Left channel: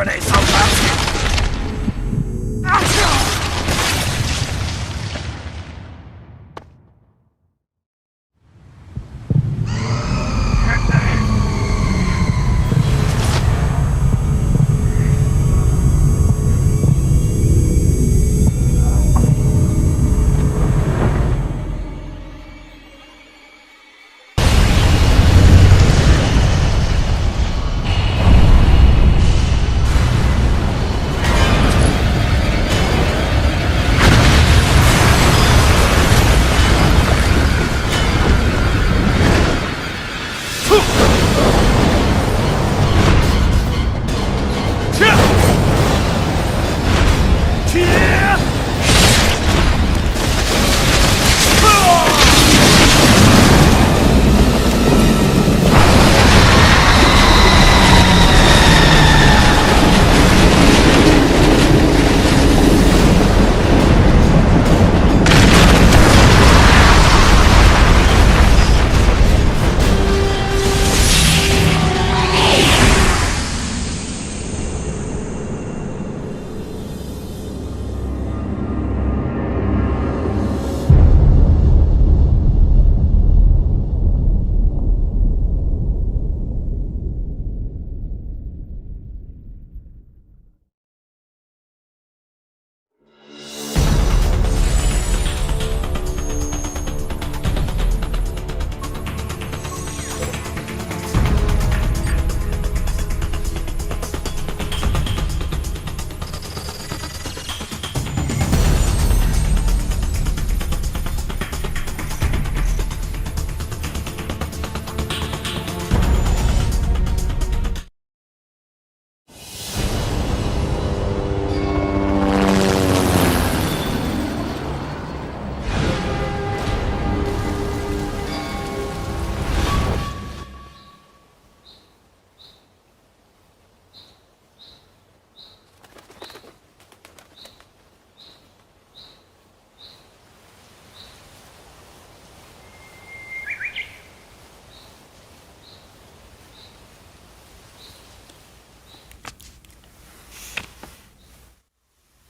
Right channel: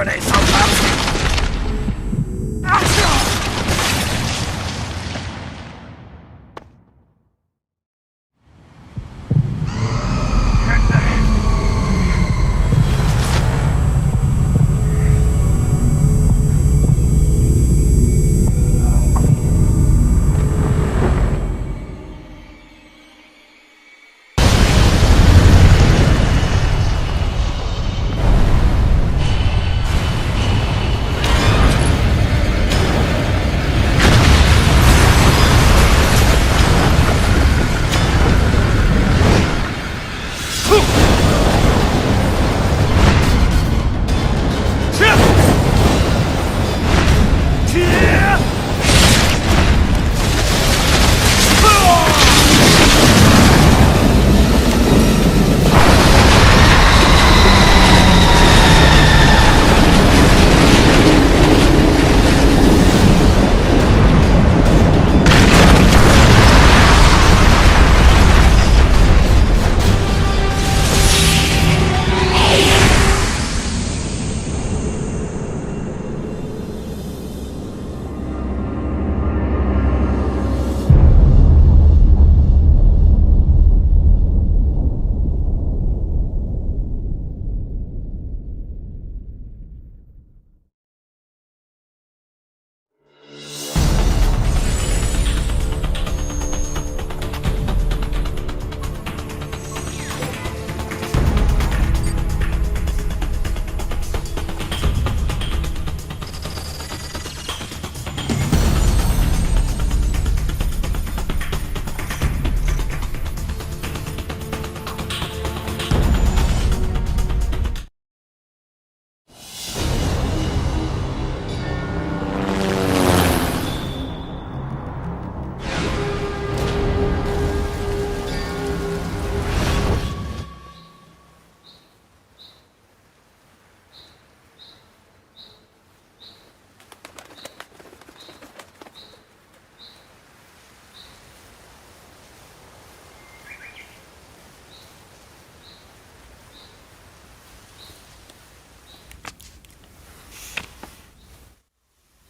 гребаный солдатский!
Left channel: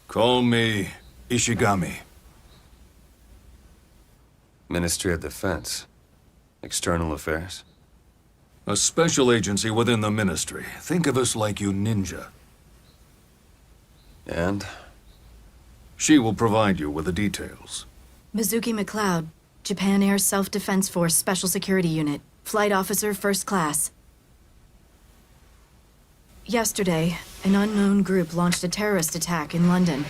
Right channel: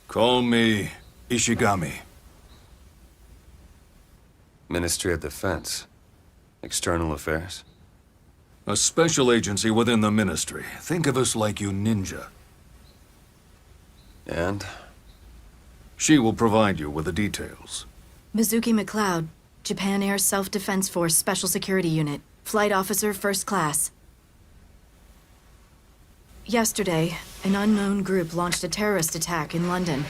Call me Ishigami. Ministry of Defense. External Affairs. A special agency within the ministry. Think of us like you ninja. And? She will provide you with the details. Mizuki McLeod, Japan Air Self-Defense Force Special Security Unit. Flight Officer, First Class. Yesterday, an unknown group launched a terrorist attack in London.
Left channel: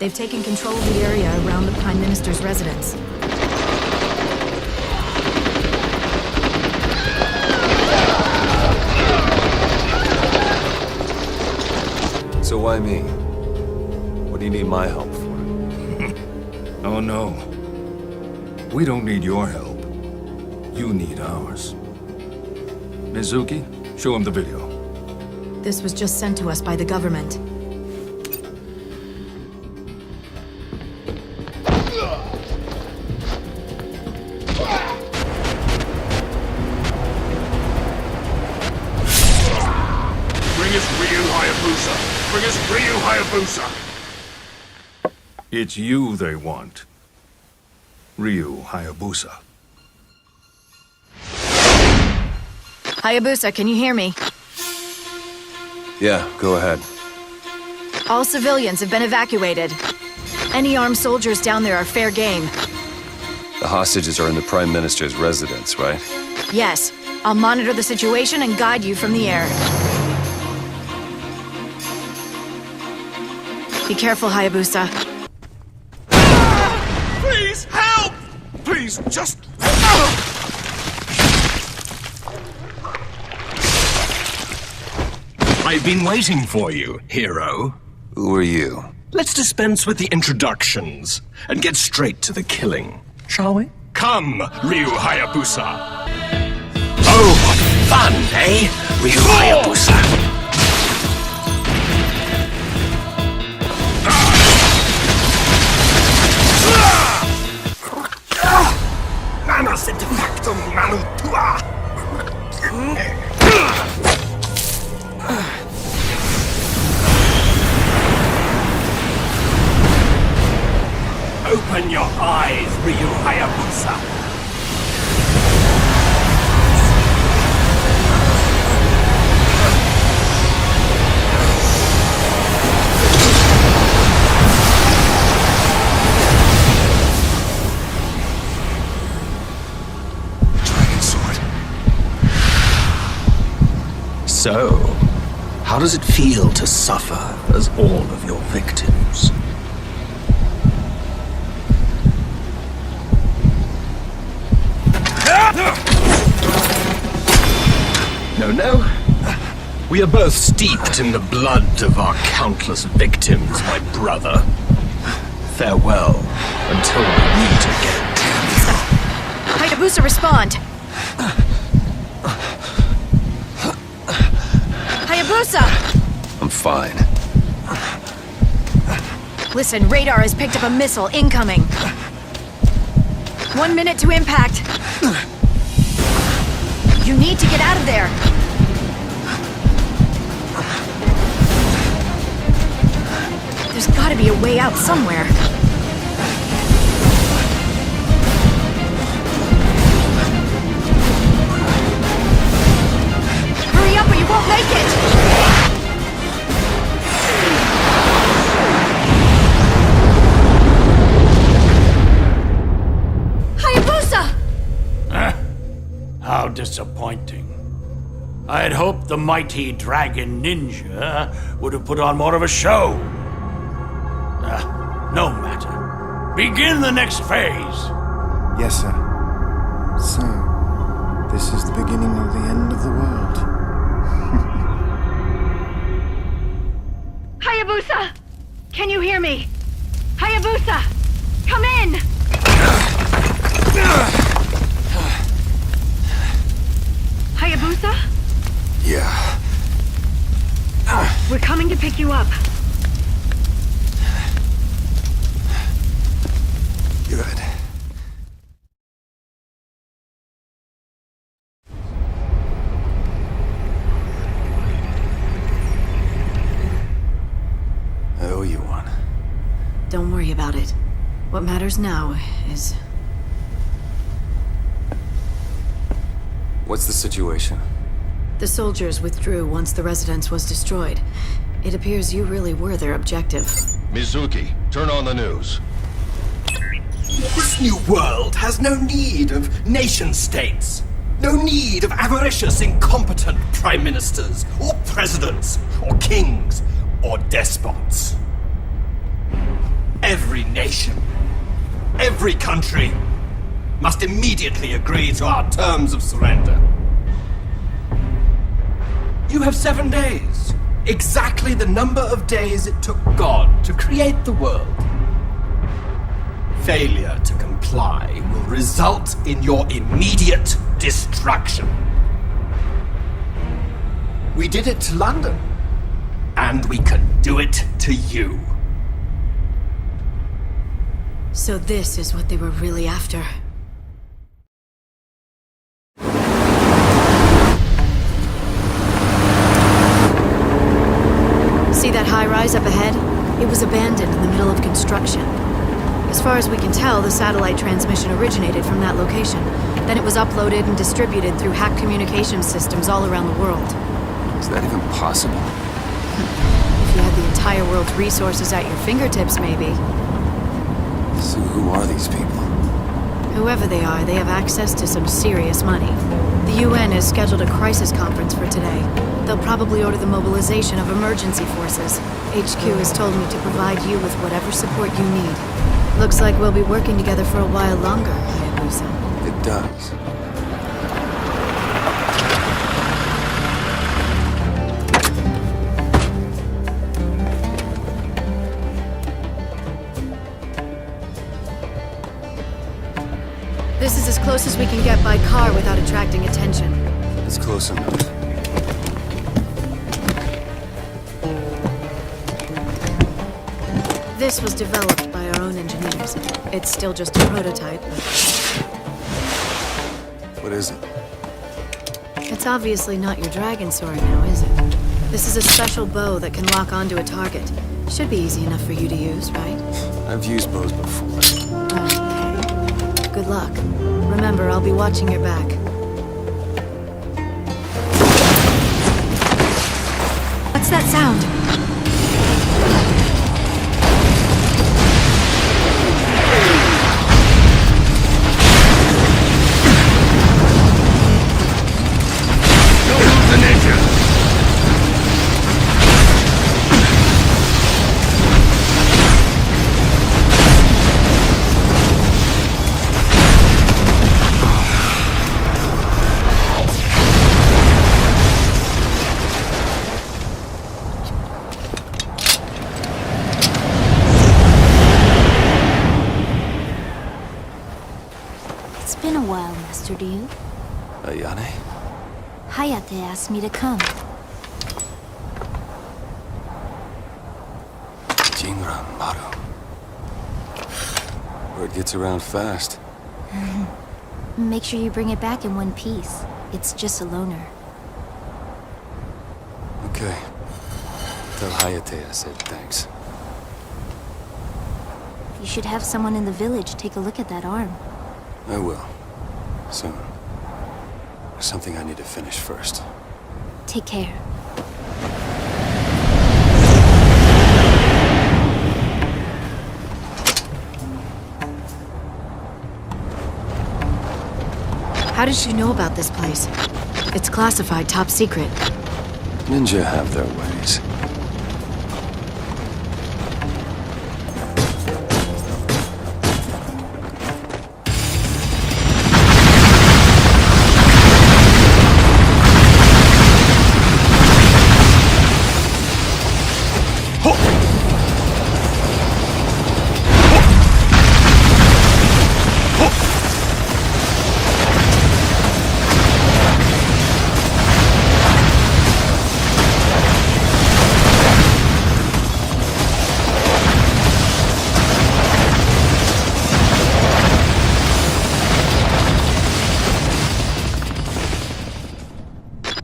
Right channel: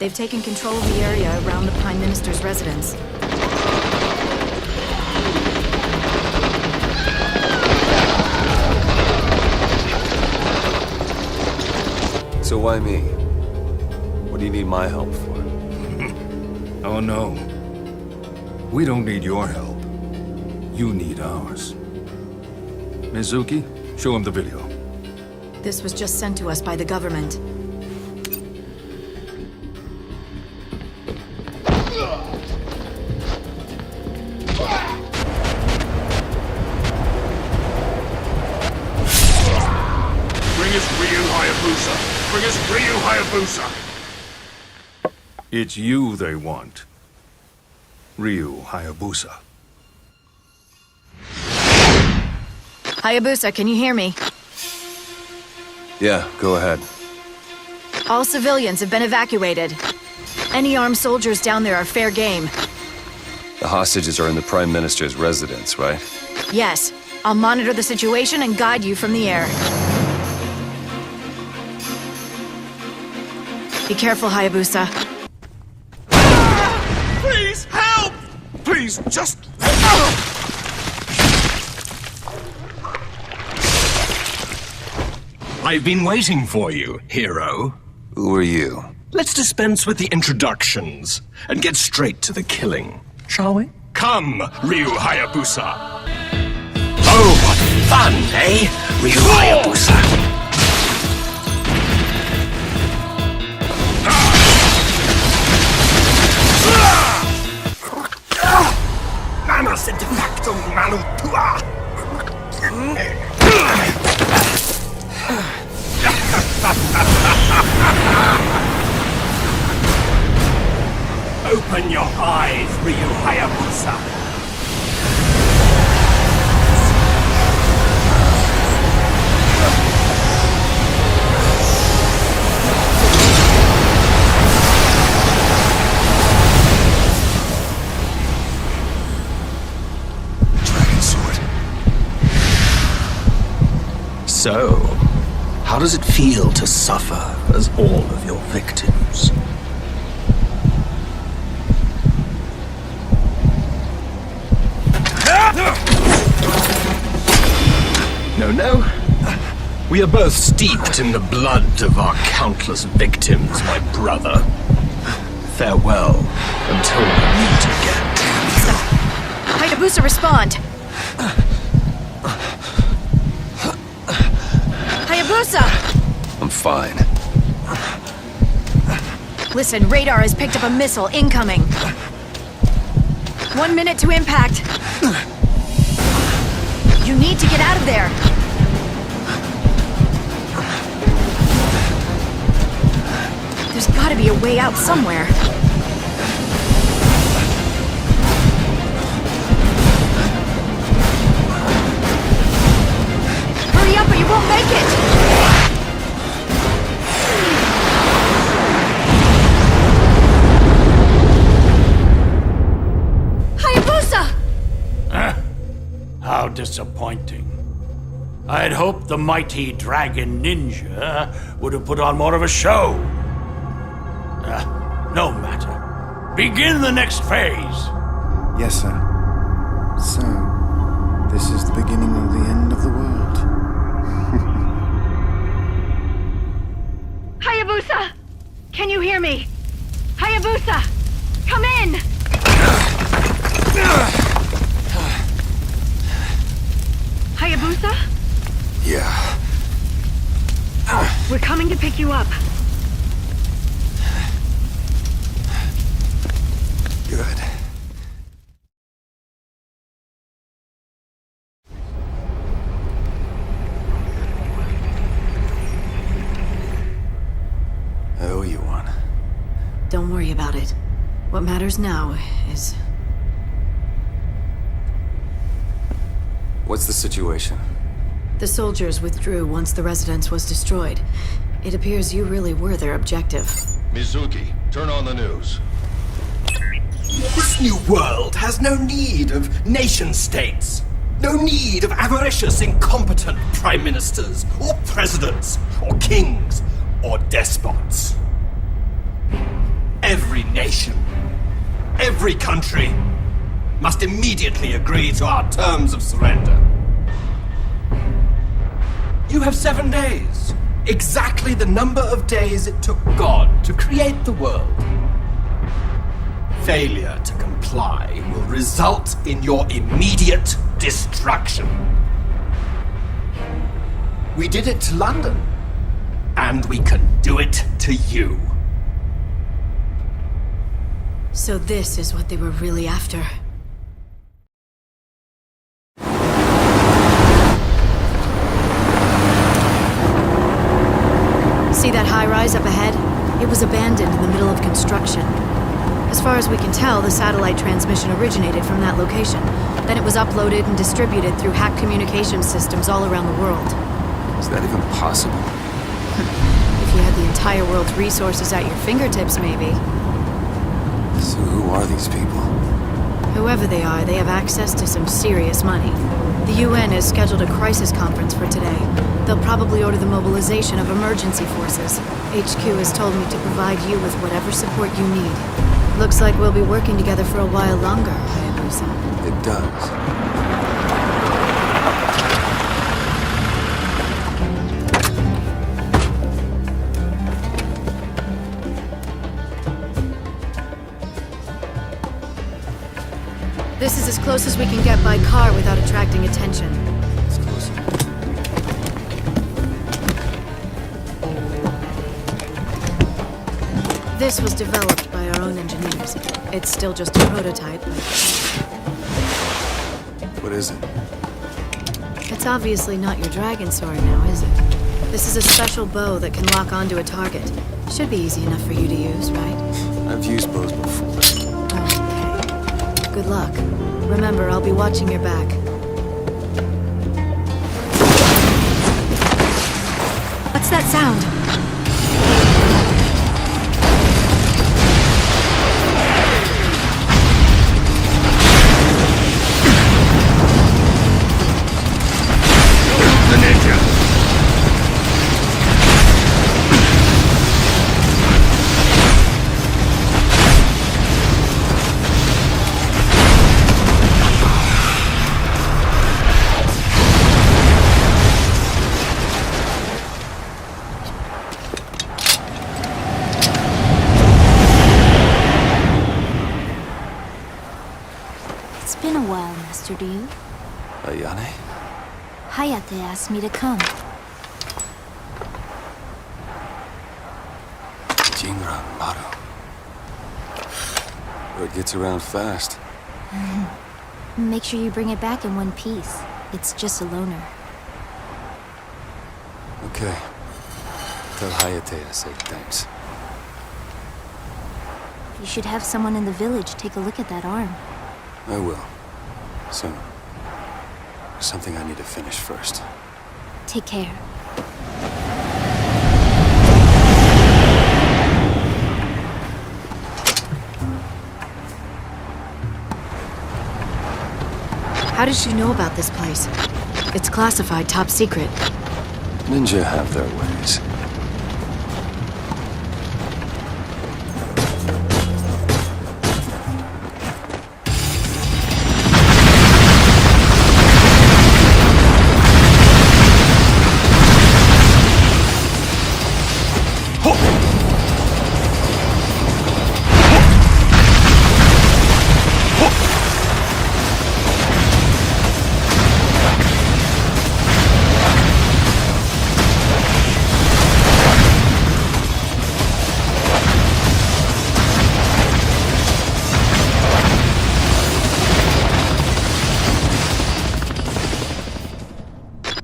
They've taken control of the area around the Prime Minister's residence. So why me? What do you need my help for? Oh no. We don't need your help. You need ours. Mizuki, show him the video. This was just sent to us by the government. Bring us Ryu Hayabusa! Bring us Ryu Hayabusa! It's you they want. Ryu Hayabusa. Hayabusa, can you hear me? Yeah, go ahead. All civilians have been evacuated. Any armed soldiers down there are fair game. The hostages are in the Prime Minister's residence, right? Yes. I'll monitor the situation and guide you from the air. Be careful, Hayabusa. Please, help! Please, just... I've been waiting for you, hero. Who are you? Let's dispense with the introductions and get straight to the killing, shall we? Come, Ryu Hayabusa. Oh, what fun, eh? Ryu Hayabusa. Mana sedefactum manu tua. Open your eyes, Ryu Hayabusa. Dragon sword. So, how does it feel to suffer as all of your victims? No. We are both steeped in the blood of our countless victims, my brother. Farewell until we meet again. Hayabusa, respond! Hayabusa! I'm fine. Listen, radar has picked up a missile incoming. 1 minute to impact. You need to get out of there. There's gotta be a way out somewhere. Hurry up or you won't make it! Hayabusa! How disappointing. I had hoped the mighty dragon ninja would have put on more of a show. No matter. Begin the next phase. Yes, sir. So, this is the beginning of the end of the world. Hayabusa! Can you hear me? Hayabusa! Come in! Hayabusa? Yeah. We're coming to pick you up. Good. I owe you one. Don't worry about it. What matters now is... What's the situation? The soldiers withdrew once the residence was destroyed. It appears you really were their objective. Mizuki, turn on the news. This new world has no need of nation-states. No need of avaricious, incompetent prime ministers, or presidents, or kings, or despots. Every nation, every country, must immediately agree to our terms of surrender. You have 7 days. Exactly the number of days it took God to create the world. Failure to comply will result in your immediate destruction. We did it to London, and we can do it to you. So this is what they were really after. See that high-rise up ahead? It was abandoned in the middle of construction. As far as we can tell, the satellite transmission originated from that location. Then it was uploaded and distributed through hacked communication systems all around the world. Is that even possible? If you had the entire world's resources at your fingertips, maybe. So who are these people? Whoever they are, they have access to some serious money. The UN has scheduled a crisis conference for today. They'll probably order the mobilization of emergency forces. HQ has told me to provide you with whatever support you need. Looks like we'll be working together for a while longer, Hayabusa. It does. This is as close as we can get by car without attracting attention. It's close enough. This was developed by our own engineers. It's still just a prototype, but What is it? it's obviously not your dragon sword now, is it? This is a special bow that can lock onto a target. Should be easy enough for you to use, right? I've used bows before. Okay. Good luck. Remember, I'll be watching your back. What's that sound? It's been a while, Master Ryu. Ayane? Hayate asked me to come. Jinran Maru. Word gets around fast. Make sure you bring it back in one piece. It's just a loner. Okay. Tell Hayate I said thanks. You should have someone in the village take a look at that arm. I will. Soon. There's something I need to finish first. Take care. How did she know about this place? It's classified, top secret. Ninja have their ways.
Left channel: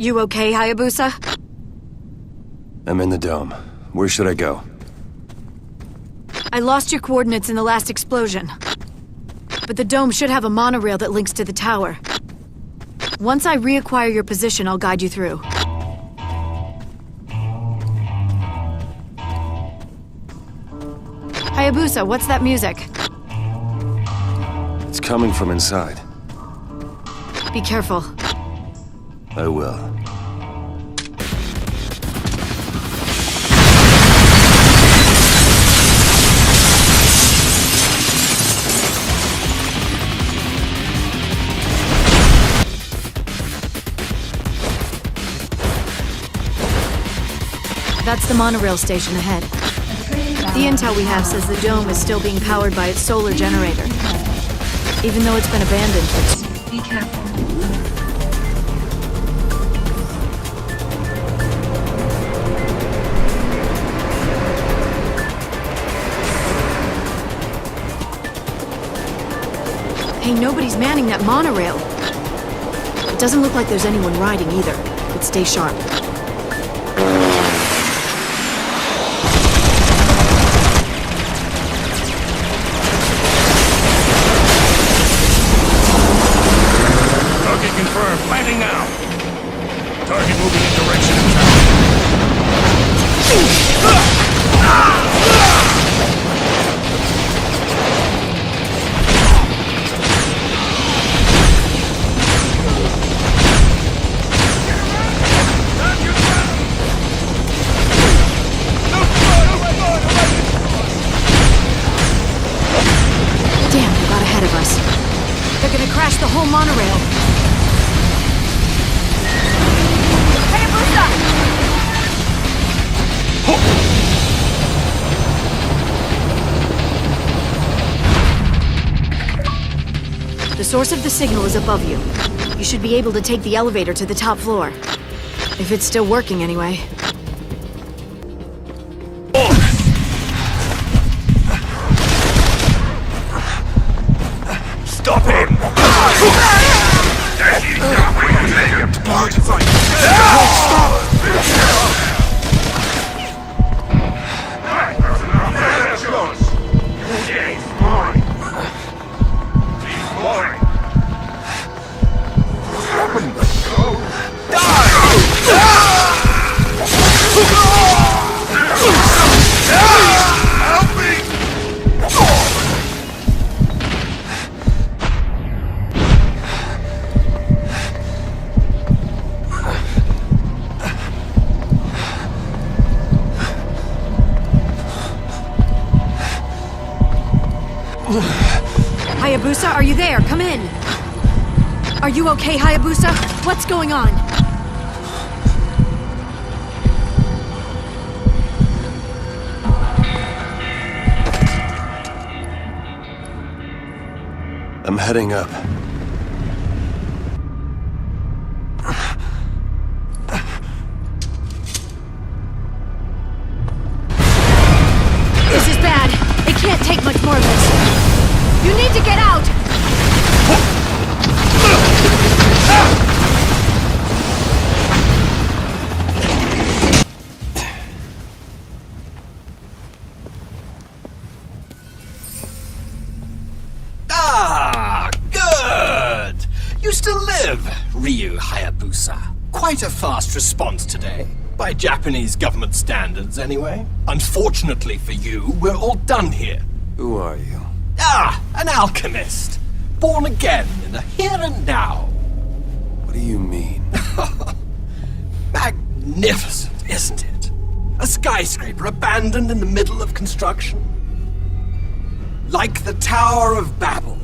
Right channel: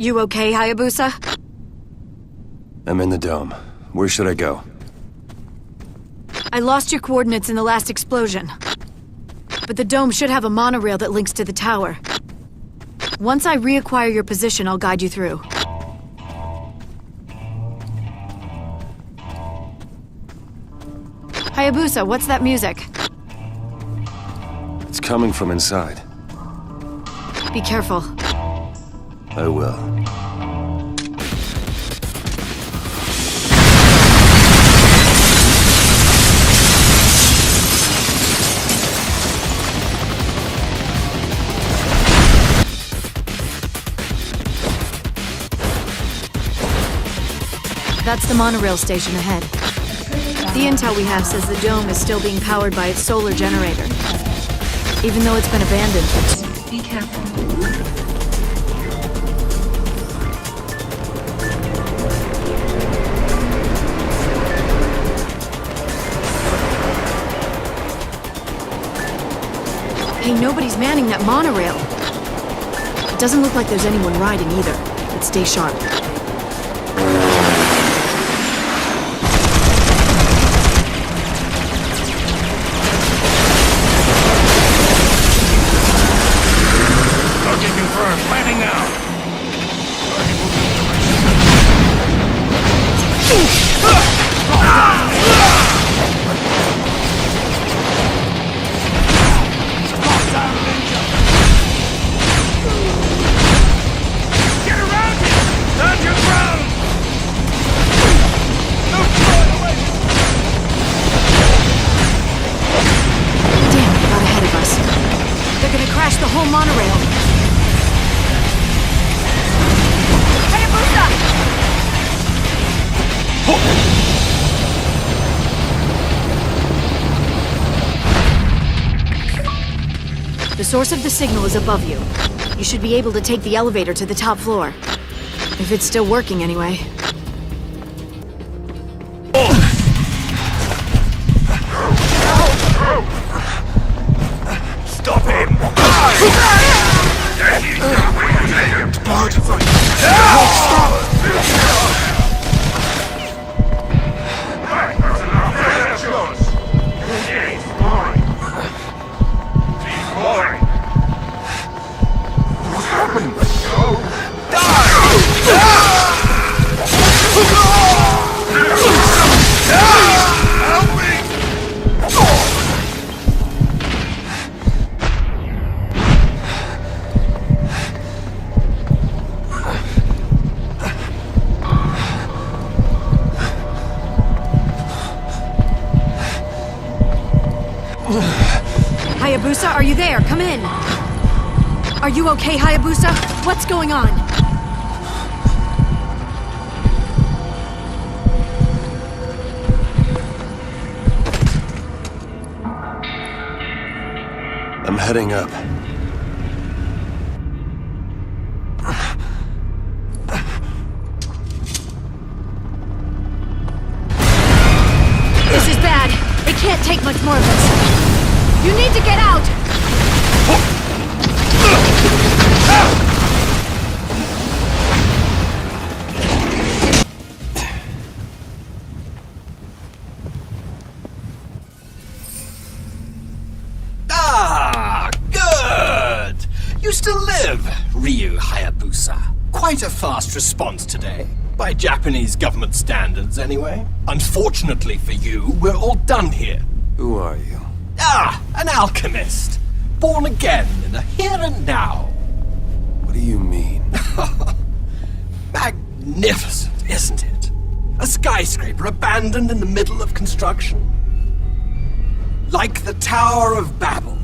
You okay, Hayabusa? I'm in the dome. Where should I go? I lost your coordinates in the last explosion. But the dome should have a monorail that links to the tower. Once I reacquire your position, I'll guide you through. Hayabusa, what's that music? It's coming from inside. Be careful. I will. That's the monorail station ahead. The intel we have says the dome is still being powered by its solar generator. Even though it's been abandoned for... Be careful. Hey, nobody's manning that monorail. It doesn't look like there's anyone riding either, but stay sharp. Target confirmed. Planting now. Target moving in direction of town. Damn, they got ahead of us. They're gonna crash the whole monorail. The source of the signal is above you. You should be able to take the elevator to the top floor. If it's still working anyway. Stop him! Hayabusa, are you there? Come in. Are you okay, Hayabusa? What's going on? I'm heading up. This is bad. It can't take much more of this. You need to get out! Ah, good! You still live, Ryu Hayabusa. Quite a fast response today. By Japanese government standards, anyway. Unfortunately for you, we're all done here. Who are you? Ah, an alchemist. Born again in the here and now. What do you mean? Magnificent, isn't it? A skyscraper abandoned in the middle of construction. Like the Tower of Babel.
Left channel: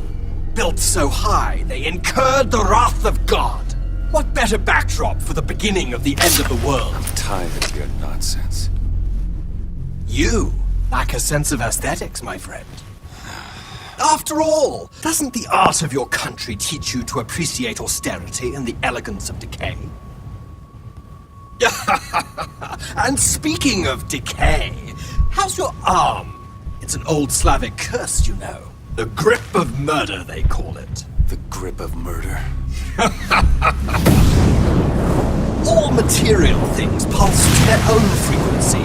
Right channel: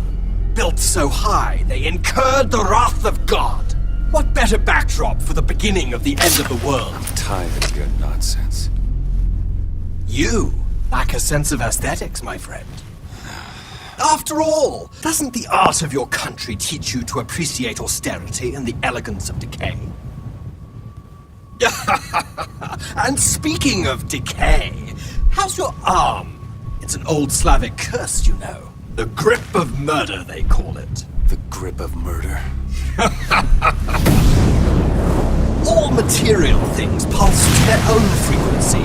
Built so high, they incurred the wrath of God. What better backdrop for the beginning of the end of the world? I'm tired of your nonsense. You lack a sense of aesthetics, my friend. After all, doesn't the art of your country teach you to appreciate austerity and the elegance of decay? And speaking of decay, how's your arm? It's an old Slavic curse, you know. The grip of murder, they call it. The grip of murder. All material things pulse to their own frequency.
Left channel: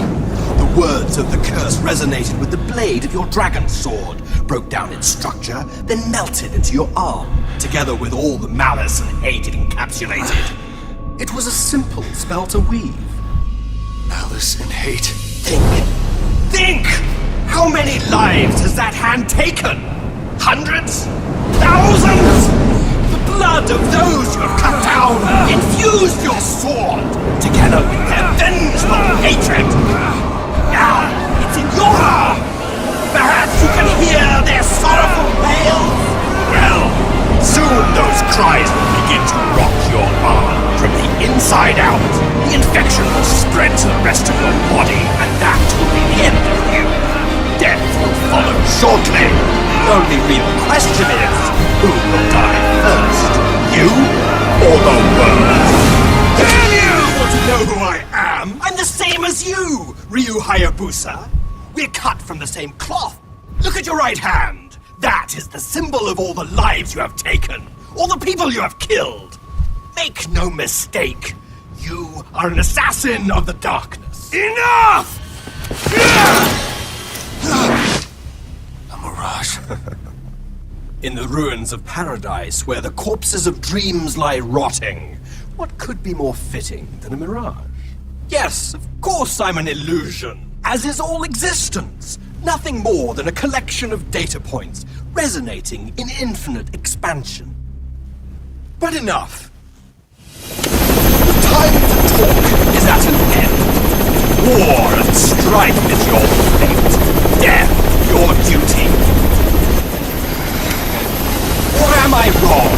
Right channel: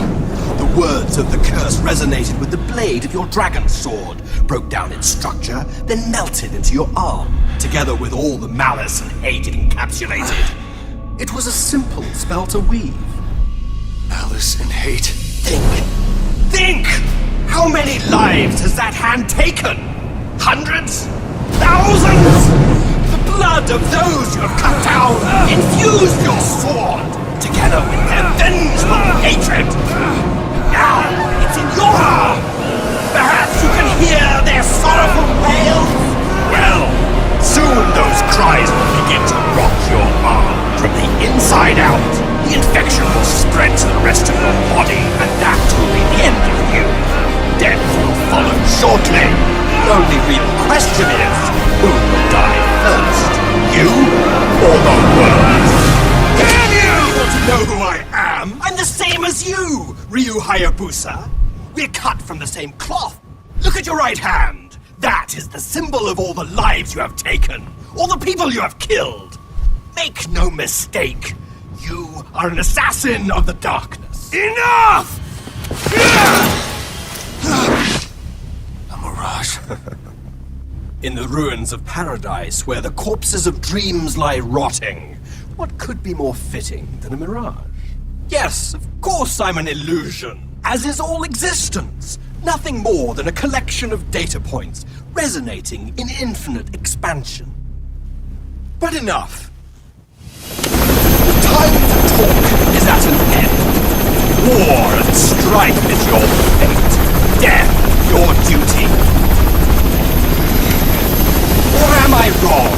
The words of the curse resonated with the blade of your dragon sword, broke down its structure, then melted into your arm, together with all the malice and hate it encapsulated. It was a simple spell to weave. Malice and hate. Think! How many lives has that hand taken? Hundreds? Thousands? The blood of those you have cut down infused your sword, together with their vengeful hatred. Now, it's in your arm. Perhaps you can hear their sorrowful wails? Well, soon those cries will begin to rock your arm from the inside out. The infection will spread to the rest of your body, and that will be the end of you. Death will follow shortly. The only real question is, who will die first? You or the world? Damn you! You want to know who I am? I'm the same as you, Ryu Hayabusa. We're cut from the same cloth. Look at your right hand. That is the symbol of all the lives you have taken, all the people you have killed. Make no mistake, you are an assassin of the darkness. Enough! A mirage. In the ruins of paradise, where the corpses of dreams lie rotting, what could be more fitting than a mirage? Yes, of course I'm an illusion, as is all existence. Nothing more than a collection of data points, resonating in infinite expansion. But enough. The time to talk is at an end. War and strife is your fate. Death, your duty. Or am I wrong?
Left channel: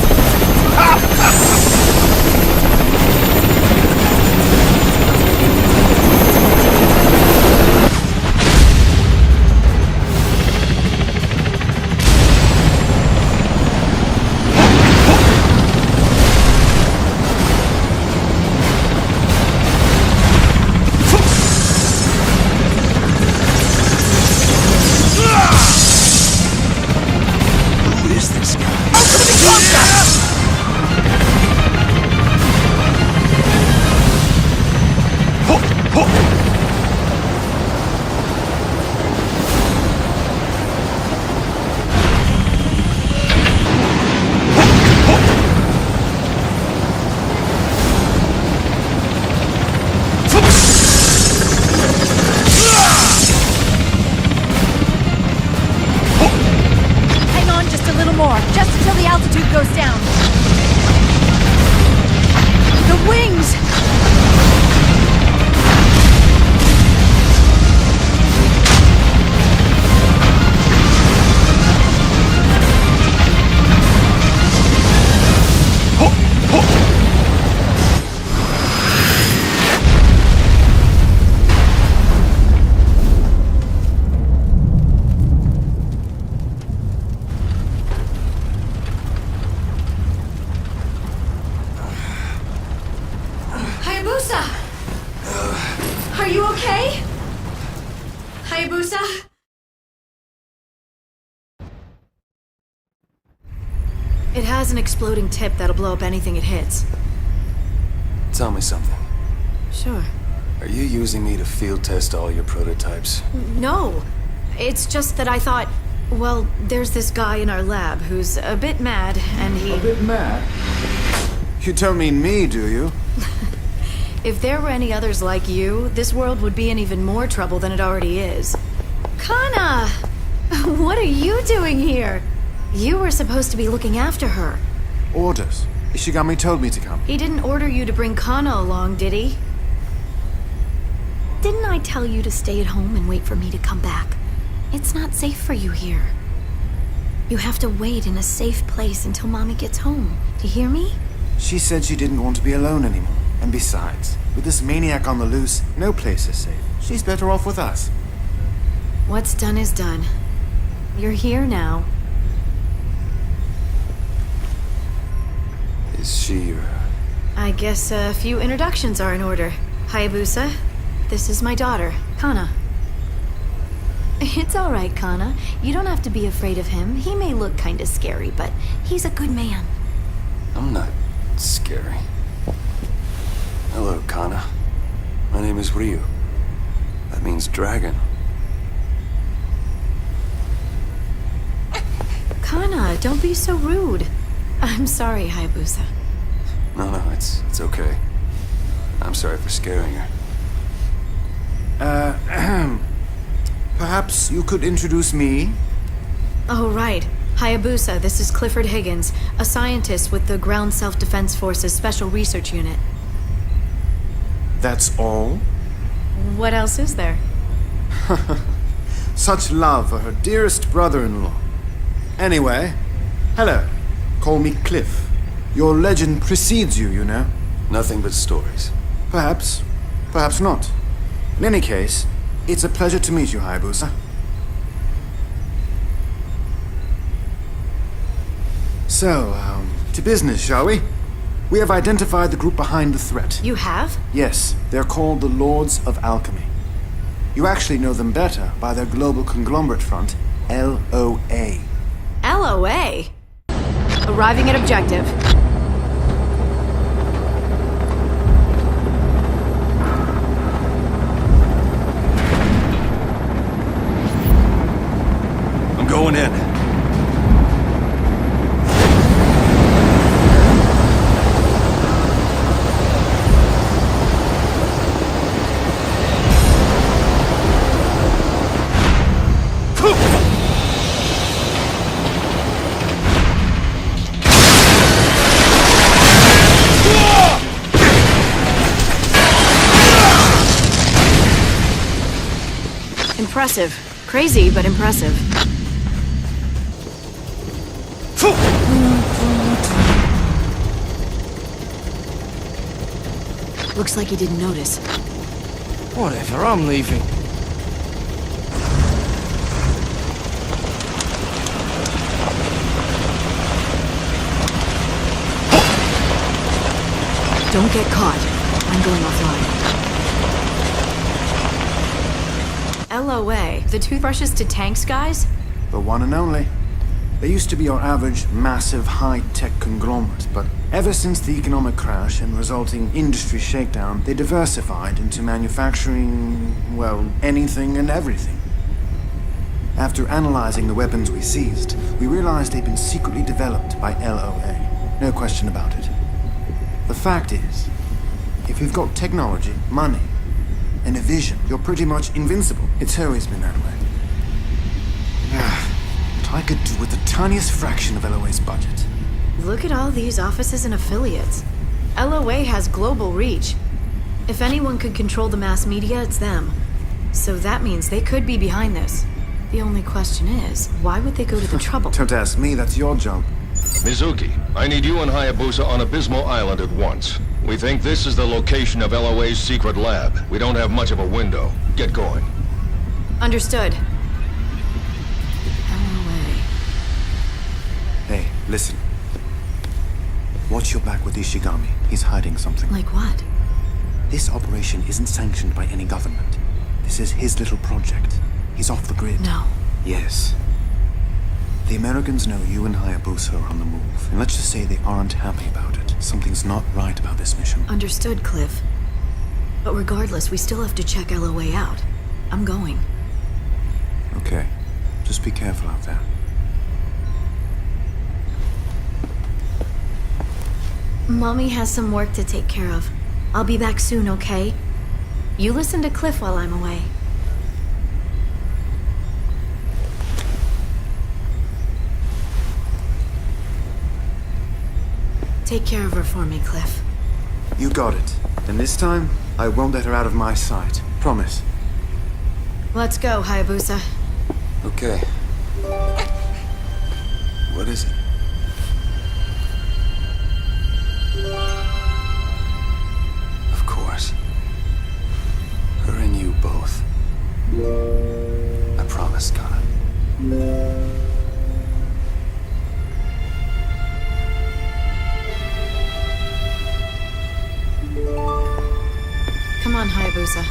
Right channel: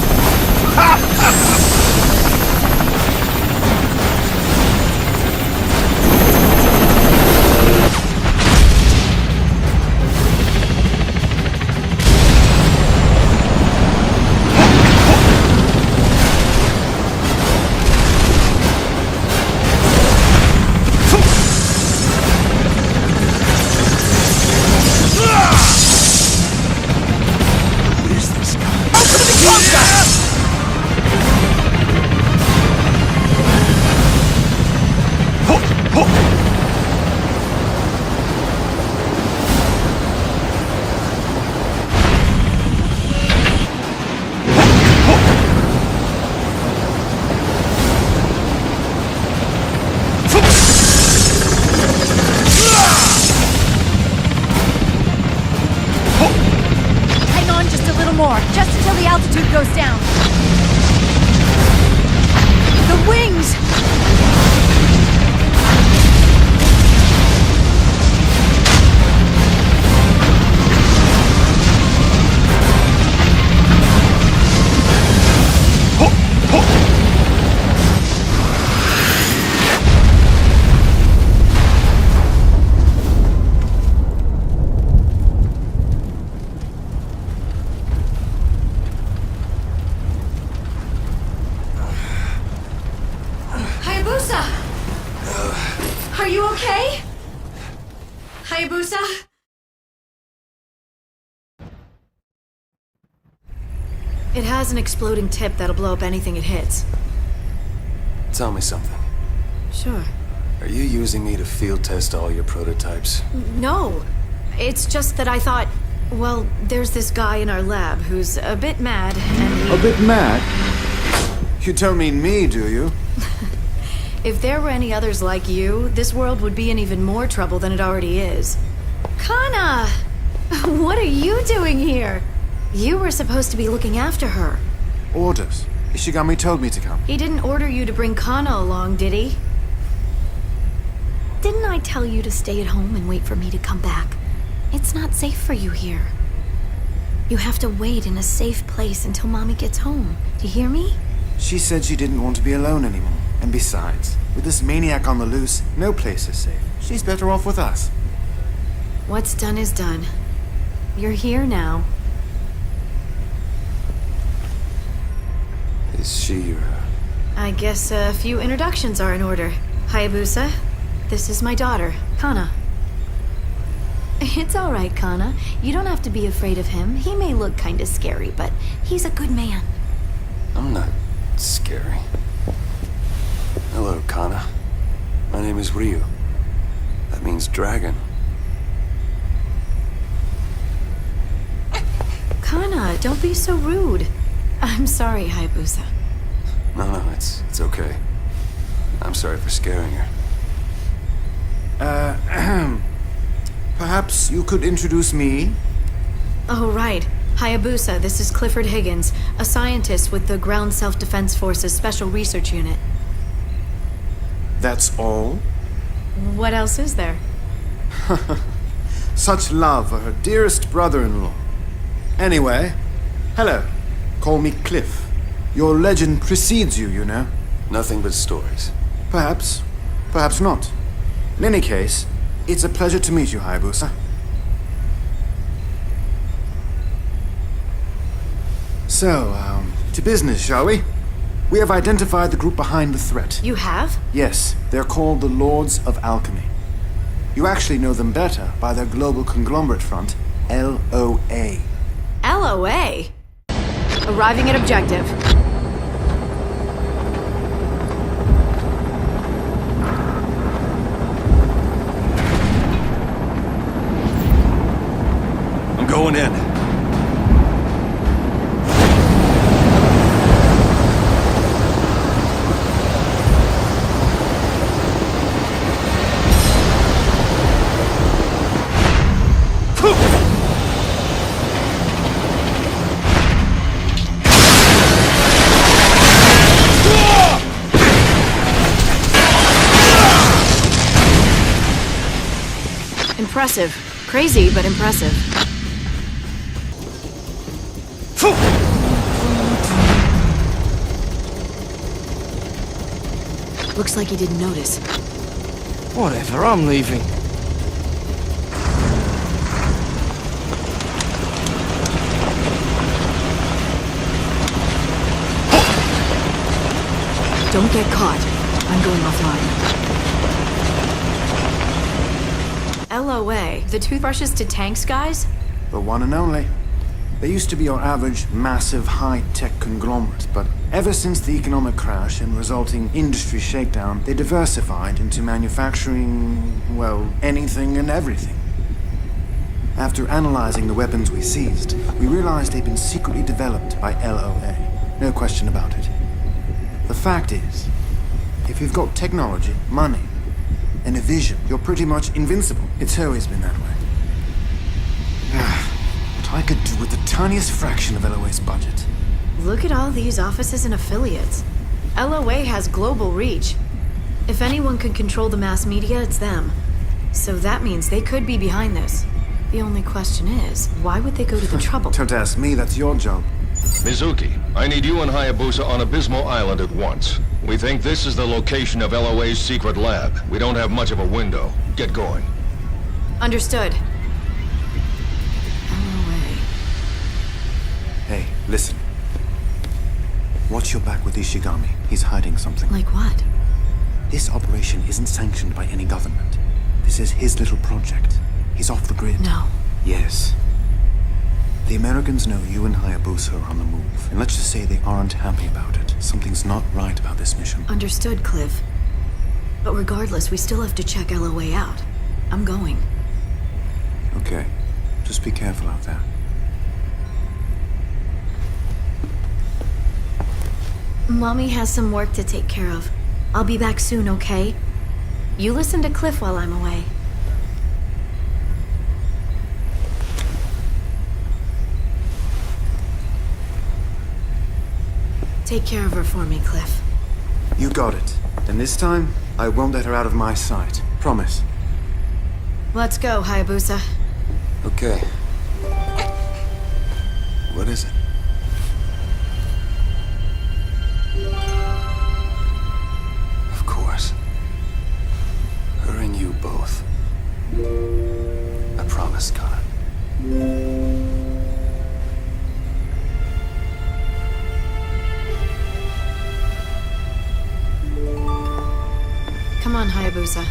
Just until the altitude goes down. The wings! Are you okay? Hayabusa? It has an exploding tip that'll blow up anything it hits. Tell me something. Sure. Are you using me to field test all your prototypes? No. It's just that I thought, well, there's this guy in our lab who's a bit mad, and he... A bit mad? You don't mean me, do you? If there were any others like you, this world would be in even more trouble than it already is. Kana! What are you doing here? You were supposed to be looking after her. Orders. Ishigami told me to come. He didn't order you to bring Kana along, did he? Didn't I tell you to stay at home and wait for me to come back? It's not safe for you here. You have to wait in a safe place until Mommy gets home. Do you hear me? She said she didn't want to be alone anymore. And besides, with this maniac on the loose, no place is safe. She's better off with us. What's done is done. You're here now. Is she your... I guess a few introductions are in order. Hayabusa, this is my daughter, Kana. It's all right, Kana. You don't have to be afraid of him. He may look kinda scary, but he's a good man. I'm not scary. Hello, Kana. My name is Ryu. That means dragon. Kana, don't be so rude. I'm sorry, Hayabusa. No, it's okay. I'm sorry for scaring her. Perhaps you could introduce me? Oh, right. Hayabusa, this is Clifford Higgins, a scientist with the Ground Self-Defense Force's Special Research Unit. That's all? What else is there? Such love for her dearest brother-in-law. Anyway, hello. Call me Cliff. Your legend precedes you, you know. Nothing but stories. Perhaps. Perhaps not. In any case, it's a pleasure to meet you, Hayabusa. So, to business, shall we? We have identified the group behind the threat. You have? Yes, they're called the Lords of Alchemy. You actually know them better by their global conglomerate front, LOA. LOA? Arriving at objective. I'm going in. Impressive. Crazy, but impressive. Looks like he didn't notice. Whatever, I'm leaving. Don't get caught. I'm going offline. LOA, the toothbrushes to tanks guys? The one and only. They used to be your average, massive, high-tech conglomerate, but ever since the economic crash and resulting industry shakedown, they diversified into manufacturing, well, anything and everything. After analyzing the weapons we seized, we realized they'd been secretly developed by LOA. No question about it. The fact is, if you've got technology, money, and a vision, you're pretty much invincible. It's always been that way. What I could do with the tiniest fraction of LOA's budget. Look at all these offices and affiliates. LOA has global reach. If anyone could control the mass media, it's them. So that means they could be behind this. The only question is, why would they go to the trouble? Don't ask me, that's your job. Mizuki, I need you and Hayabusa on Abysmal Island at once. We think this is the location of LOA's secret lab. We don't have much of a window. Get going. Understood. LOA. Hey, listen. Watch your back with Ishigami. He's hiding something. Like what? This operation isn't sanctioned by any government. This is his little project. He's off the grid. No. Yes. The Americans know you and Hayabusa are on the move, and let's just say they aren't happy about it. Something's not right about this mission. Understood, Cliff. But regardless, we still have to check LOA out. I'm going. Okay. Just be careful out there. Mommy has some work to take care of. I'll be back soon, okay? You listen to Cliff while I'm away. Take care of her for me, Cliff. You got it. And this time, I won't let her out of my sight. Promise. Let's go, Hayabusa. Okay. What is it? Of course. Her and you both. I promise, Kana. Come on, Hayabusa.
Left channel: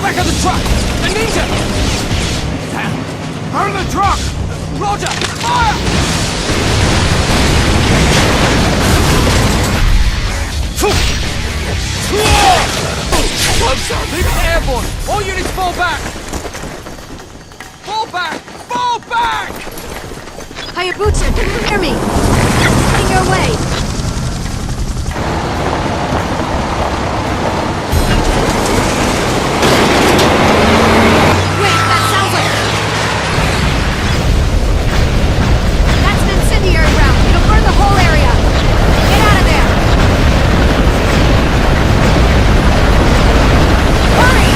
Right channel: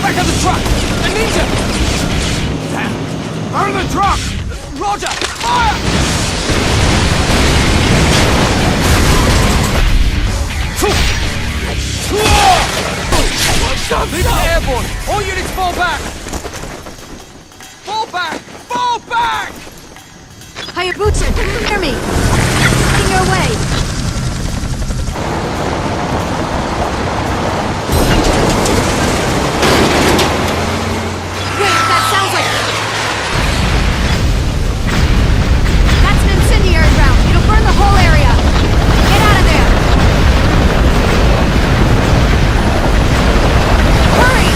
Back of the truck! A ninja! Damn! Burn the truck! Roger! Fire! Closer! Leave it airborne! All units fall back! Fall back! Fall back! Hayabusa, can you hear me? Heading your way. Wait, that sounds like... That's an incendiary round. It'll burn the whole area. Get out of there. Hurry!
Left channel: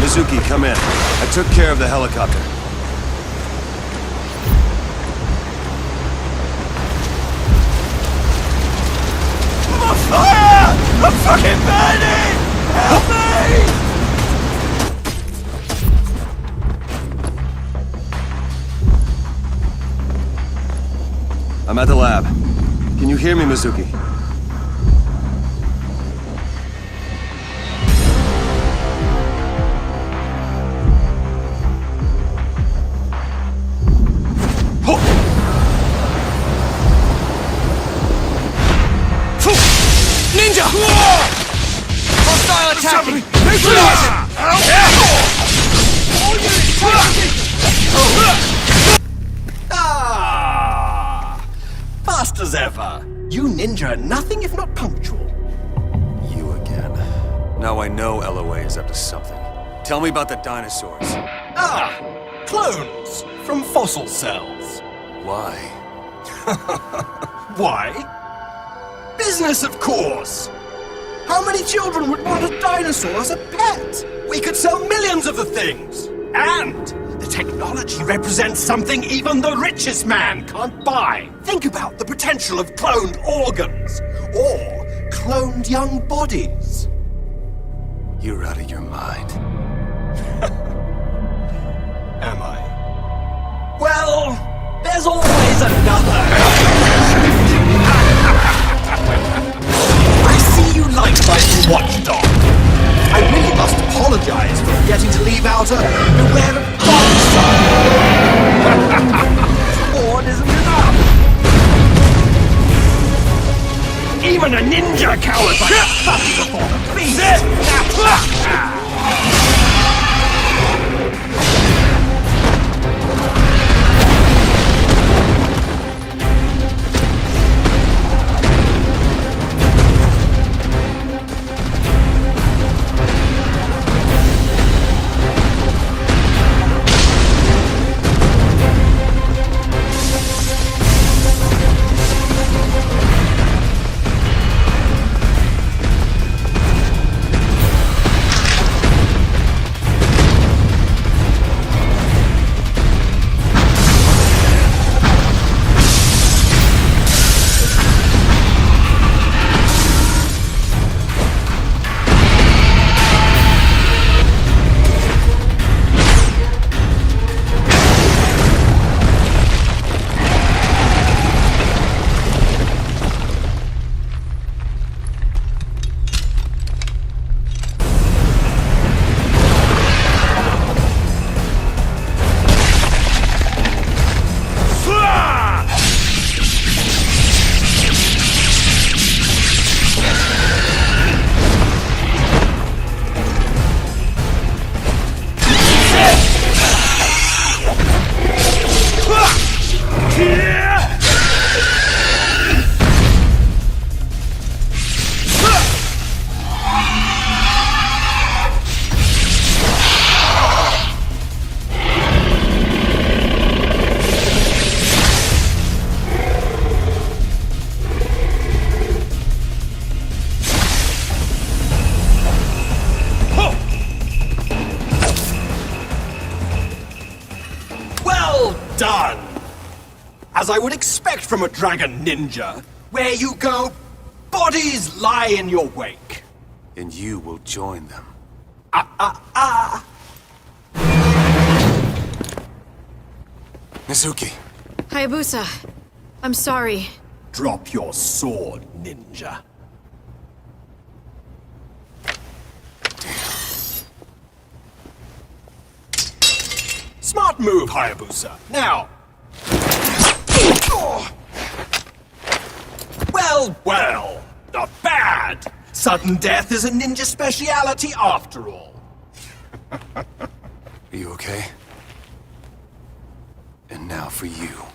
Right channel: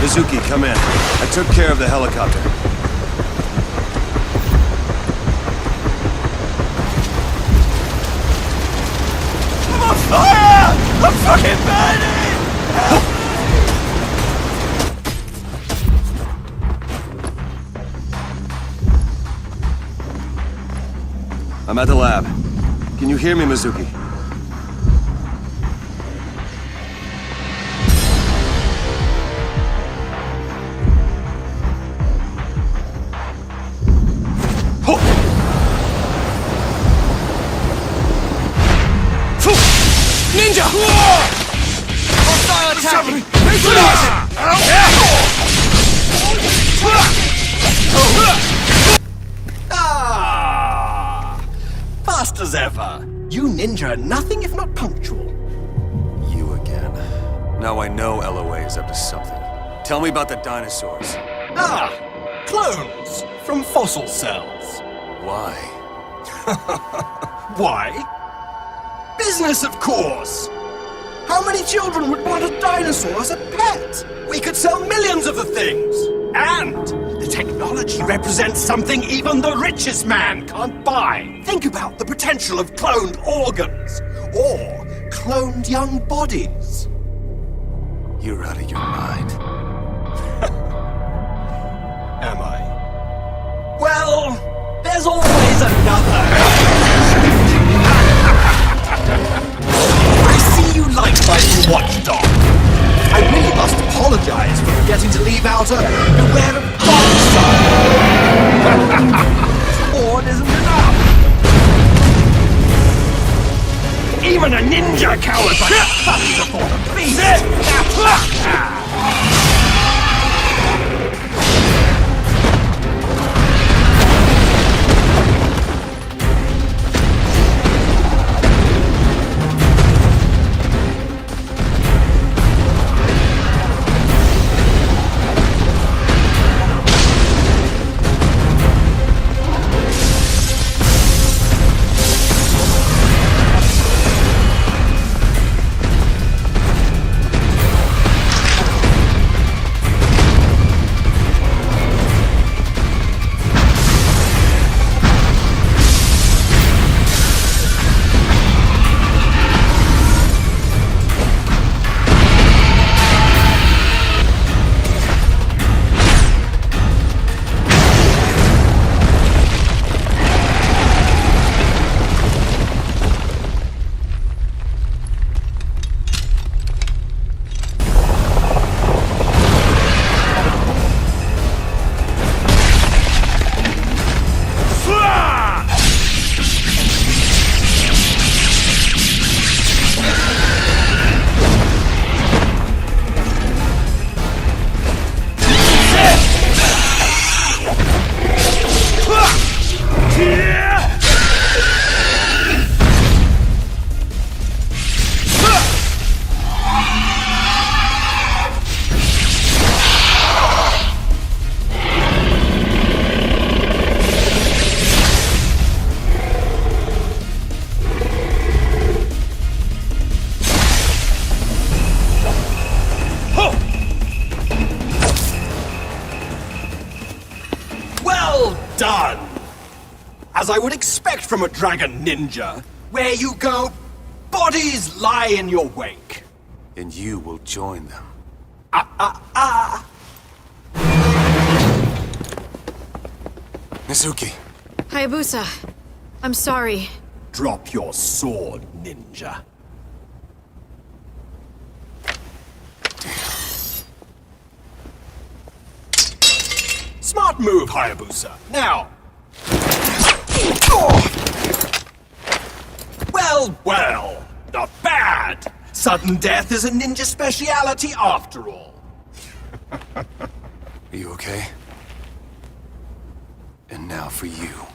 Mizuki, come in. I took care of the helicopter. I'm on fire! I'm fucking... I'm at the lab. Can you hear me, Mizuki? Ninja! Hostile attacking! Fast as ever. You ninja are nothing if not punctual. You again. Now I know LOA is up to something. Tell me about the dinosaurs. Clones from fossil cells. Why? Why? Business, of course! How many children would want a dinosaur as a pet? We could sell millions of the things! And the technology represents something even the richest man can't buy. Think about the potential of cloned organs, or cloned young bodies. You're out of your mind. Am I? Well, there's always another. I see you like my watchdog. I really must apologize for forgetting to leave out a beware of dog sign. Sword isn't enough. Even a ninja cowers like a puppy before the beast. Done! As I would expect from a dragon ninja, where you go, bodies lie in your wake. And you will join them. Mizuki. Hayabusa, I'm sorry. Drop your sword, ninja. Smart move, Hayabusa. Now. Well, well. Not bad. Sudden death is a ninja speciality after all. Are you okay? And now for you.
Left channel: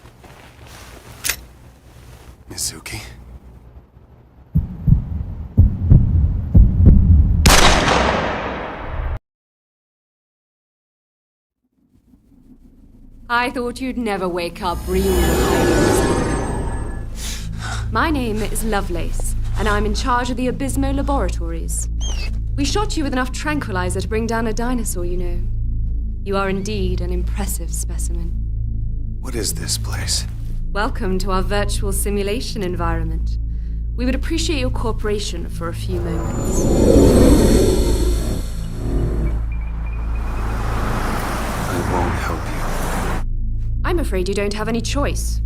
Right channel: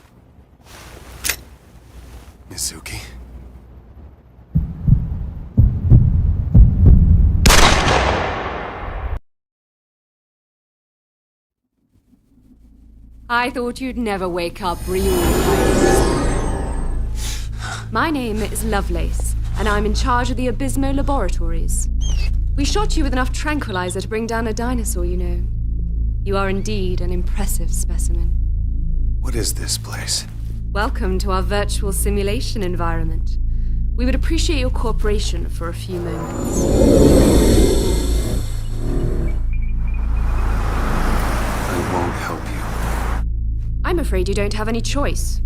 Mizuki. I thought you'd never wake up, Ryu Hayabusa. My name is Lovelace, and I'm in charge of the Abysmo Laboratories. We shot you with enough tranquilizer to bring down a dinosaur, you know. You are indeed an impressive specimen. What is this place? Welcome to our virtual simulation environment. We would appreciate your cooperation for a few moments. I won't help you. I'm afraid you don't have any choice.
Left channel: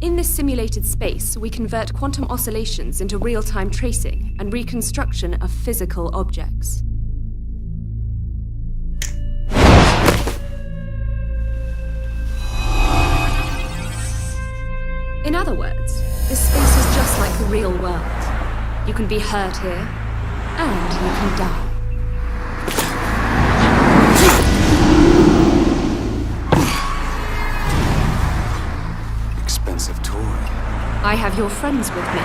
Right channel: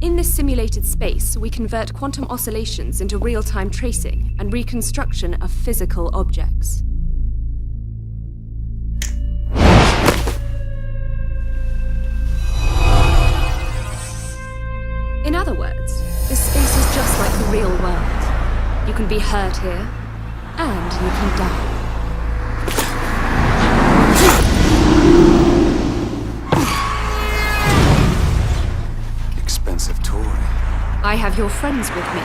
In this simulated space, we convert quantum oscillations into real-time tracing and reconstruction of physical objects. In other words, this space is just like the real world. You can be hurt here, and you can die. Expensive toy. I have your friends with me.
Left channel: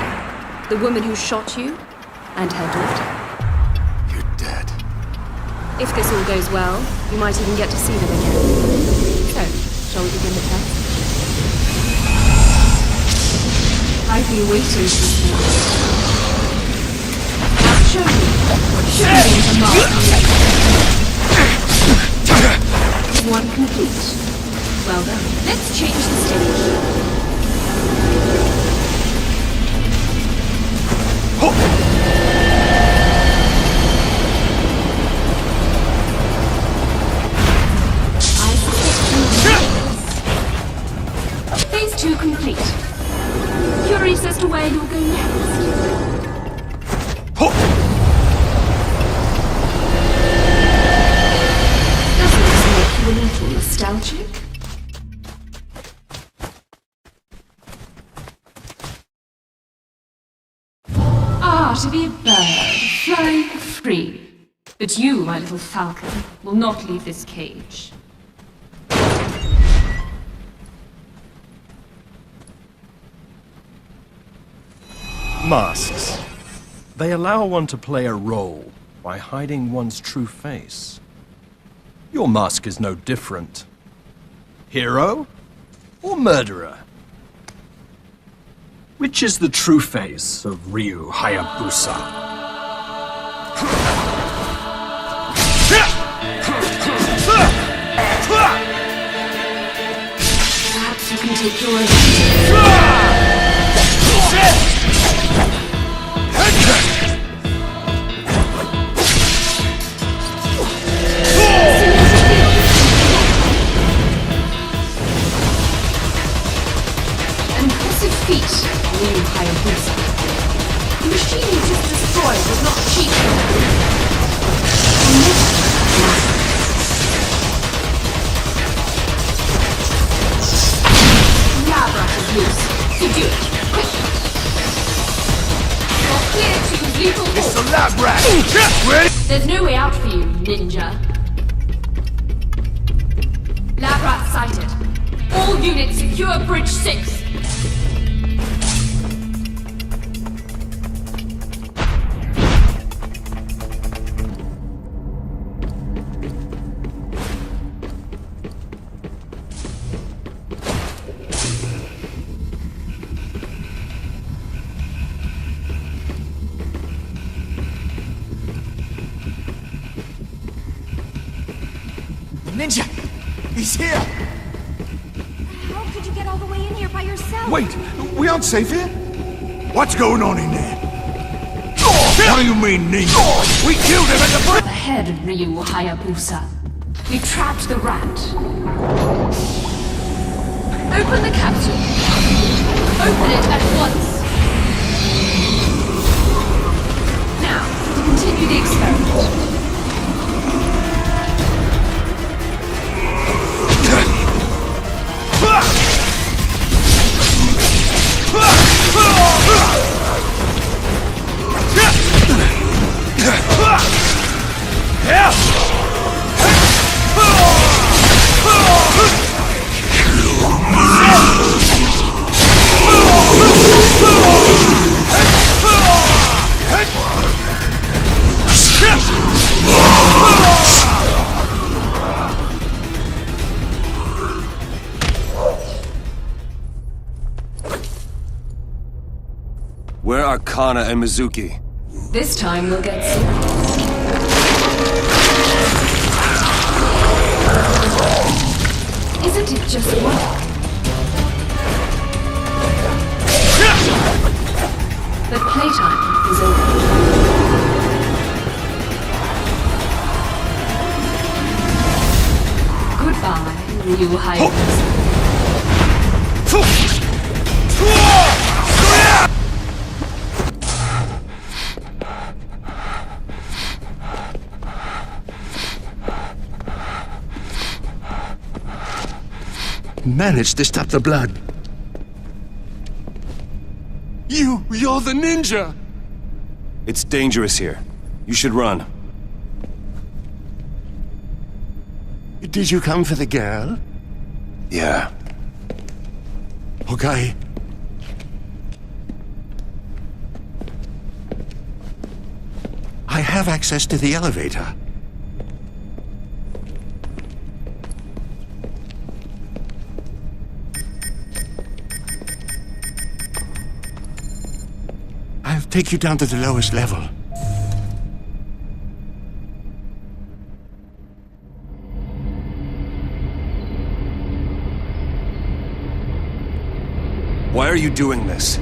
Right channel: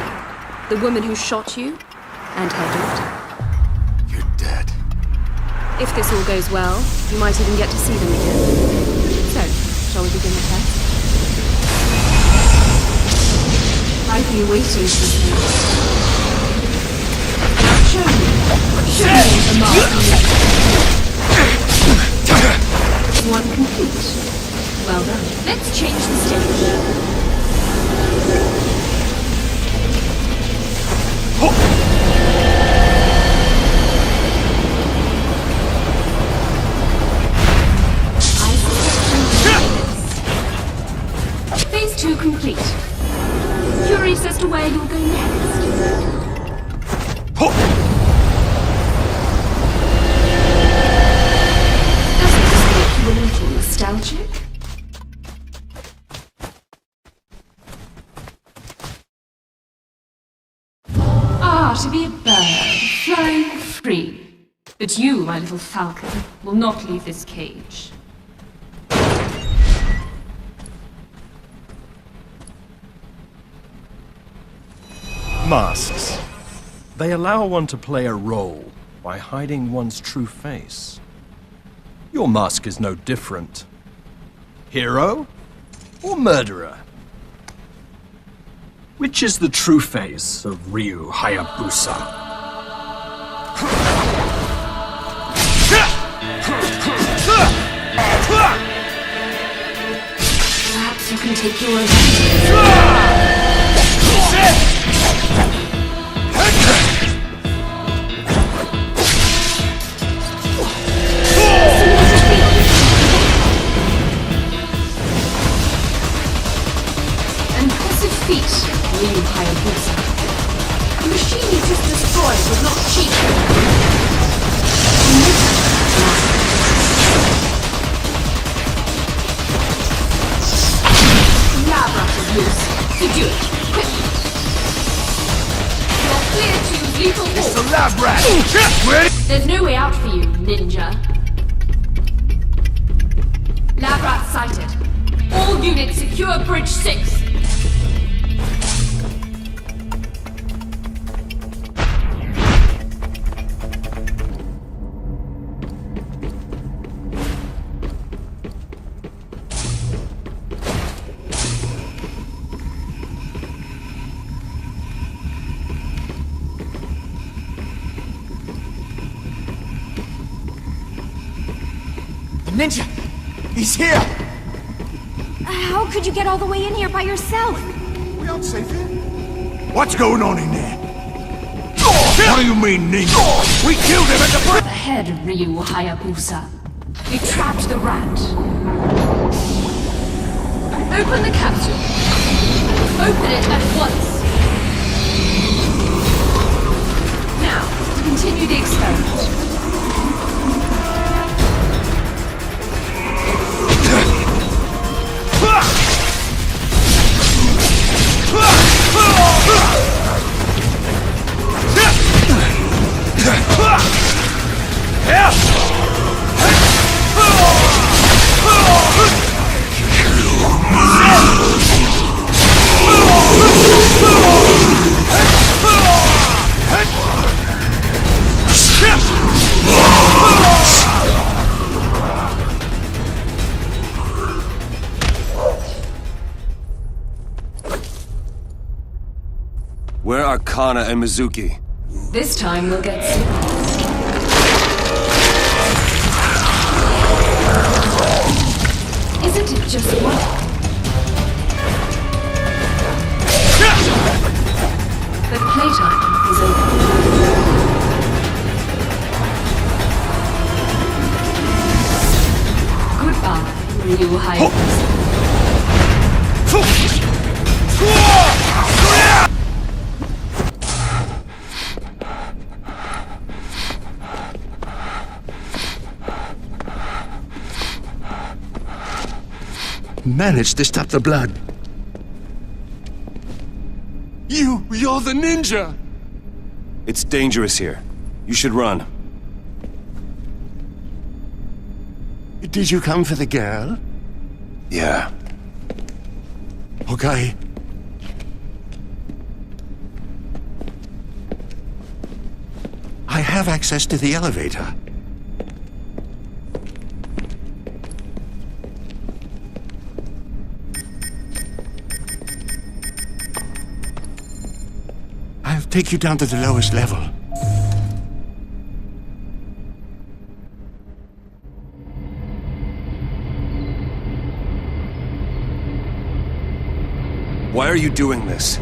The woman who shot you, and her daughter. You're dead. If this all goes well, you might even get to see them again. So, shall we begin the test? I've been waiting for this. Now show me what a master is. Is one complete? Well done. Let's change the stage. I suspect you know this. Phase 2 complete. Curious as to where you'll go next. little nostalgic? Ah, to be a bird, flying free. But you, my little falcon, will not leave this cage. Masks. They allow one to play a role by hiding one's true face. Your mask is no different. Hero or murderer? Which is the true face of Ryu Hayabusa? Perhaps you can take your revenge. Impressive feat, Ryu Hayabusa. The machine you just destroyed was not cheap, you know. Lab rat is loose. Subdue it, quick. You're clear to use lethal force. It's the lab rat! There's no way out for you, ninja. Lab rat sighted. All units secure Bridge 6. Ninja! He's here! How could you get all the way in here by yourself? Wait, we aren't safe here? What's going on in there? What do you mean, ninja? We killed him at the front! Ahead, Ryu Hayabusa. We trapped the rat. Open the capsule. Open it at once. Now, to continue the experiment. Where are Kana and Mizuki? This time we'll get serious. Isn't it just work? But playtime is over. Goodbye, Ryu Hayabusa. Managed to stop the blood. You're the ninja! It's dangerous here. You should run. Did you come for the girl? Yeah. Okay. I have access to the elevator. I'll take you down to the lowest level. Why are you doing this?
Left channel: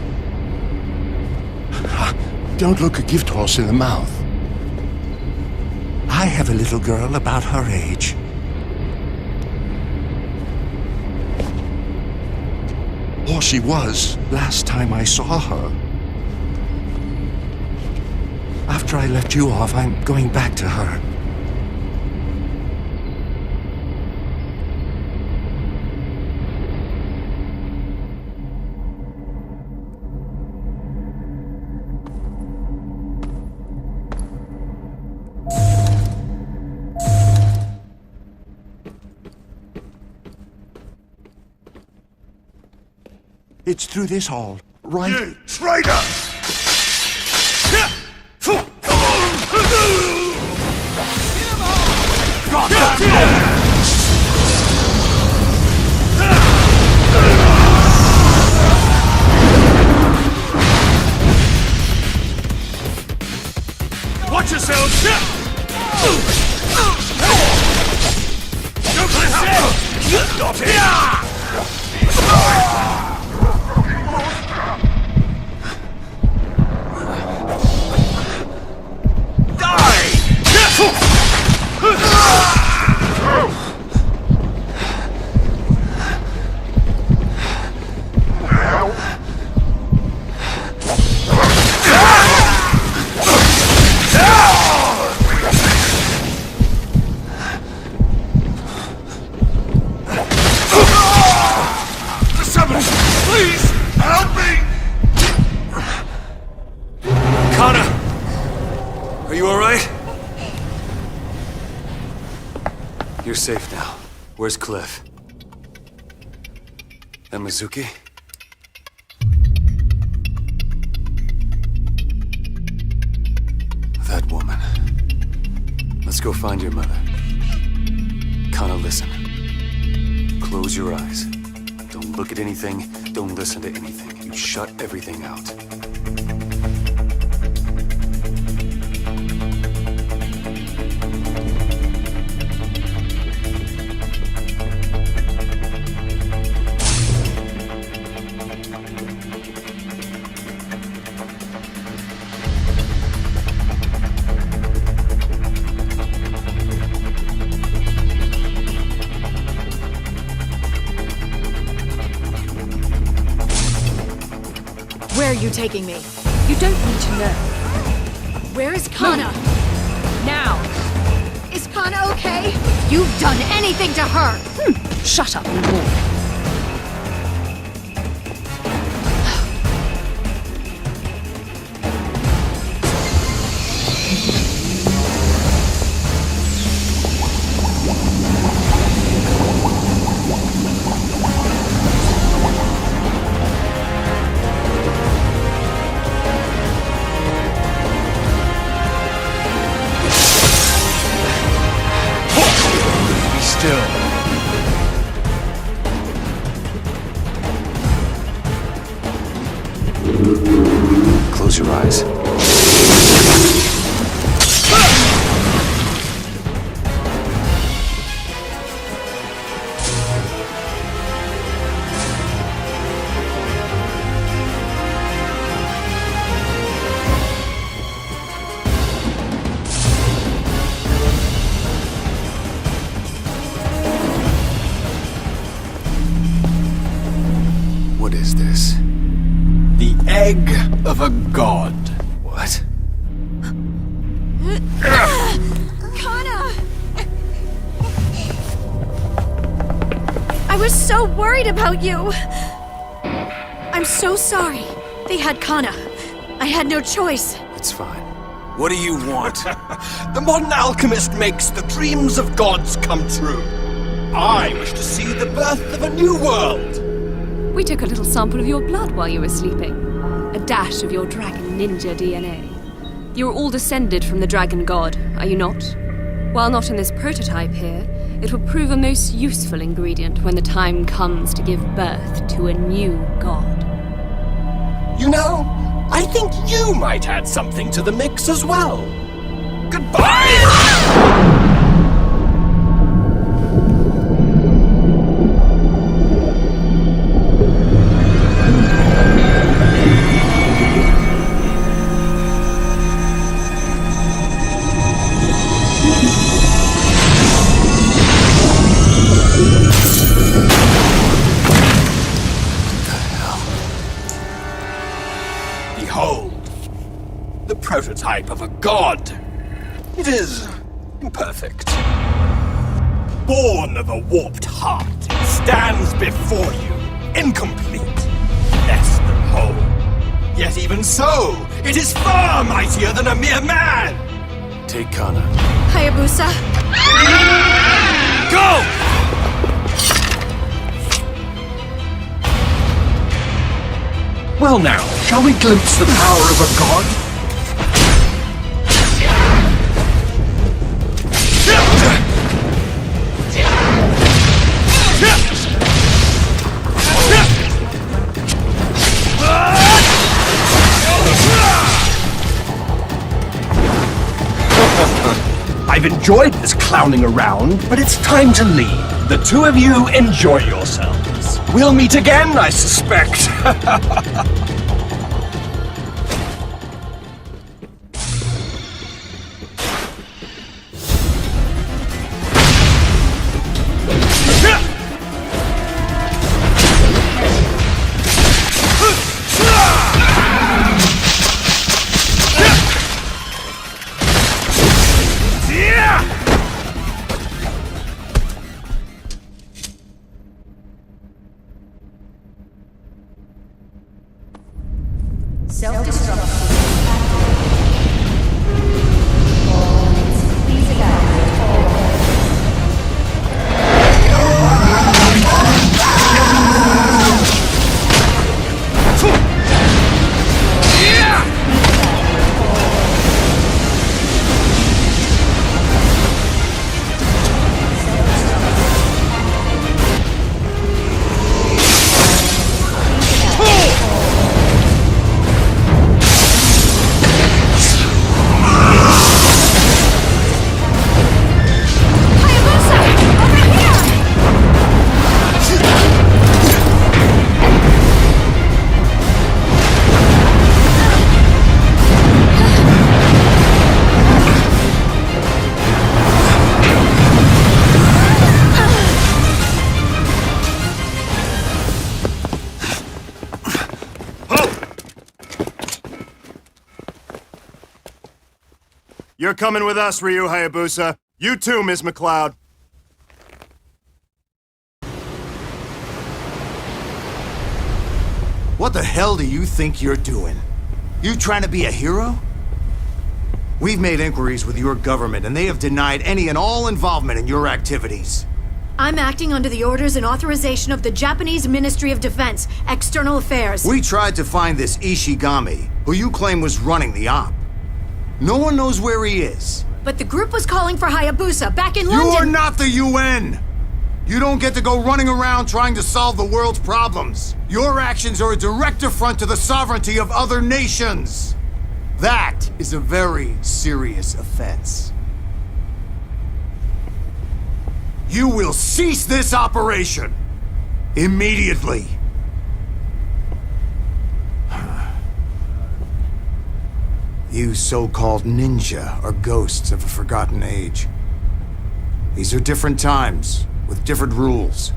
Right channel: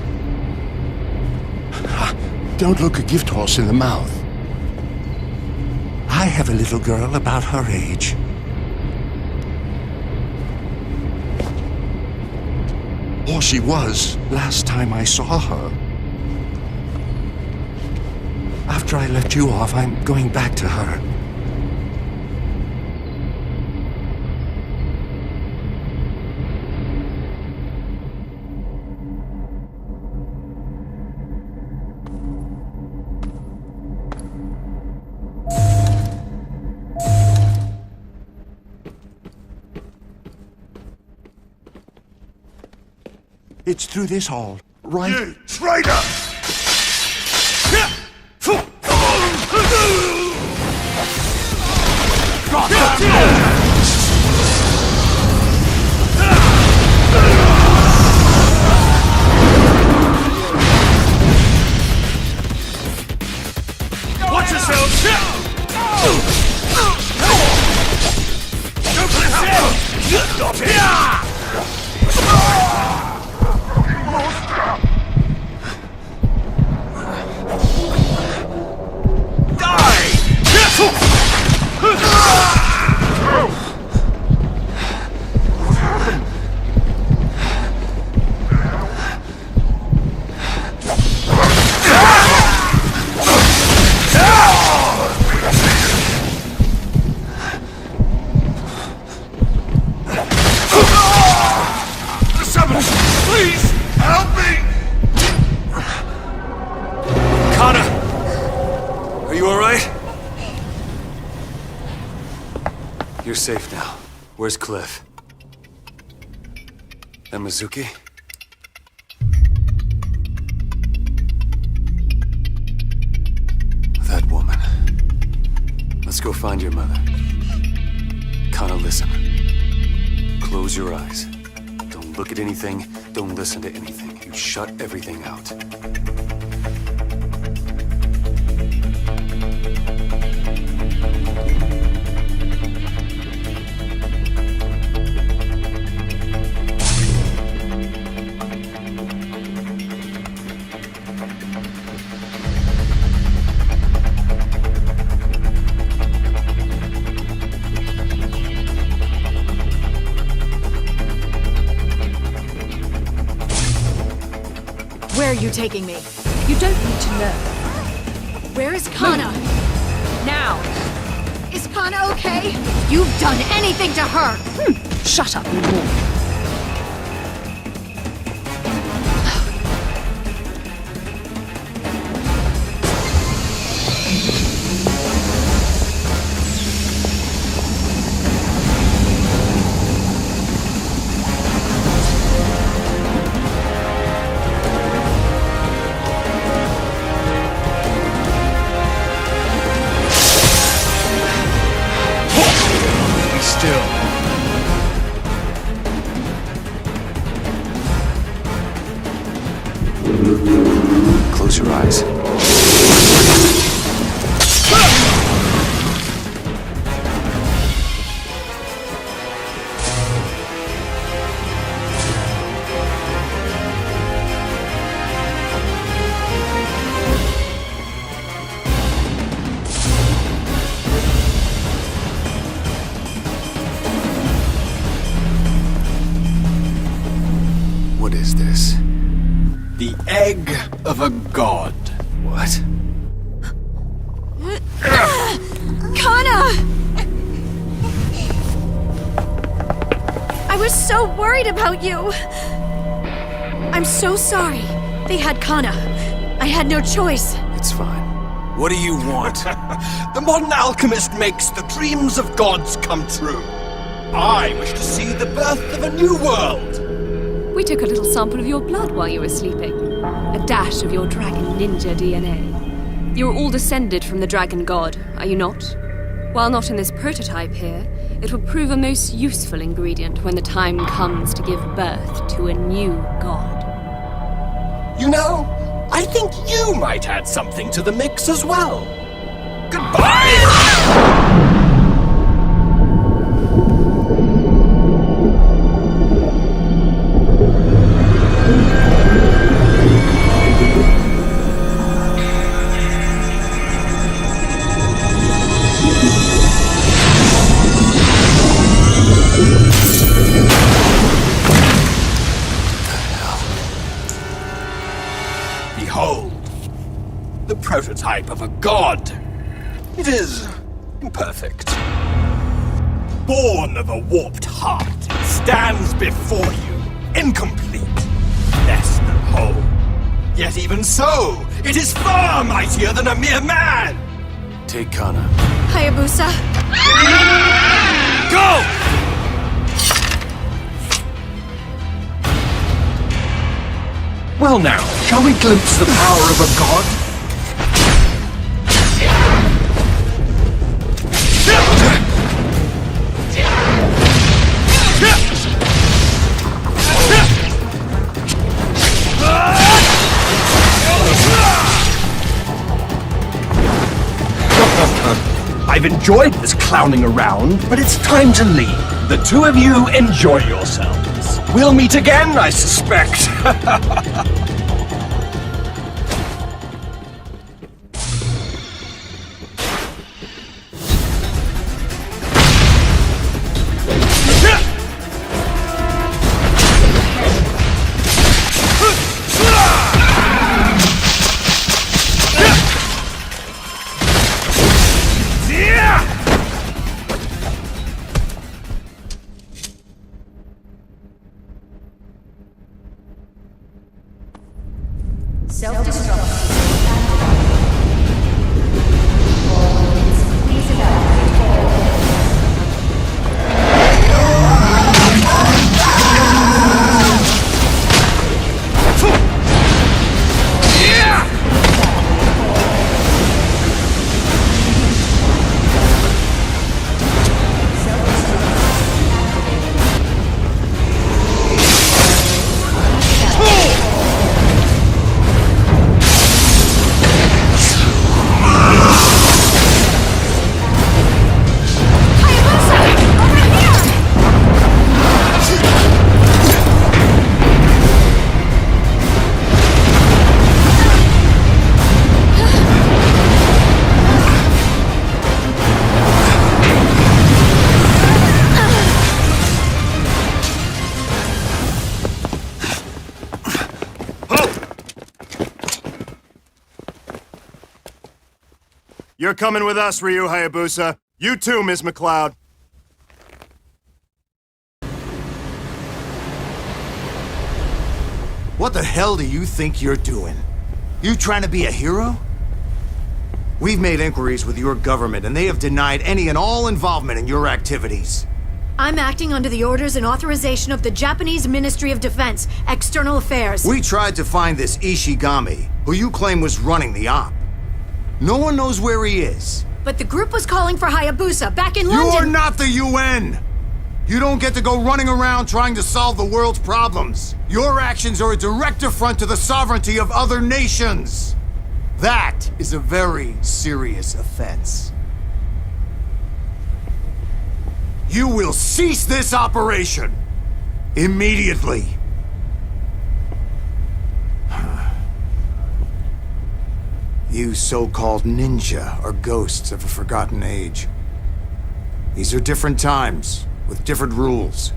Don't look a gift horse in the mouth. I have a little girl about her age. Or she was last time I saw her. After I let you off, I'm going back to her. It's through this hall, right? You traitor! Watch yourself! Please, help me! Connor! Are you alright? You're safe now. Where's Cliff? And Mizuki? That woman. Let's go find your mother. Connor, listen. Close your eyes. Don't look at anything. Don't listen to anything. You shut everything out. Where are you taking me? You don't need to know. Where is Kana? Now! Is Kana okay? You've done anything to her! Shut up and walk. Still. Close your eyes. What is this? The egg of a god. What? Kana! I was so worried about you! I'm so sorry. They had Kana. I had no choice. It's fine. What do you want? The modern alchemist makes the dreams of gods come true. I wish to see the birth of a new world. We took a little sample of your blood while you were sleeping. A dash of your dragon ninja DNA. You are all descended from the dragon god, are you not? While not in this prototype here, it will prove a most useful ingredient when the time comes to give birth to a new god. You know, I think you might add something to the mix as well. Goodbye! Behold, the prototype of a god. It is imperfect. Born of a warped heart, it stands before you, incomplete, less than whole. Yet even so, it is far mightier than a mere man! Take Kana. Hayabusa. Go! Well now, shall we glimpse the power of a god? I've enjoyed this clowning around, but it's time to leave. The two of you enjoy yourselves. We'll meet again, I suspect. Self-destruct system activated. All units, please evacuate all areas. You're coming with us, Ryu Hayabusa. You too, Ms. McLeod. What the hell do you think you're doing? You trying to be a hero? We've made inquiries with your government, and they have denied any and all involvement in your activities. I'm acting under the orders and authorization of the Japanese Ministry of Defense, External Affairs. We tried to find this Ishigami, who you claim was running the op. No one knows where he is. But the group was calling for Hayabusa back in London. You're not the UN! You don't get to go running around trying to solve the world's problems. Your actions are a direct affront to the sovereignty of other nations. That is a very serious offense. You will cease this operation immediately. You so-called ninja are ghosts of a forgotten age. These are different times, with different rules.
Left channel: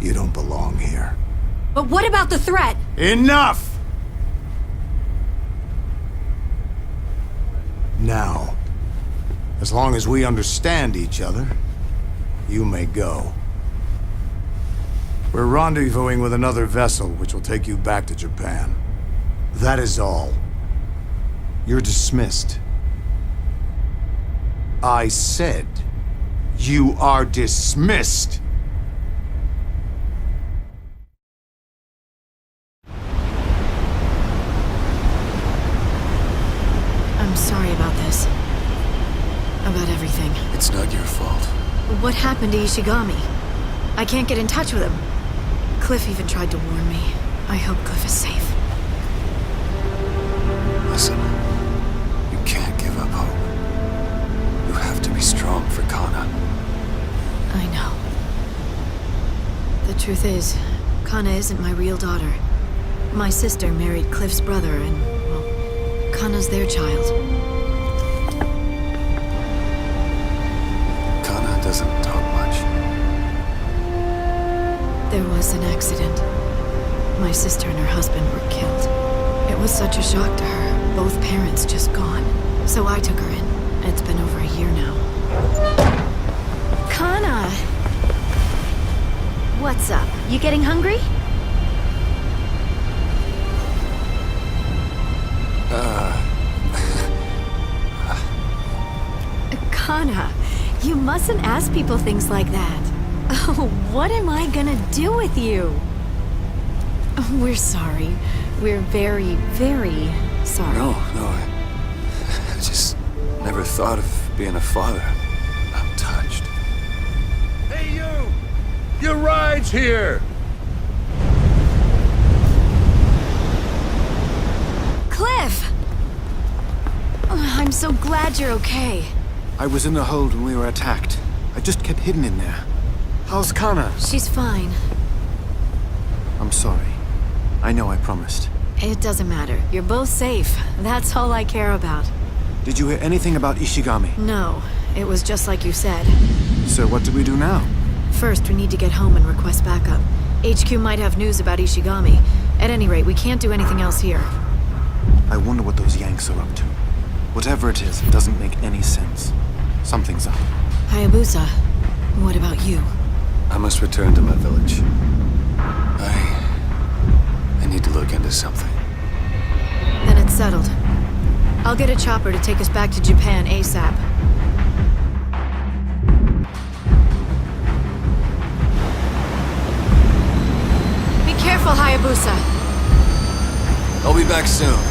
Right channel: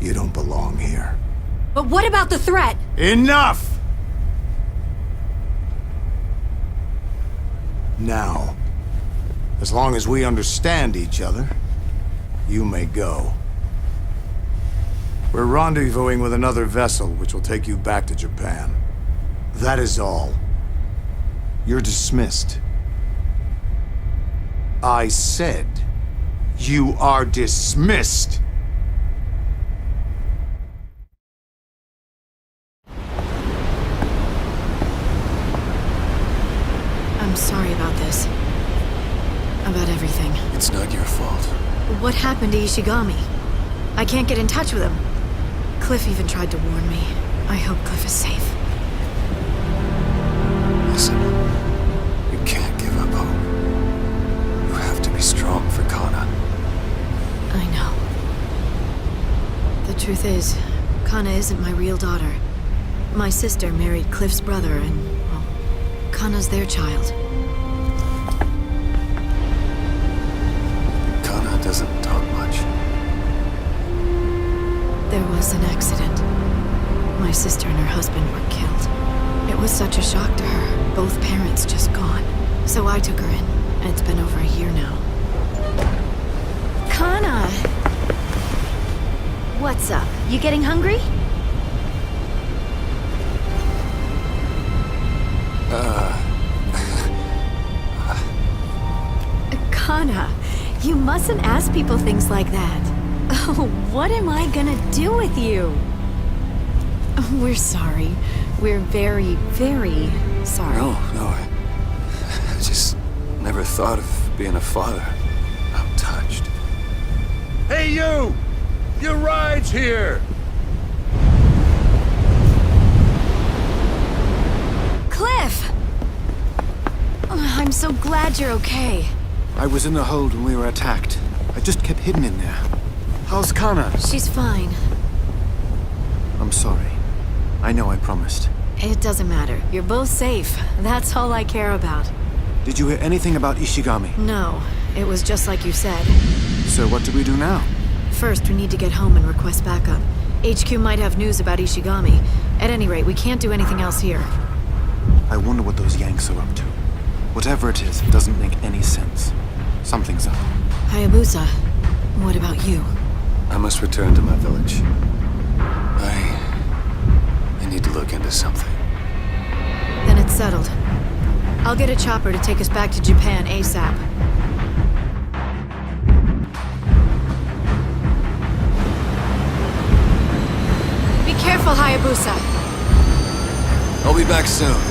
You don't belong here. But what about the threat? Enough! Now, as long as we understand each other, you may go. We're rendezvousing with another vessel, which will take you back to Japan. That is all. You're dismissed. I said, you are dismissed. I'm sorry about this. About everything. It's not your fault. What happened to Ishigami? I can't get in touch with him. Cliff even tried to warn me. I hope Cliff is safe. Listen, you can't give up hope. You have to be strong for Kana. I know. The truth is, Kana isn't my real daughter. My sister married Cliff's brother, and, well, Kana's their child. Kana doesn't talk much. There was an accident. My sister and her husband were killed. It was such a shock to her. Both parents just gone. So I took her in. It's been over a year now. Kana! What's up? You getting hungry? Kana, you mustn't ask people things like that. Oh, what am I gonna do with you? We're sorry. We're very, very sorry. No, I just never thought of being a father. I'm touched. Hey, you! Your ride's here! Cliff! I'm so glad you're okay. I was in the hold when we were attacked. I just kept hidden in there. How's Kana? She's fine. I'm sorry. I know I promised. It doesn't matter. You're both safe. That's all I care about. Did you hear anything about Ishigami? No. It was just like you said. So what do we do now? First, we need to get home and request backup. HQ might have news about Ishigami. At any rate, we can't do anything else here. I wonder what those Yanks are up to. Whatever it is, it doesn't make any sense. Something's up. Hayabusa, what about you? I must return to my village. I need to look into something. Then it's settled. I'll get a chopper to take us back to Japan ASAP. Be careful, Hayabusa. I'll be back soon.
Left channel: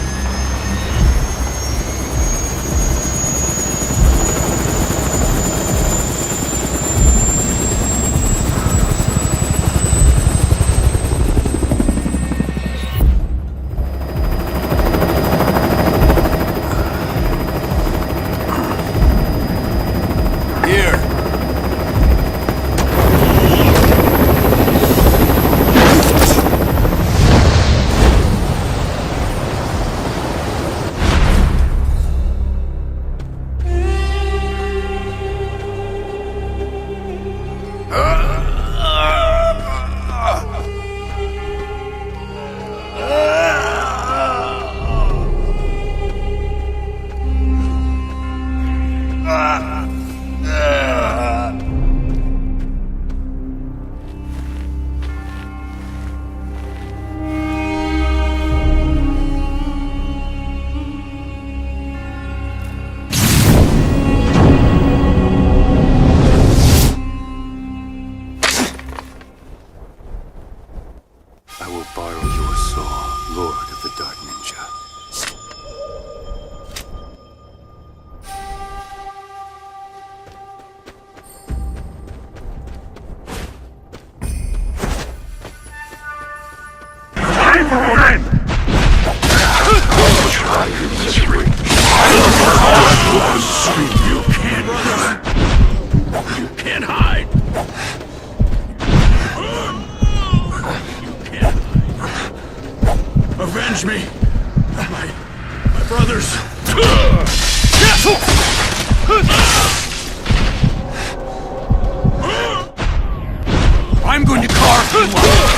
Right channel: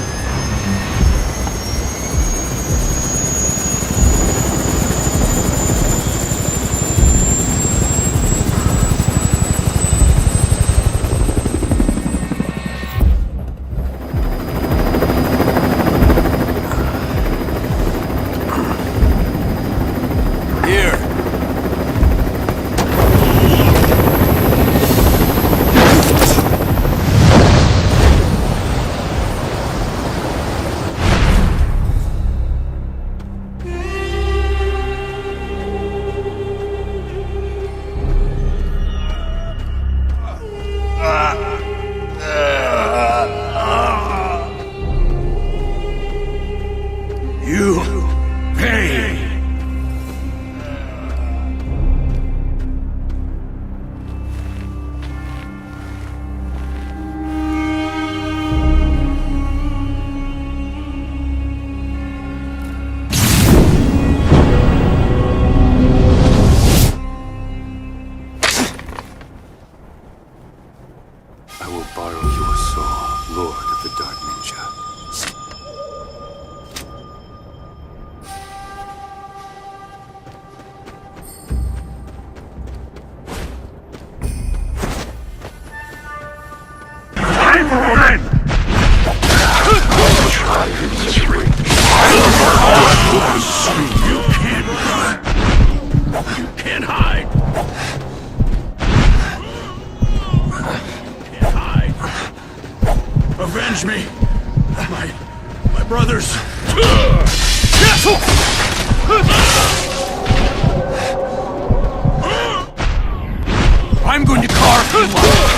I'm going to carve you up.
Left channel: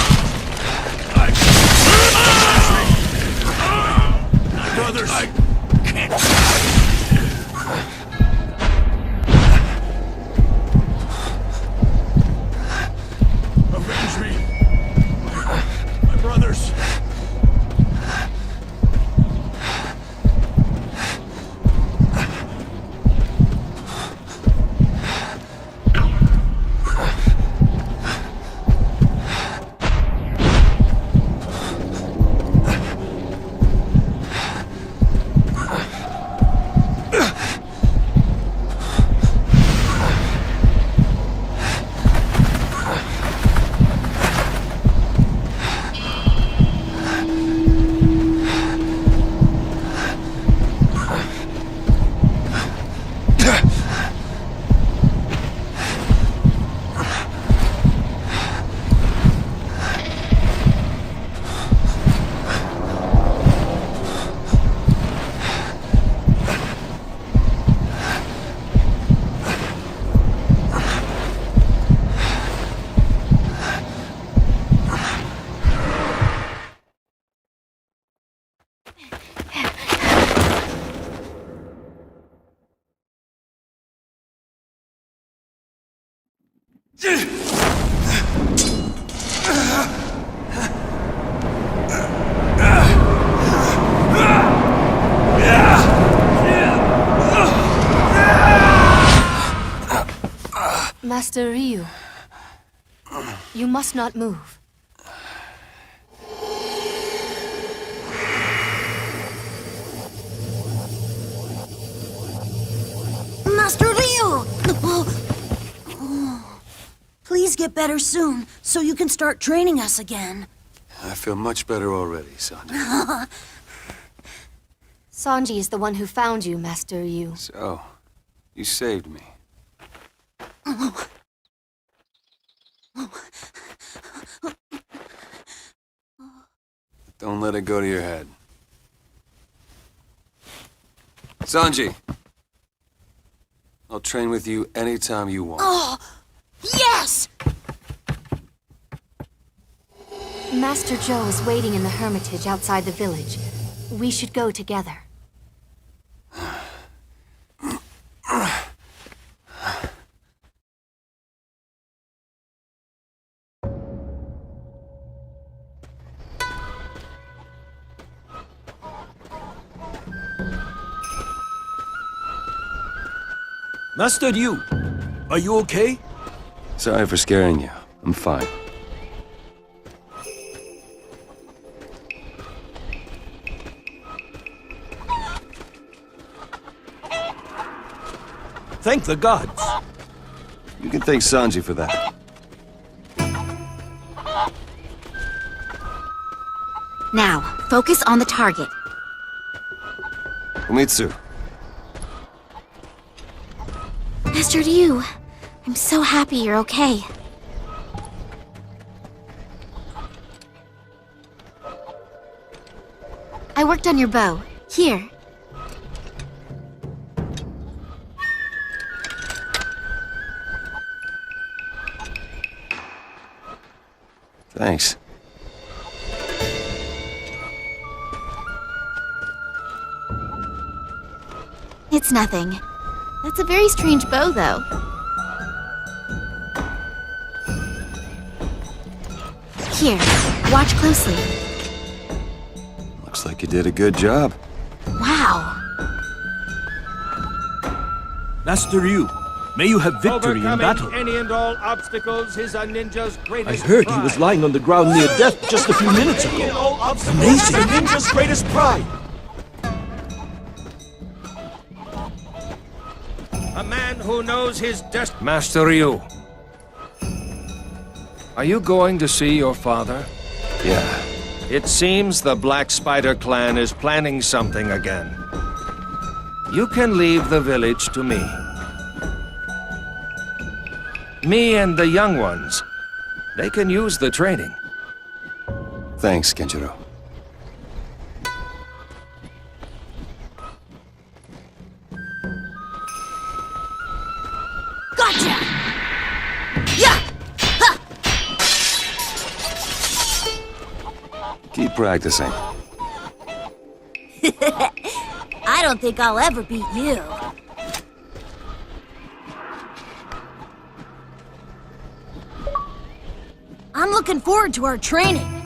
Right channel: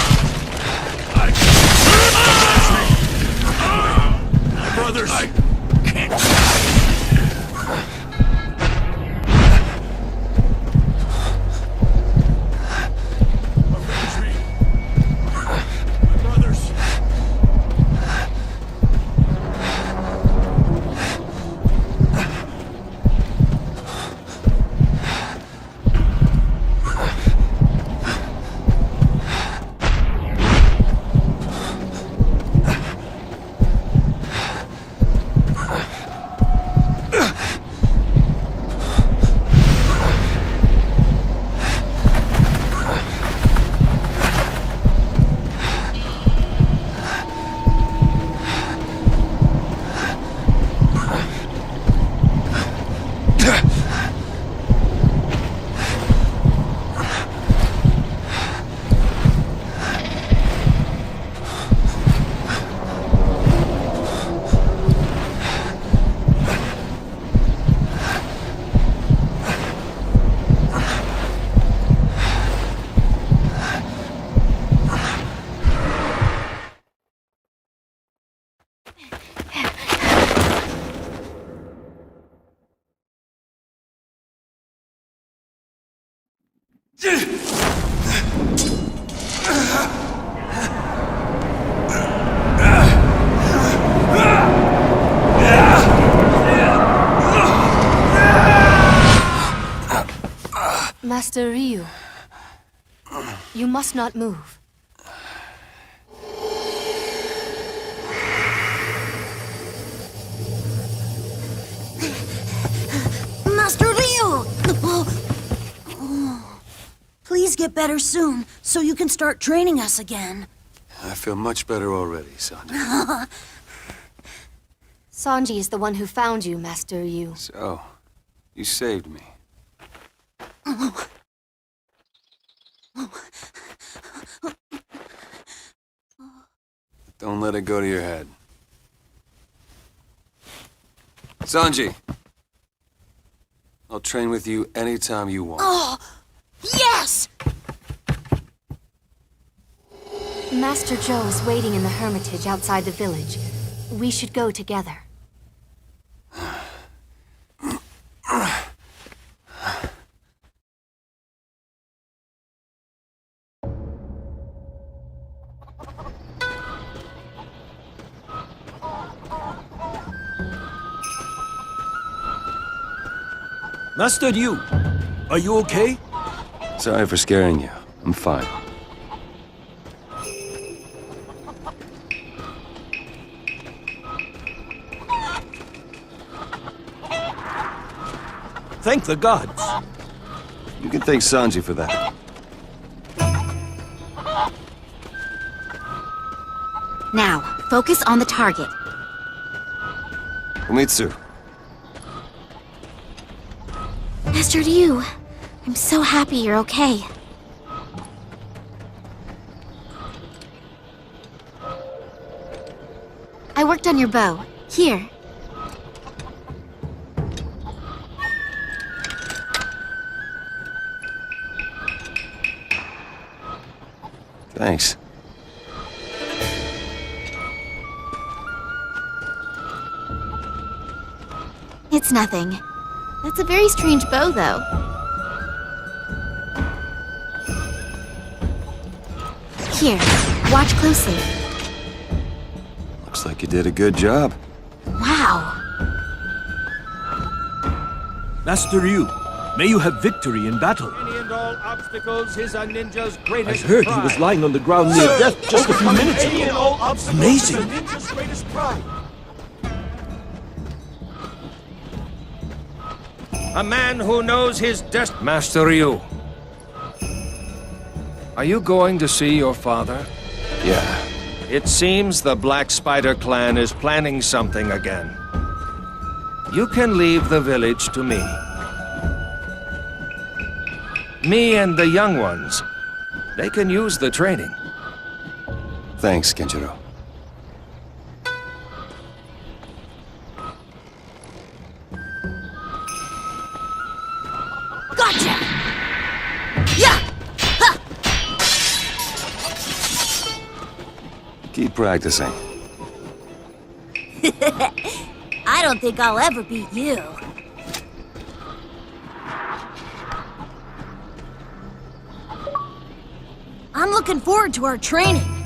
Master Ryu, you must not move. get better soon, so you can start training us again. I feel much better already, Sanji. Sanji is the one who found you, Master Ryu. So, you saved me. Don't let it go to your head. Sanji! I'll train with you anytime you want. Oh, yes! Master Joe is waiting in the hermitage outside the village. We should go together. Master Ryu, are you okay? Sorry for scaring you. I'm fine. Thank the gods. You can thank Sanji for that. Now, focus on the target. Umitsu. Master Ryu, I'm so happy you're okay. I worked on your bow. Here. Thanks. It's nothing. That's a very strange bow, though. Here, watch closely. Looks like you did a good job. Wow. Master Ryu, may you have victory in battle. Any and all obstacles is a ninja's I greatest heard pride. he was lying on the ground near death just a few minutes Any and ago. all obstacles is a ninja's greatest pride. A man who knows his destiny. Master Ryu. Are you going to see your father? Yeah. It seems the Black Spider clan is planning something again. You can leave the village to me. Me and the young ones. They can use the training. Thanks, Kenjiro. Gotcha! Yeah! Ha! Keep practicing. I don't think I'll ever beat you. I'm looking forward to our training.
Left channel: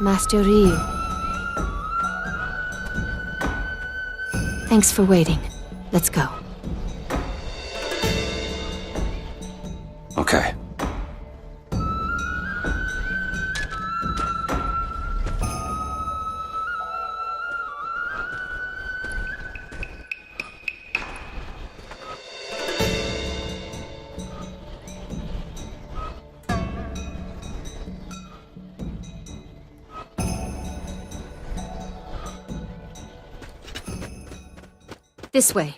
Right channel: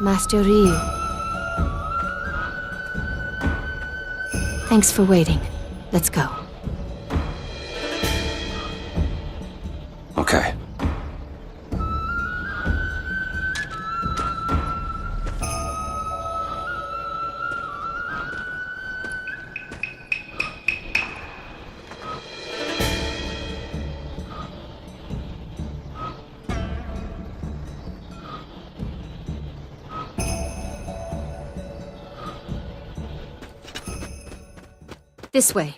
Master Ryu. Thanks for waiting. Let's go. Okay. This way.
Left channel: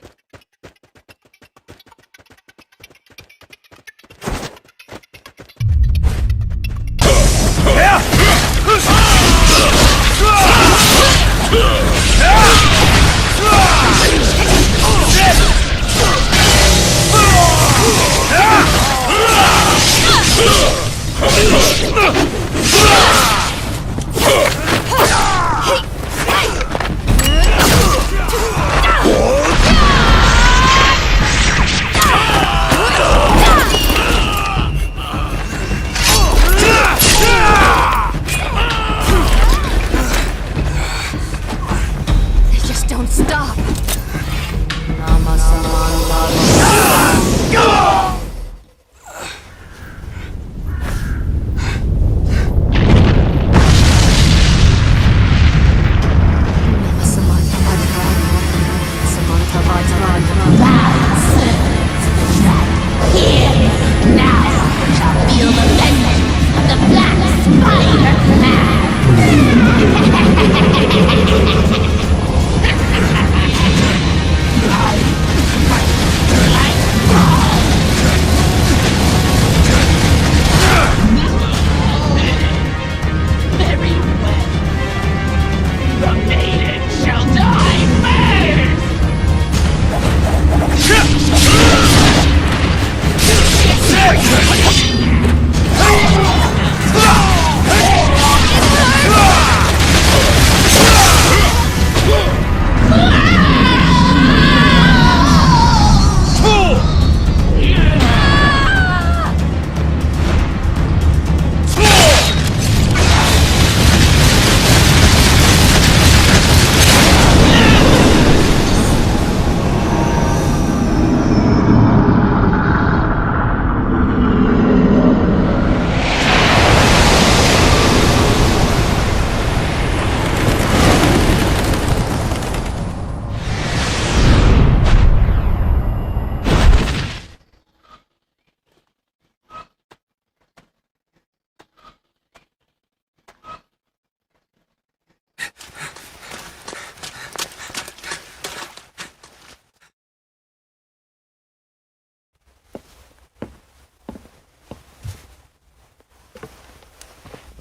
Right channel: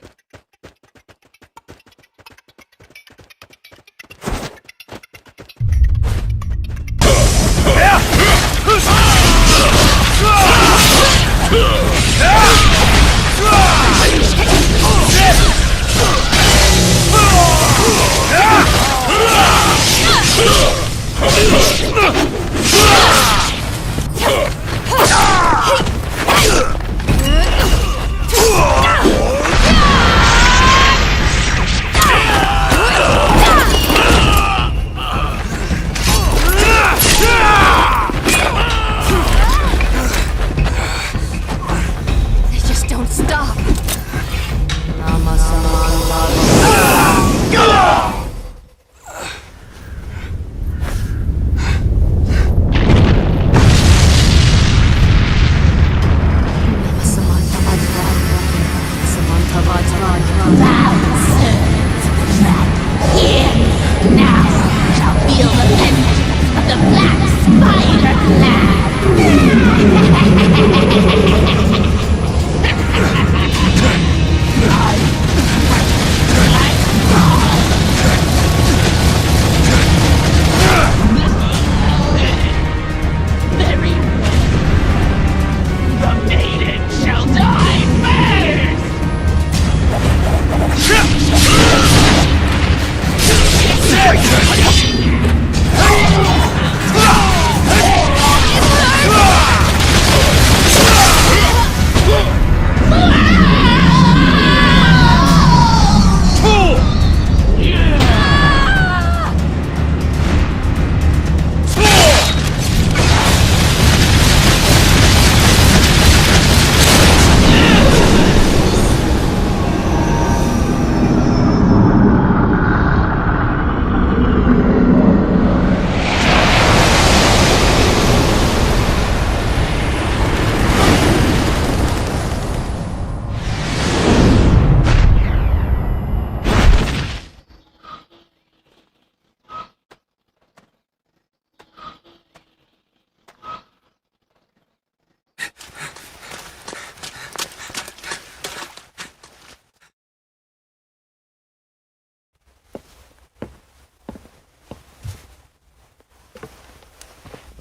Just don't stop.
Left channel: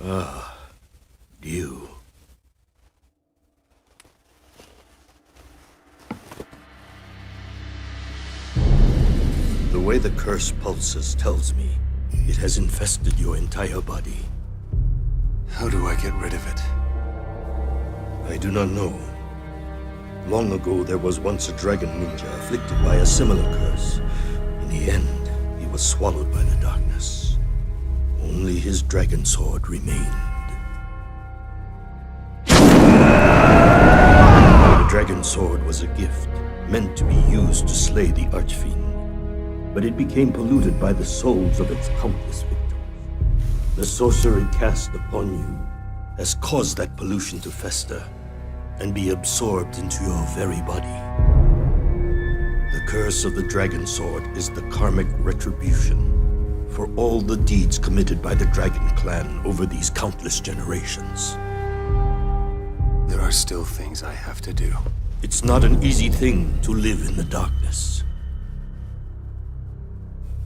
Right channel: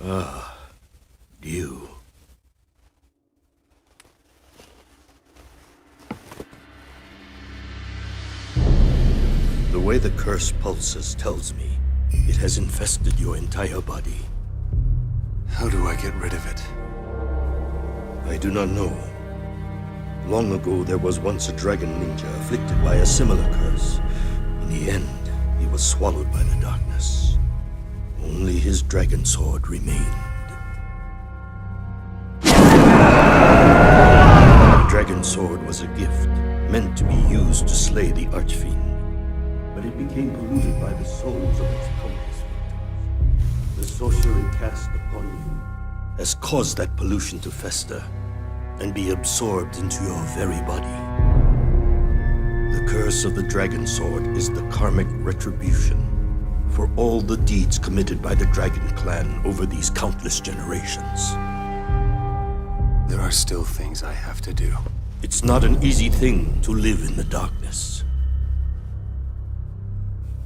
Ah, you. The way the curse pulses tells me it has infested your entire body. How do I get rid of it? I do not know. Long ago, there was once a dragon ninja afflicted by a similar curse. In the end, he was swallowed by the darkness. Only his dragon sword remained. The dragon sword was a gift, meant to be used to slay the archfiend. But it became polluted by the souls of its countless victims. The sorcery cast upon you has caused that pollution to fester and be absorbed into your very body. The curse of the dragon sword is the karmic retribution for all the deeds committed by the dragon clan over these countless generations. There are still things I have to do. It's not an easy thing to live in the darkness.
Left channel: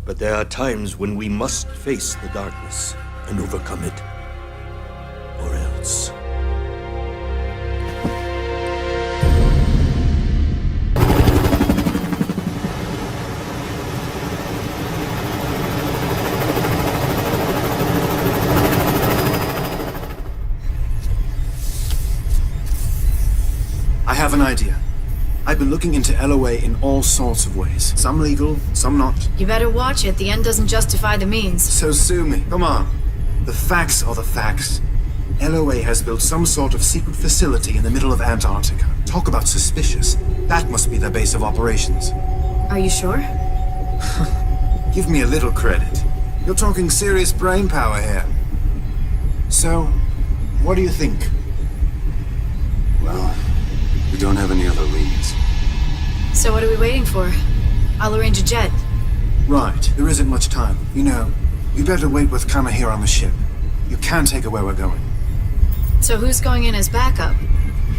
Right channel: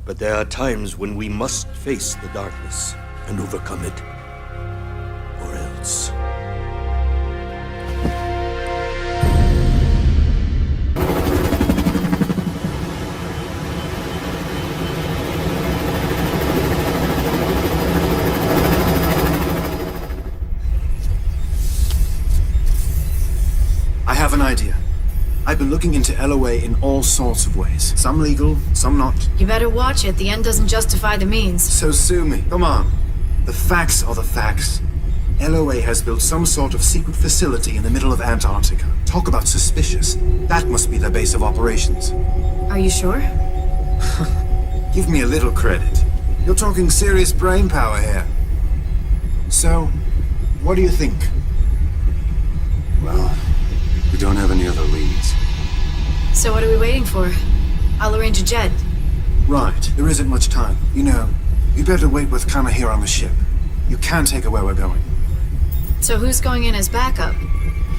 But there are times when we must face the darkness and overcome it, or else. I have an idea. I've been looking into LOA in all sorts of ways. Some legal, some not. You better watch it. The end doesn't justify the means. So sue me. Come on. The facts are the facts. LOA has built some sort of secret facility in the middle of Antarctica. Talk about suspicious. That must be their base of operations. Are you sure? Give me a little credit. You're talking serious brain power here. So, what do you think? Well, we don't have any other leads. So what are we waiting for? I'll arrange a jet. Right. There isn't much time. You know, you'd better wait with Kana here on the ship. You can't take her where we're going. So who's going in as backup?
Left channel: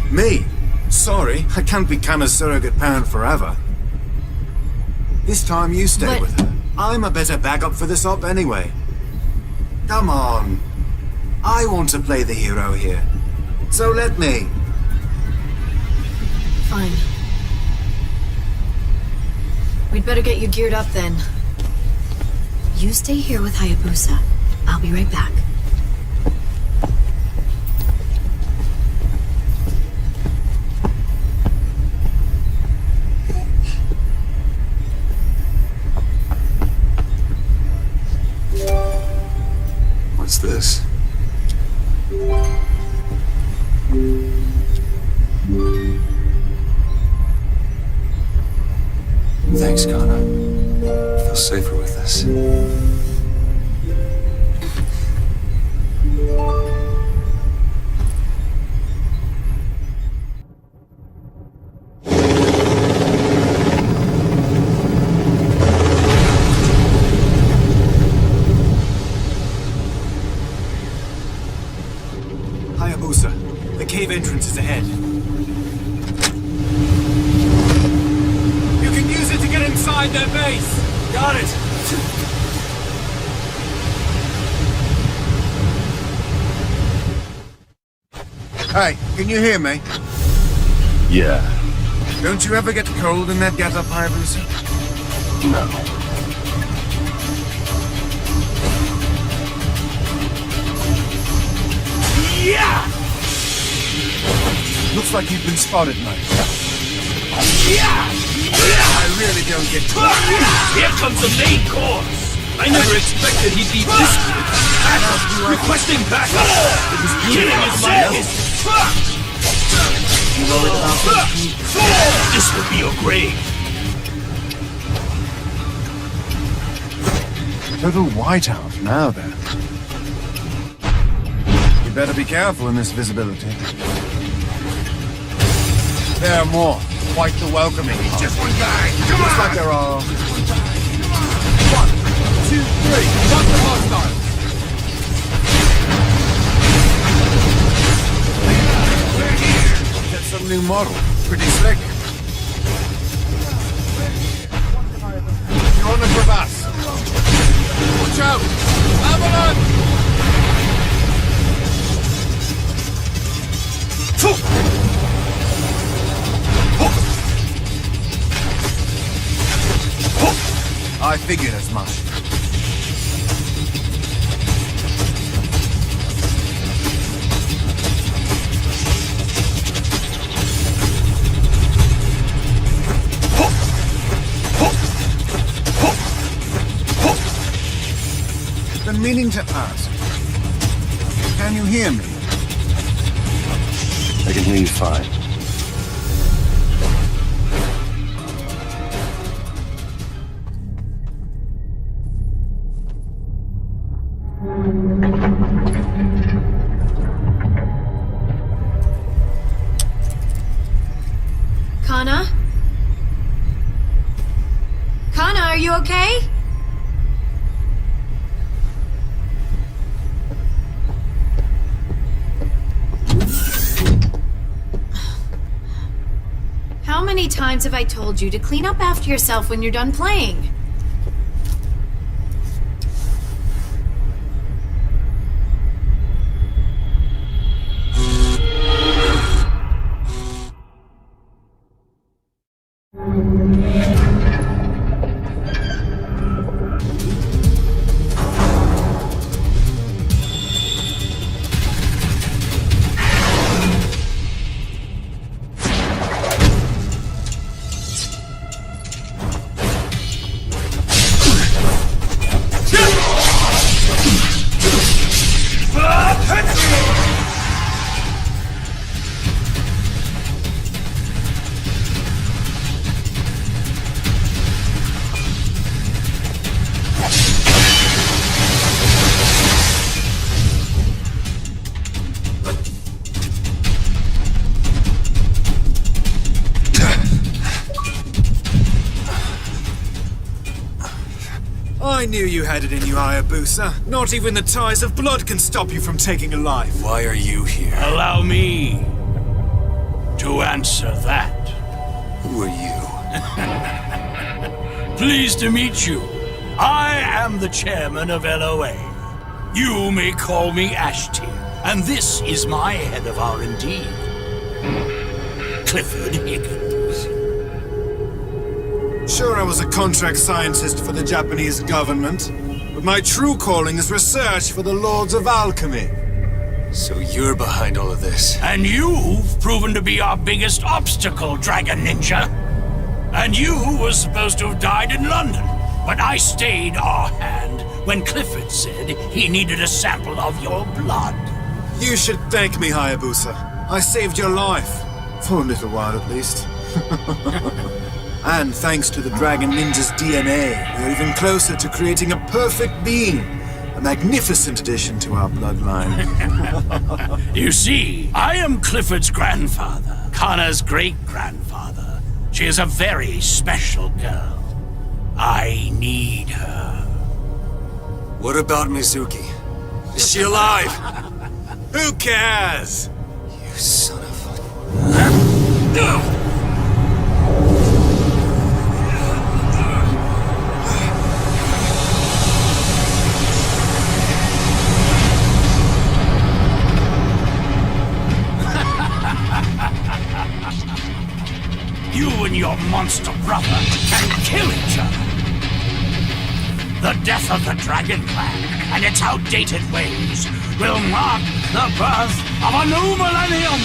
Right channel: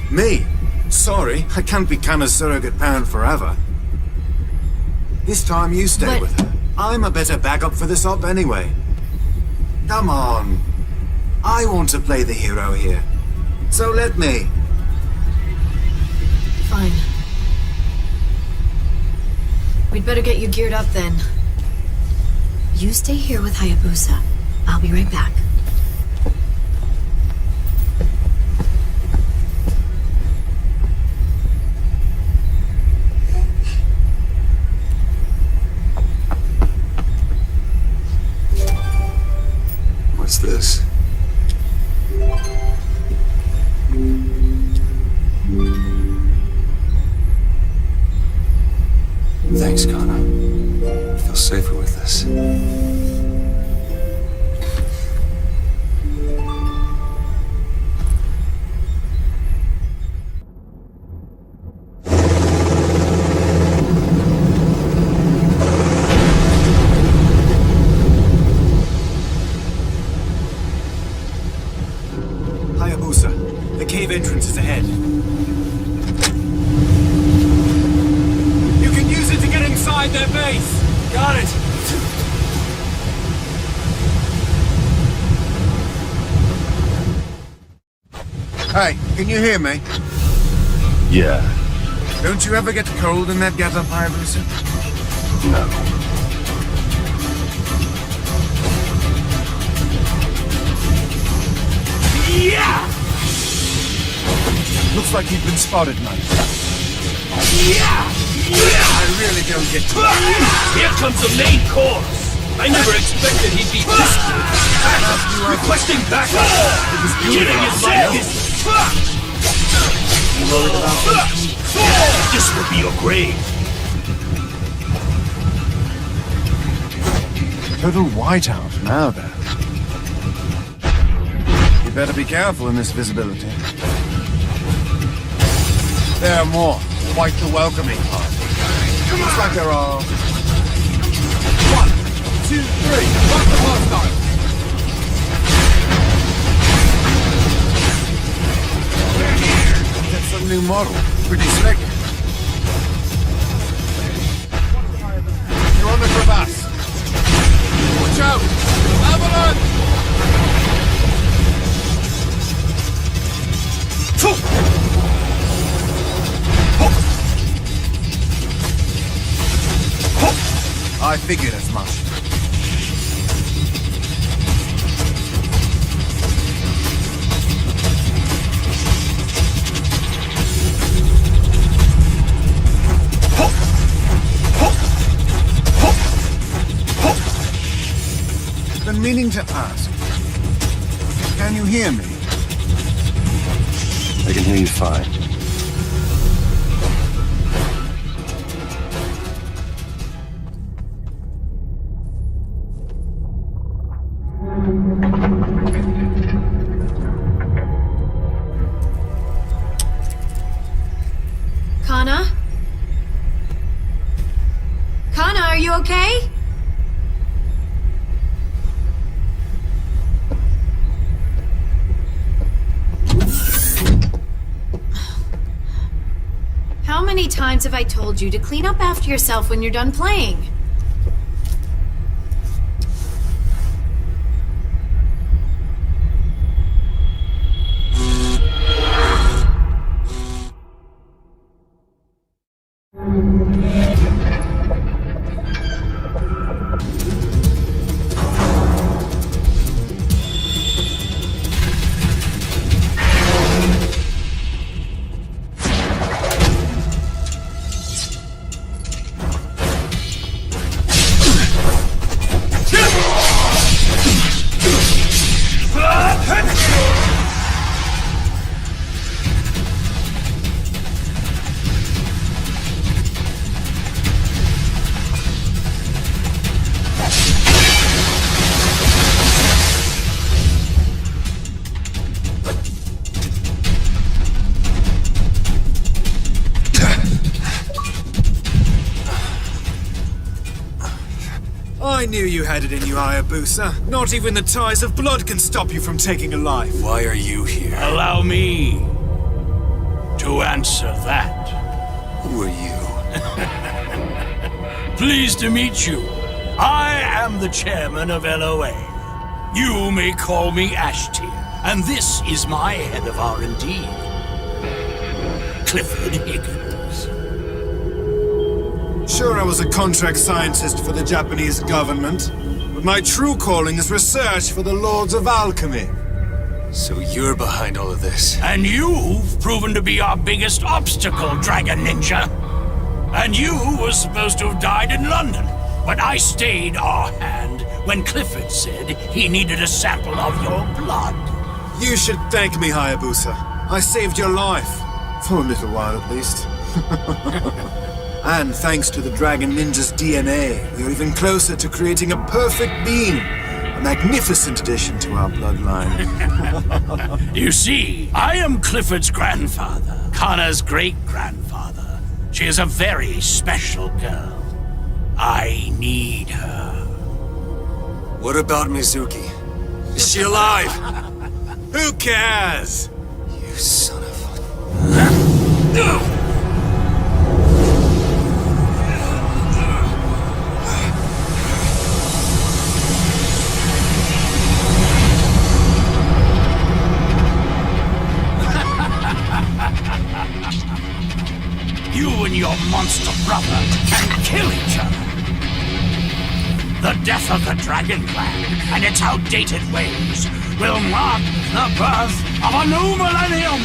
Me? Sorry, I can't be Kana's surrogate parent forever. This time you stay with her. I'm a better backup for this op anyway. Come on. I want to play the hero here. So let me. Fine. We'd better get you geared up then. You stay here with Hayabusa. I'll be right back. What's this? Thanks, Kana. I feel safer with this. Hayabusa, the cave entrance is ahead. You can use it to get inside their base. Got it! Hey, can you hear me? Yeah. Don't you ever get cold in that getup, Hayabusa? No. Yeah! Looks like you've been spotted, mate. Yeah! I really don't get to Here comes the main course. I never expected he'd be this good. Requesting backup. It was killing his legs. You worried about that? This will be your grave. Total whiteout now, then. You better be careful in this visibility. There are more. Quite the welcoming part. Looks like there are... 1, 2, 3. Got the hostile. That's some new model. Pretty slick. You're on the crevasse. Watch out! Avalanche! I figured as much. Been meaning to ask. Can you hear me? I can hear you fine. Kana? Kana, are you okay? How many times have I told you to clean up after yourself when you're done playing? I knew you had it in you, Hayabusa. Not even the ties of blood can stop you from taking a life. Why are you here? Allow me to answer that. Who are you? Pleased to meet you. I am the chairman of LOA. You may call me Ashtier, and this is my head of R&D, Clifford Higgins. Sure, I was a contract scientist for the Japanese government, but my true calling is research for the Lords of Alchemy. So you're behind all of this? And you've proven to be our biggest obstacle, Dragon Ninja. And you were supposed to have died in London, but I stayed our hand when Clifford said he needed a sample of your blood. You should thank me, Hayabusa. I saved your life. For a little while, at least. And thanks to the Dragon Ninja's DNA, we're even closer to creating a perfect being. A magnificent addition to our bloodline. You see, I am Clifford's grandfather, Connor's great-grandfather. She is a very special girl. I need her. What about Mizuki? Is she alive? Who cares? You son of a... You and your monster brother can kill each other. The death of the Dragon Clan and its outdated ways will mark the birth of a new millennium!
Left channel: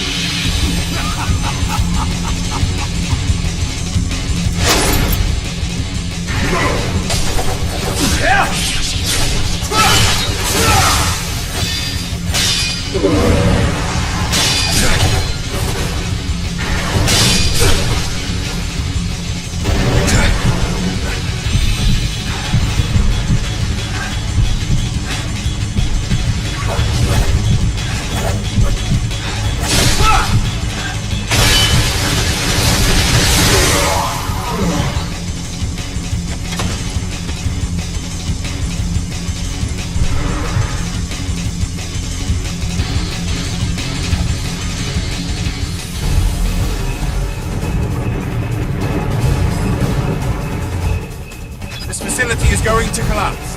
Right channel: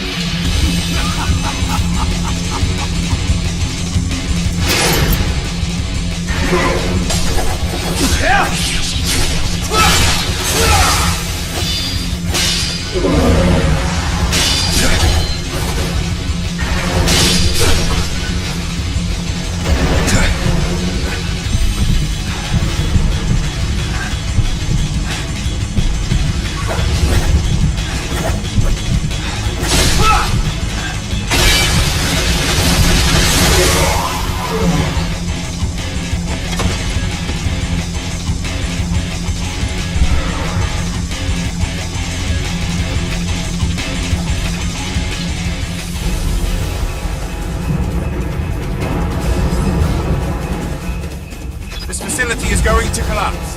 Is going to collapse.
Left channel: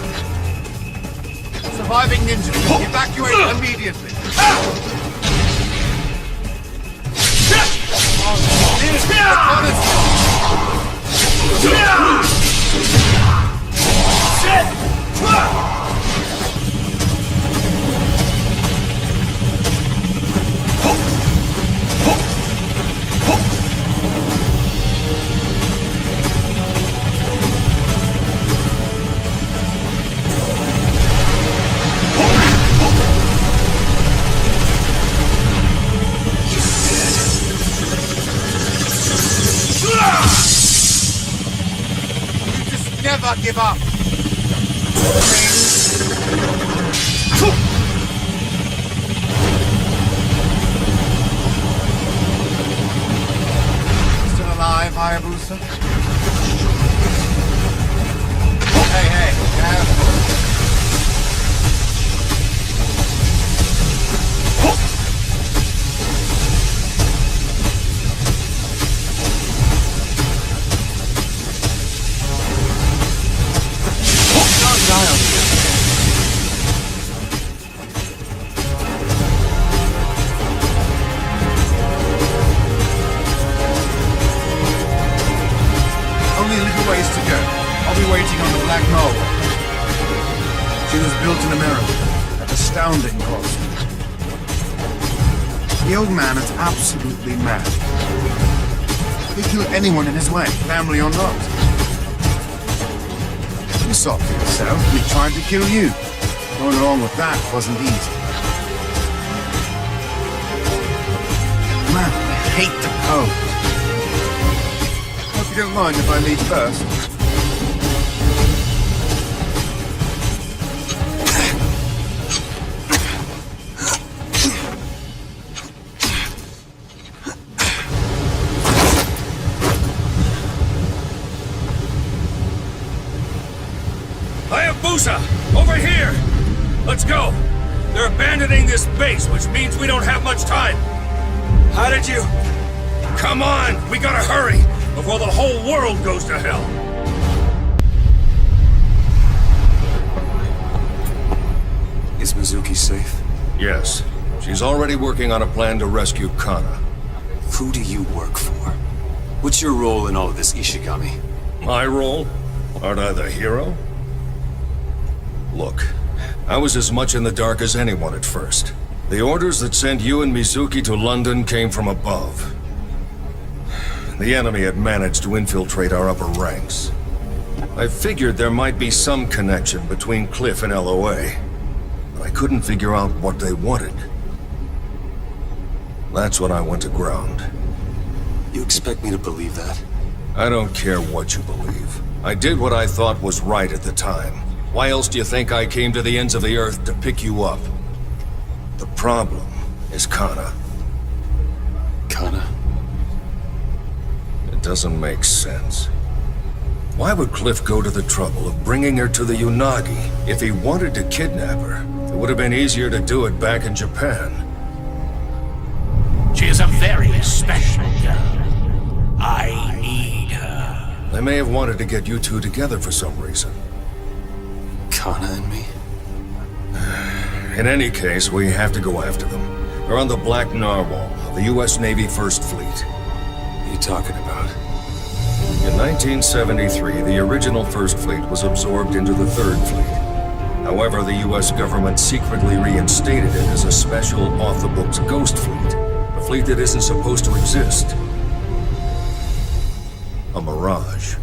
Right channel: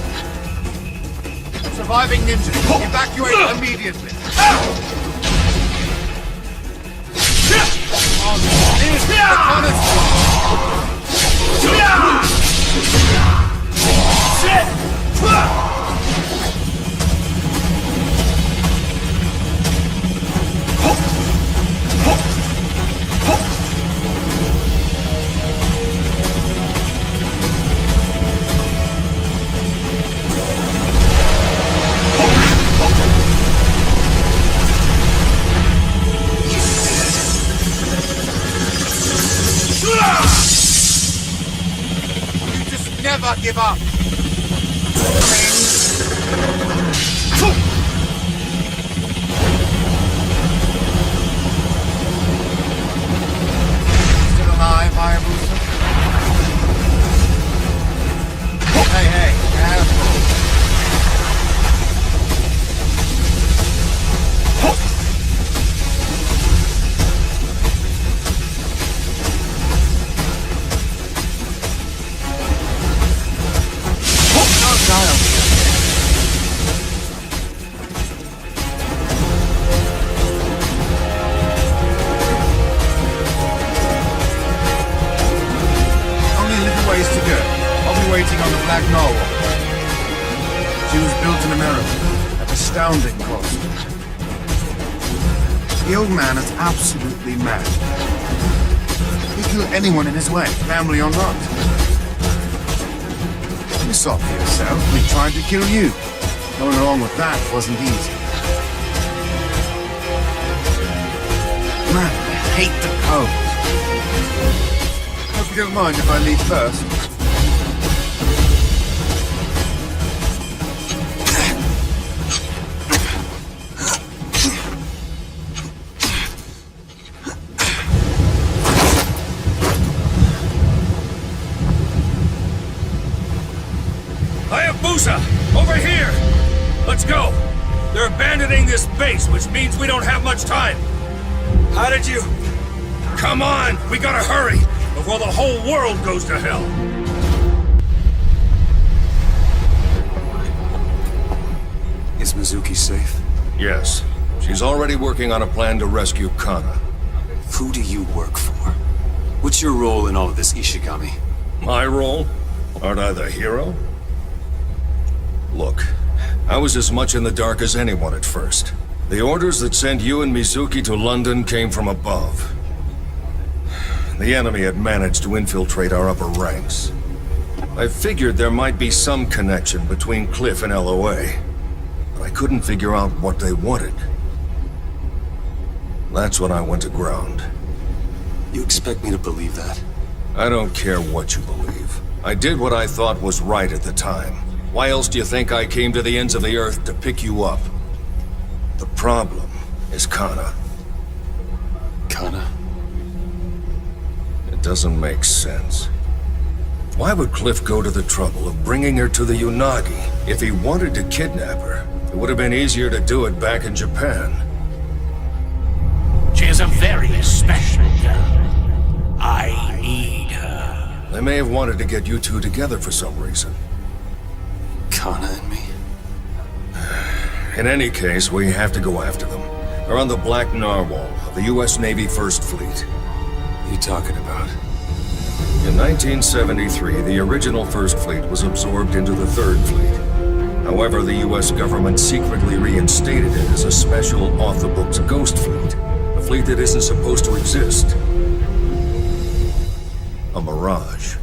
Surviving ninjas, evacuate immediately. Never give up. Still alive, Hayabusa? Hey, careful. Only a little ways to go. I'll be waiting on the Black Narwhal. She was built in America at astounding cost. The old man is absolutely mad. He'll kill anyone in his way, family or not. You saw for yourself. We tried to kill you. Going along with that wasn't easy. Man, I hate the cold. Hope you don't mind if I leave first. Hayabusa! Over here! Let's go! They're abandoning this base, which means we don't have much time. How did you... Come on! We gotta hurry! Before the whole world goes to hell! Is Mizuki safe? Yes. She's already working on a plan to rescue Kana. Who do you work for? What's your role in all of this, Ishigami? My role? Aren't I the hero? Look, I was as much in the dark as anyone at first. The orders that sent you and Mizuki to London came from above. The enemy had managed to infiltrate our upper ranks. I figured there might be some connection between Cliff and LOA, but I couldn't figure out what they wanted. That's when I went to ground. You expect me to believe that? I don't care what you believe. I did what I thought was right at the time. Why else do you think I came to the ends of the earth to pick you up? The problem is Kana. Kana? It doesn't make sense. Why would Cliff go to the trouble of bringing her to the Unagi? If he wanted to kidnap her, it would have been easier to do it back in Japan. She is a very special girl. I need her. They may have wanted to get you two together for some reason. Kana and me? In any case, we have to go after them. They're on the Black Narwhal of the U.S. Navy First Fleet. What are you talking about? In 1973, the original First Fleet was absorbed into the Third Fleet. However, the U.S. government secretly reinstated it as a special, off-the-books ghost fleet. A fleet that isn't supposed to exist. A mirage.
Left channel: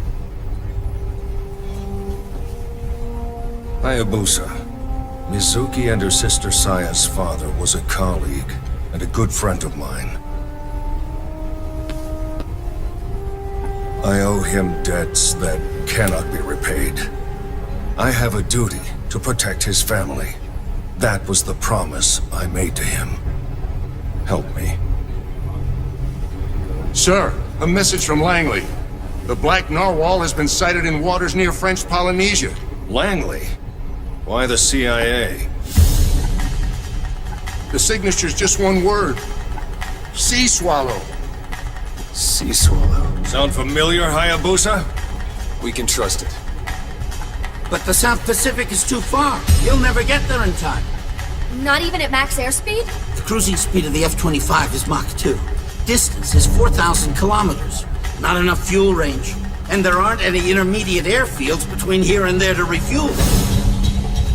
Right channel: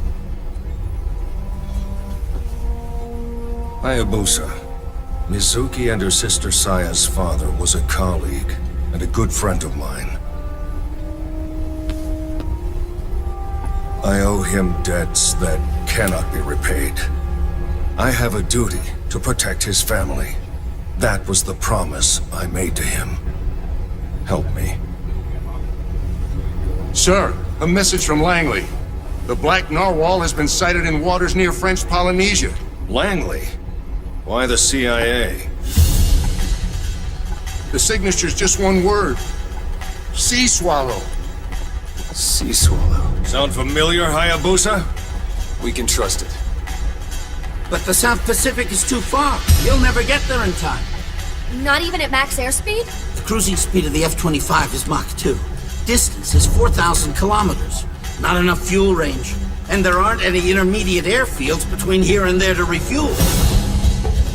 Hayabusa. Mizuki and her sister Saya's father was a colleague and a good friend of mine. I owe him debts that cannot be repaid. I have a duty to protect his family. That was the promise I made to him. Help me. Sir, a message from Langley. The Black Narwhal has been sighted in waters near French Polynesia. Langley? Why the CIA? The signature's just one word. Sea swallow. Sea swallow. Sound familiar, Hayabusa? We can trust it. But the South Pacific is too far. You'll never get there in time. Not even at max airspeed? The cruising speed of the F-25 is Mach 2. Distance is 4,000 kilometers. Not enough fuel range. And there aren't any intermediate airfields between here and there to refuel.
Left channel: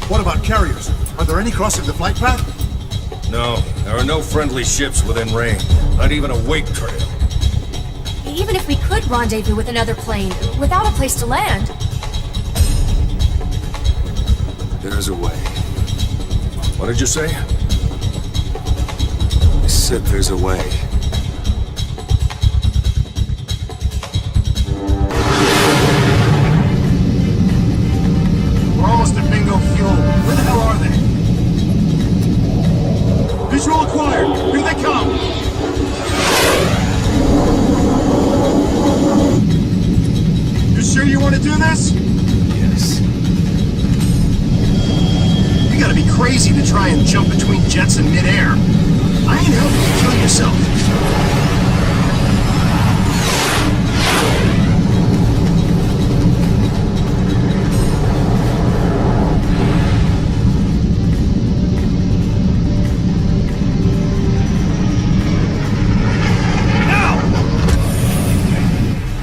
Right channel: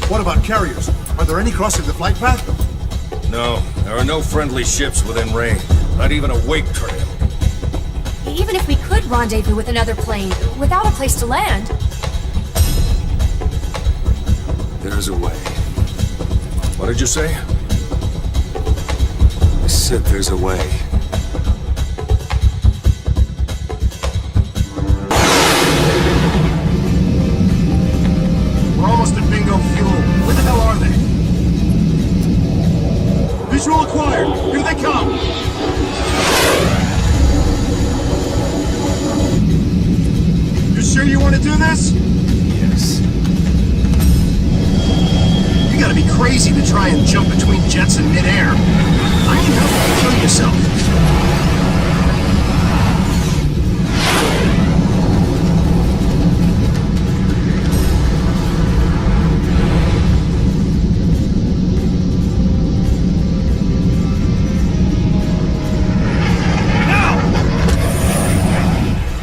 What about carriers? Are there any crossing the flight path? No, there are no friendly ships within range. Not even a wake trail. Even if we could rendezvous with another plane, without a place to land. There's a way. What did you say? I said there's a way. We're almost at bingo fuel. Where the hell are they? Visual acquired. Here they come. You sure you want to do this? Yes. You gotta be crazy to try and jump between jets in midair. I ain't helping you kill yourself.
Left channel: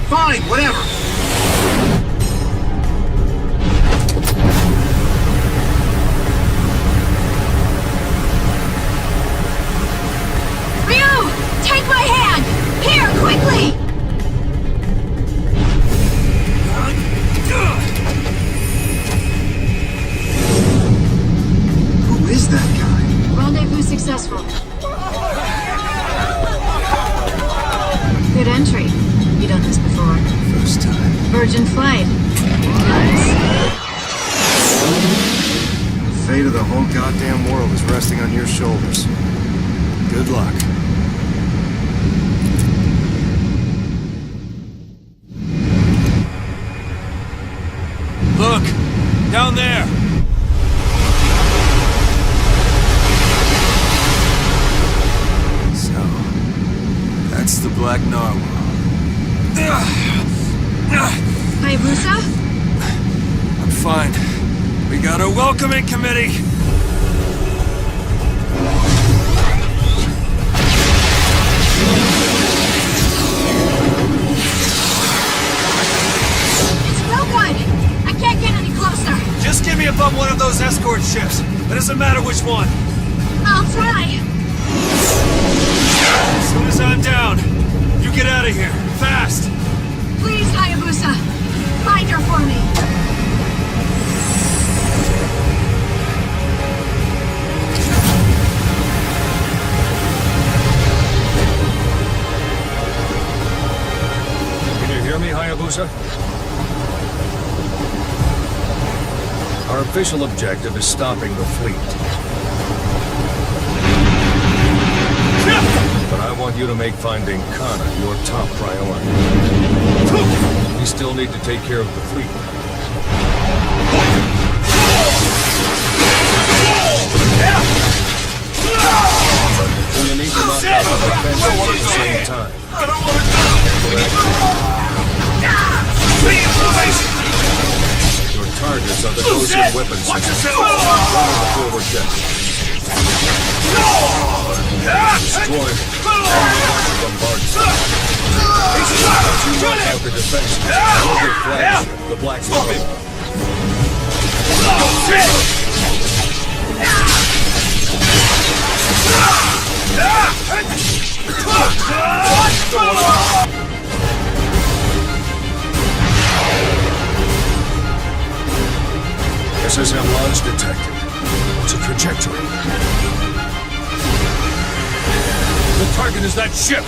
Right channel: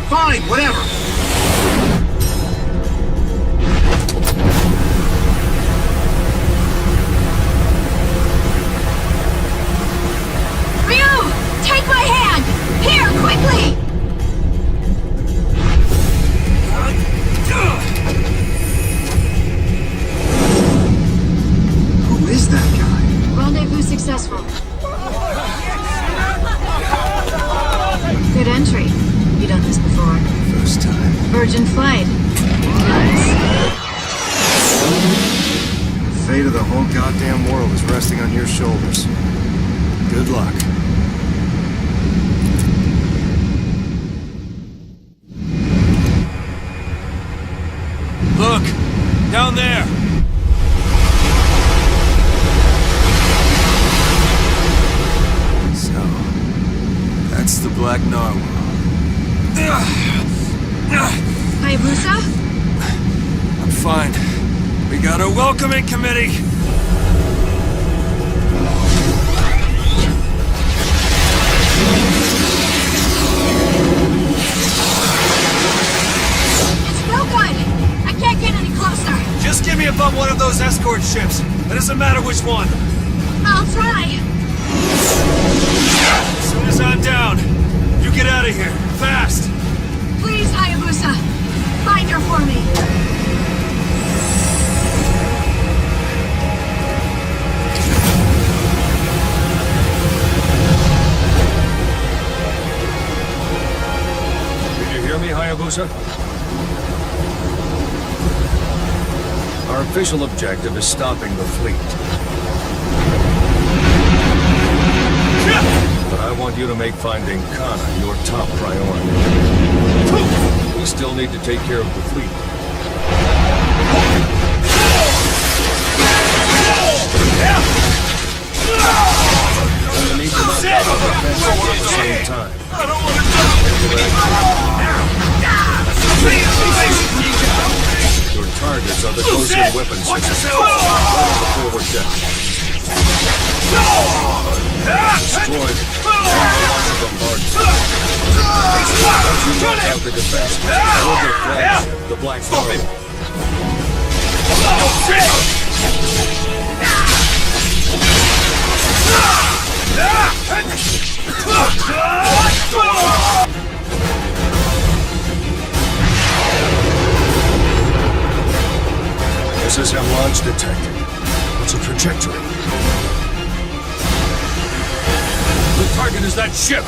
Fine, whatever. Ryu! Take my hand! Here, quickly! Who is that guy? Rendezvous successful. Good entry. You done this before? First time. Virgin flight. Nice. The fate of the whole goddamn world is resting on your shoulders. Good luck. Look! Down there! So, that's the Black Narwhal. Hayabusa? I'm fine. We got a welcoming committee! It's no good! I can't get any closer! Just get me above one of those escort ships. It doesn't matter which one. I'll try! As soon as I'm down, you get out of here. Fast! Please, Hayabusa! Find her for me! Did you hear hear me, Hayabusa? Our official objective is stopping the fleet. But I want you to make finding Kana your top priority. We still need to take care of the fleet. So you need to knock out the defenses at the same time. Your targets are the close-in weapon systems. Run on the forward deck. Destroy them. And launch a bombardment. Once you knock out the defenses, build their flagship, the Black Narwhal. SSM launch detected. What's the trajectory? The target is that ship!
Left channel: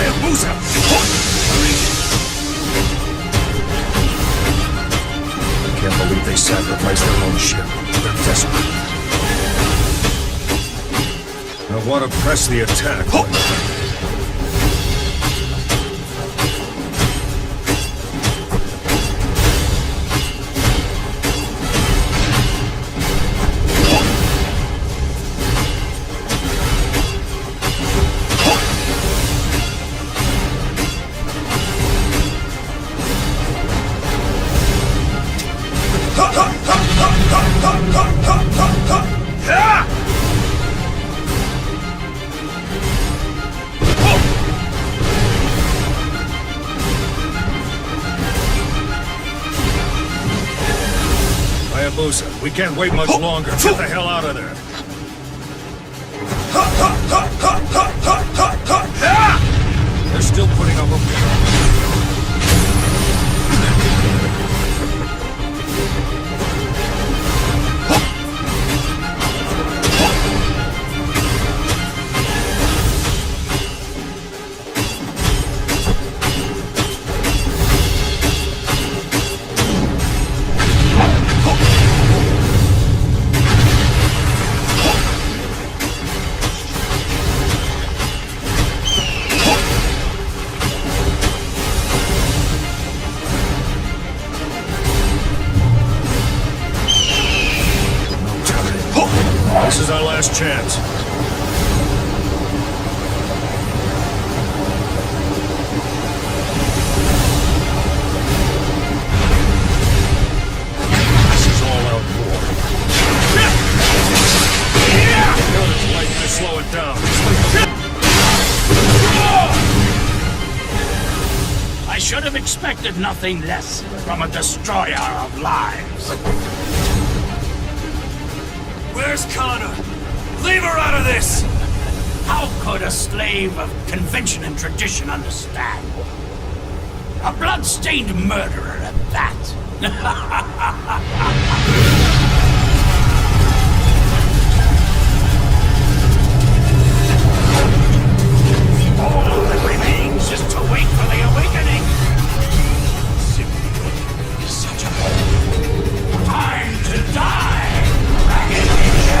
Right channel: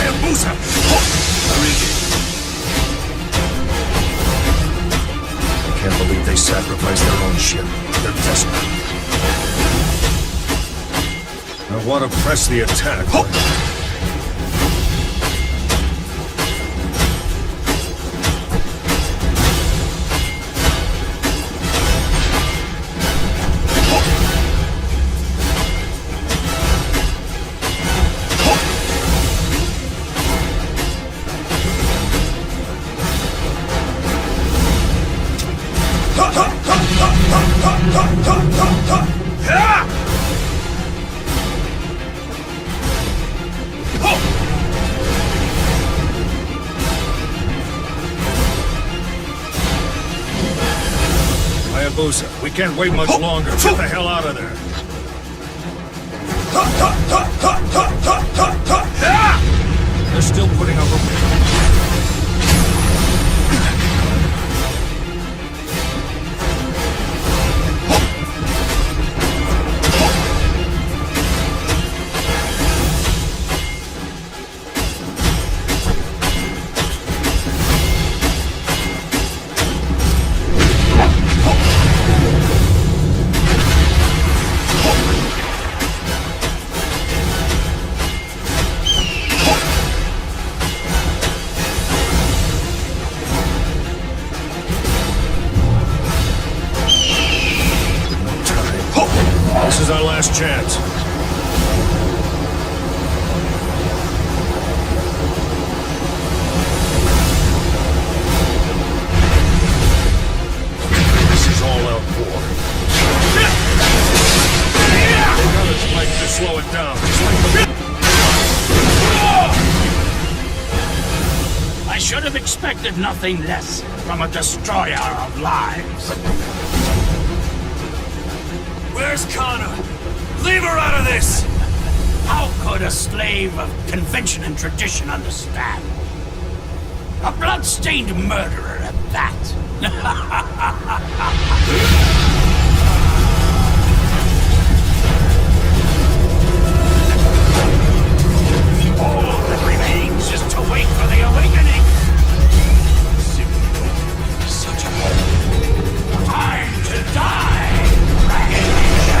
Hayabusa! I can't believe they sacrificed their own ship. They're desperate. I want to press the attack, but... Hayabusa, we can't wait much longer. Get the hell out of there. They're still putting up a fight. This is our last chance. This is all-out war. They got its light to slow it down. I should have expected nothing less from a destroyer of lives. Where's Kana? Leave her out of this! How could a slave of convention and tradition understand? A blood-stained murderer at that. All that remains is to wait for the awakening. Simply such a time to die, Dragon Ninja.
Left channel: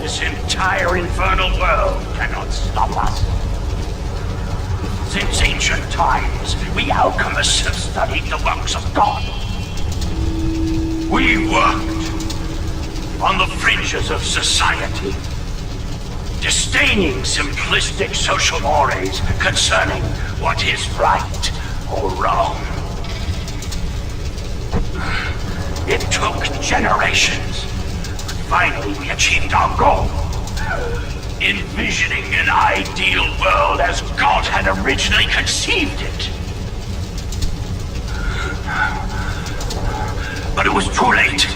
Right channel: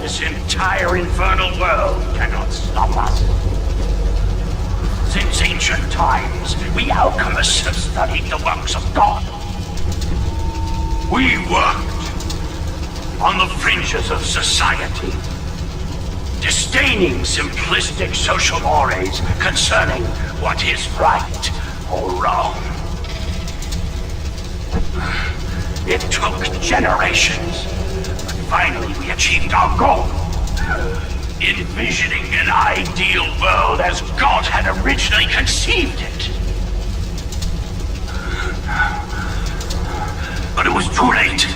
This entire infernal world cannot stop us. Since ancient times, we alchemists have studied the works of God. We worked on the fringes of society, disdaining simplistic social mores concerning what is right or wrong. It took generations, but finally we achieved our goal. Envisioning an ideal world as God had originally conceived it. But it was too late.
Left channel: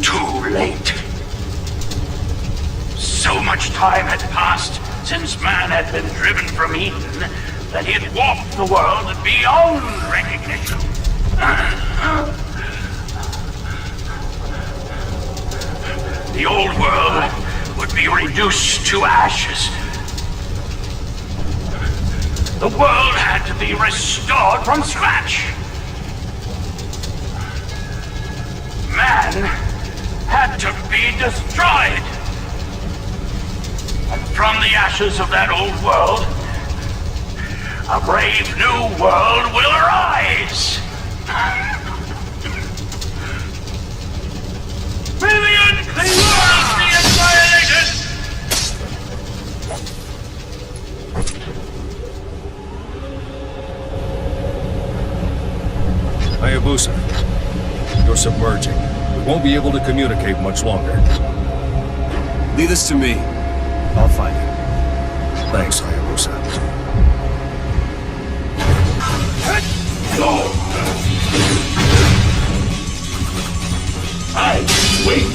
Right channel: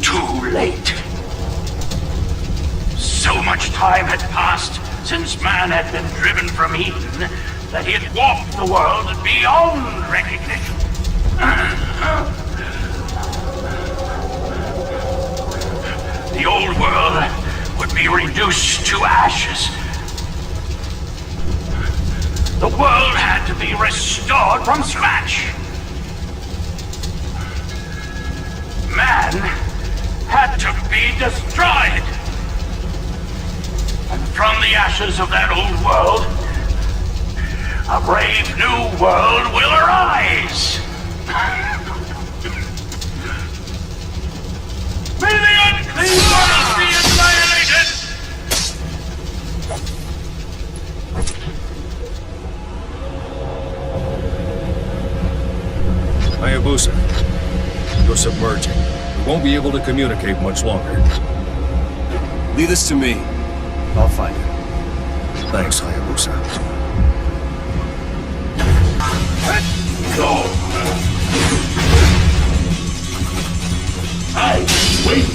Too late. So much time had passed since man had been driven from Eden that he had warped the world beyond recognition. The old world would be reduced to ashes. The world had to be restored from scratch. Man had to be destroyed. And from the ashes of that old world, a brave new world will arise. May the unclean world be annihilated! Hayabusa, you're submerging. We won't be able to communicate much longer. Leave this to me. I'll find it. Thanks, Hayabusa. Go! I wait!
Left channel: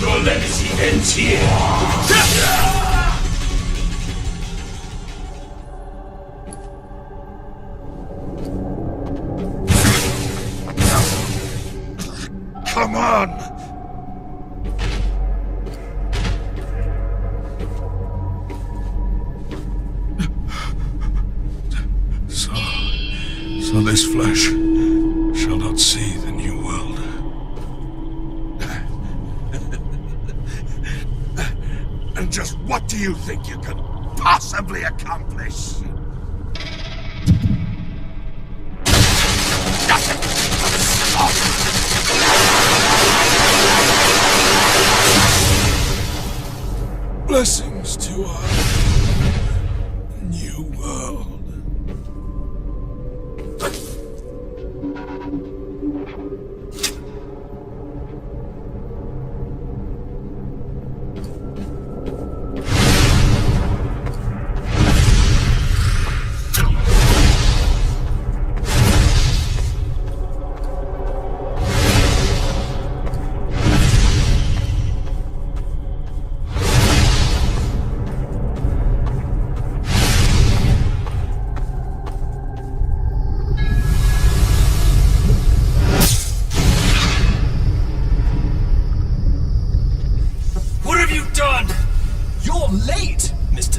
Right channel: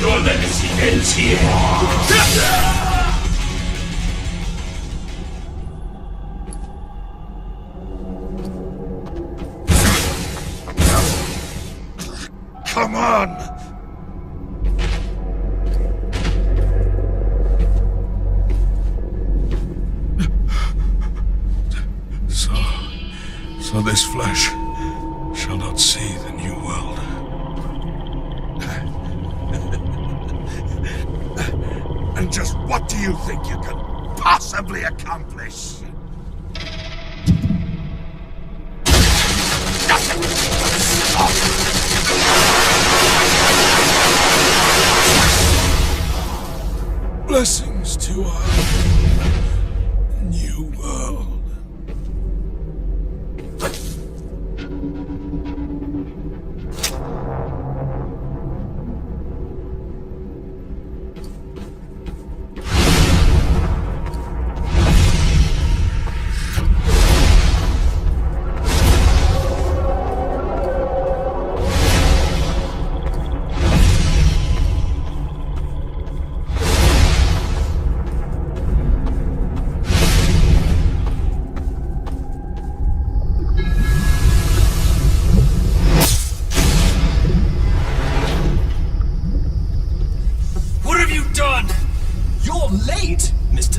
Your legacy ends here! Come on! So this flesh shall not see the new world. And just what do you think you can possibly accomplish? Blessings to our new world.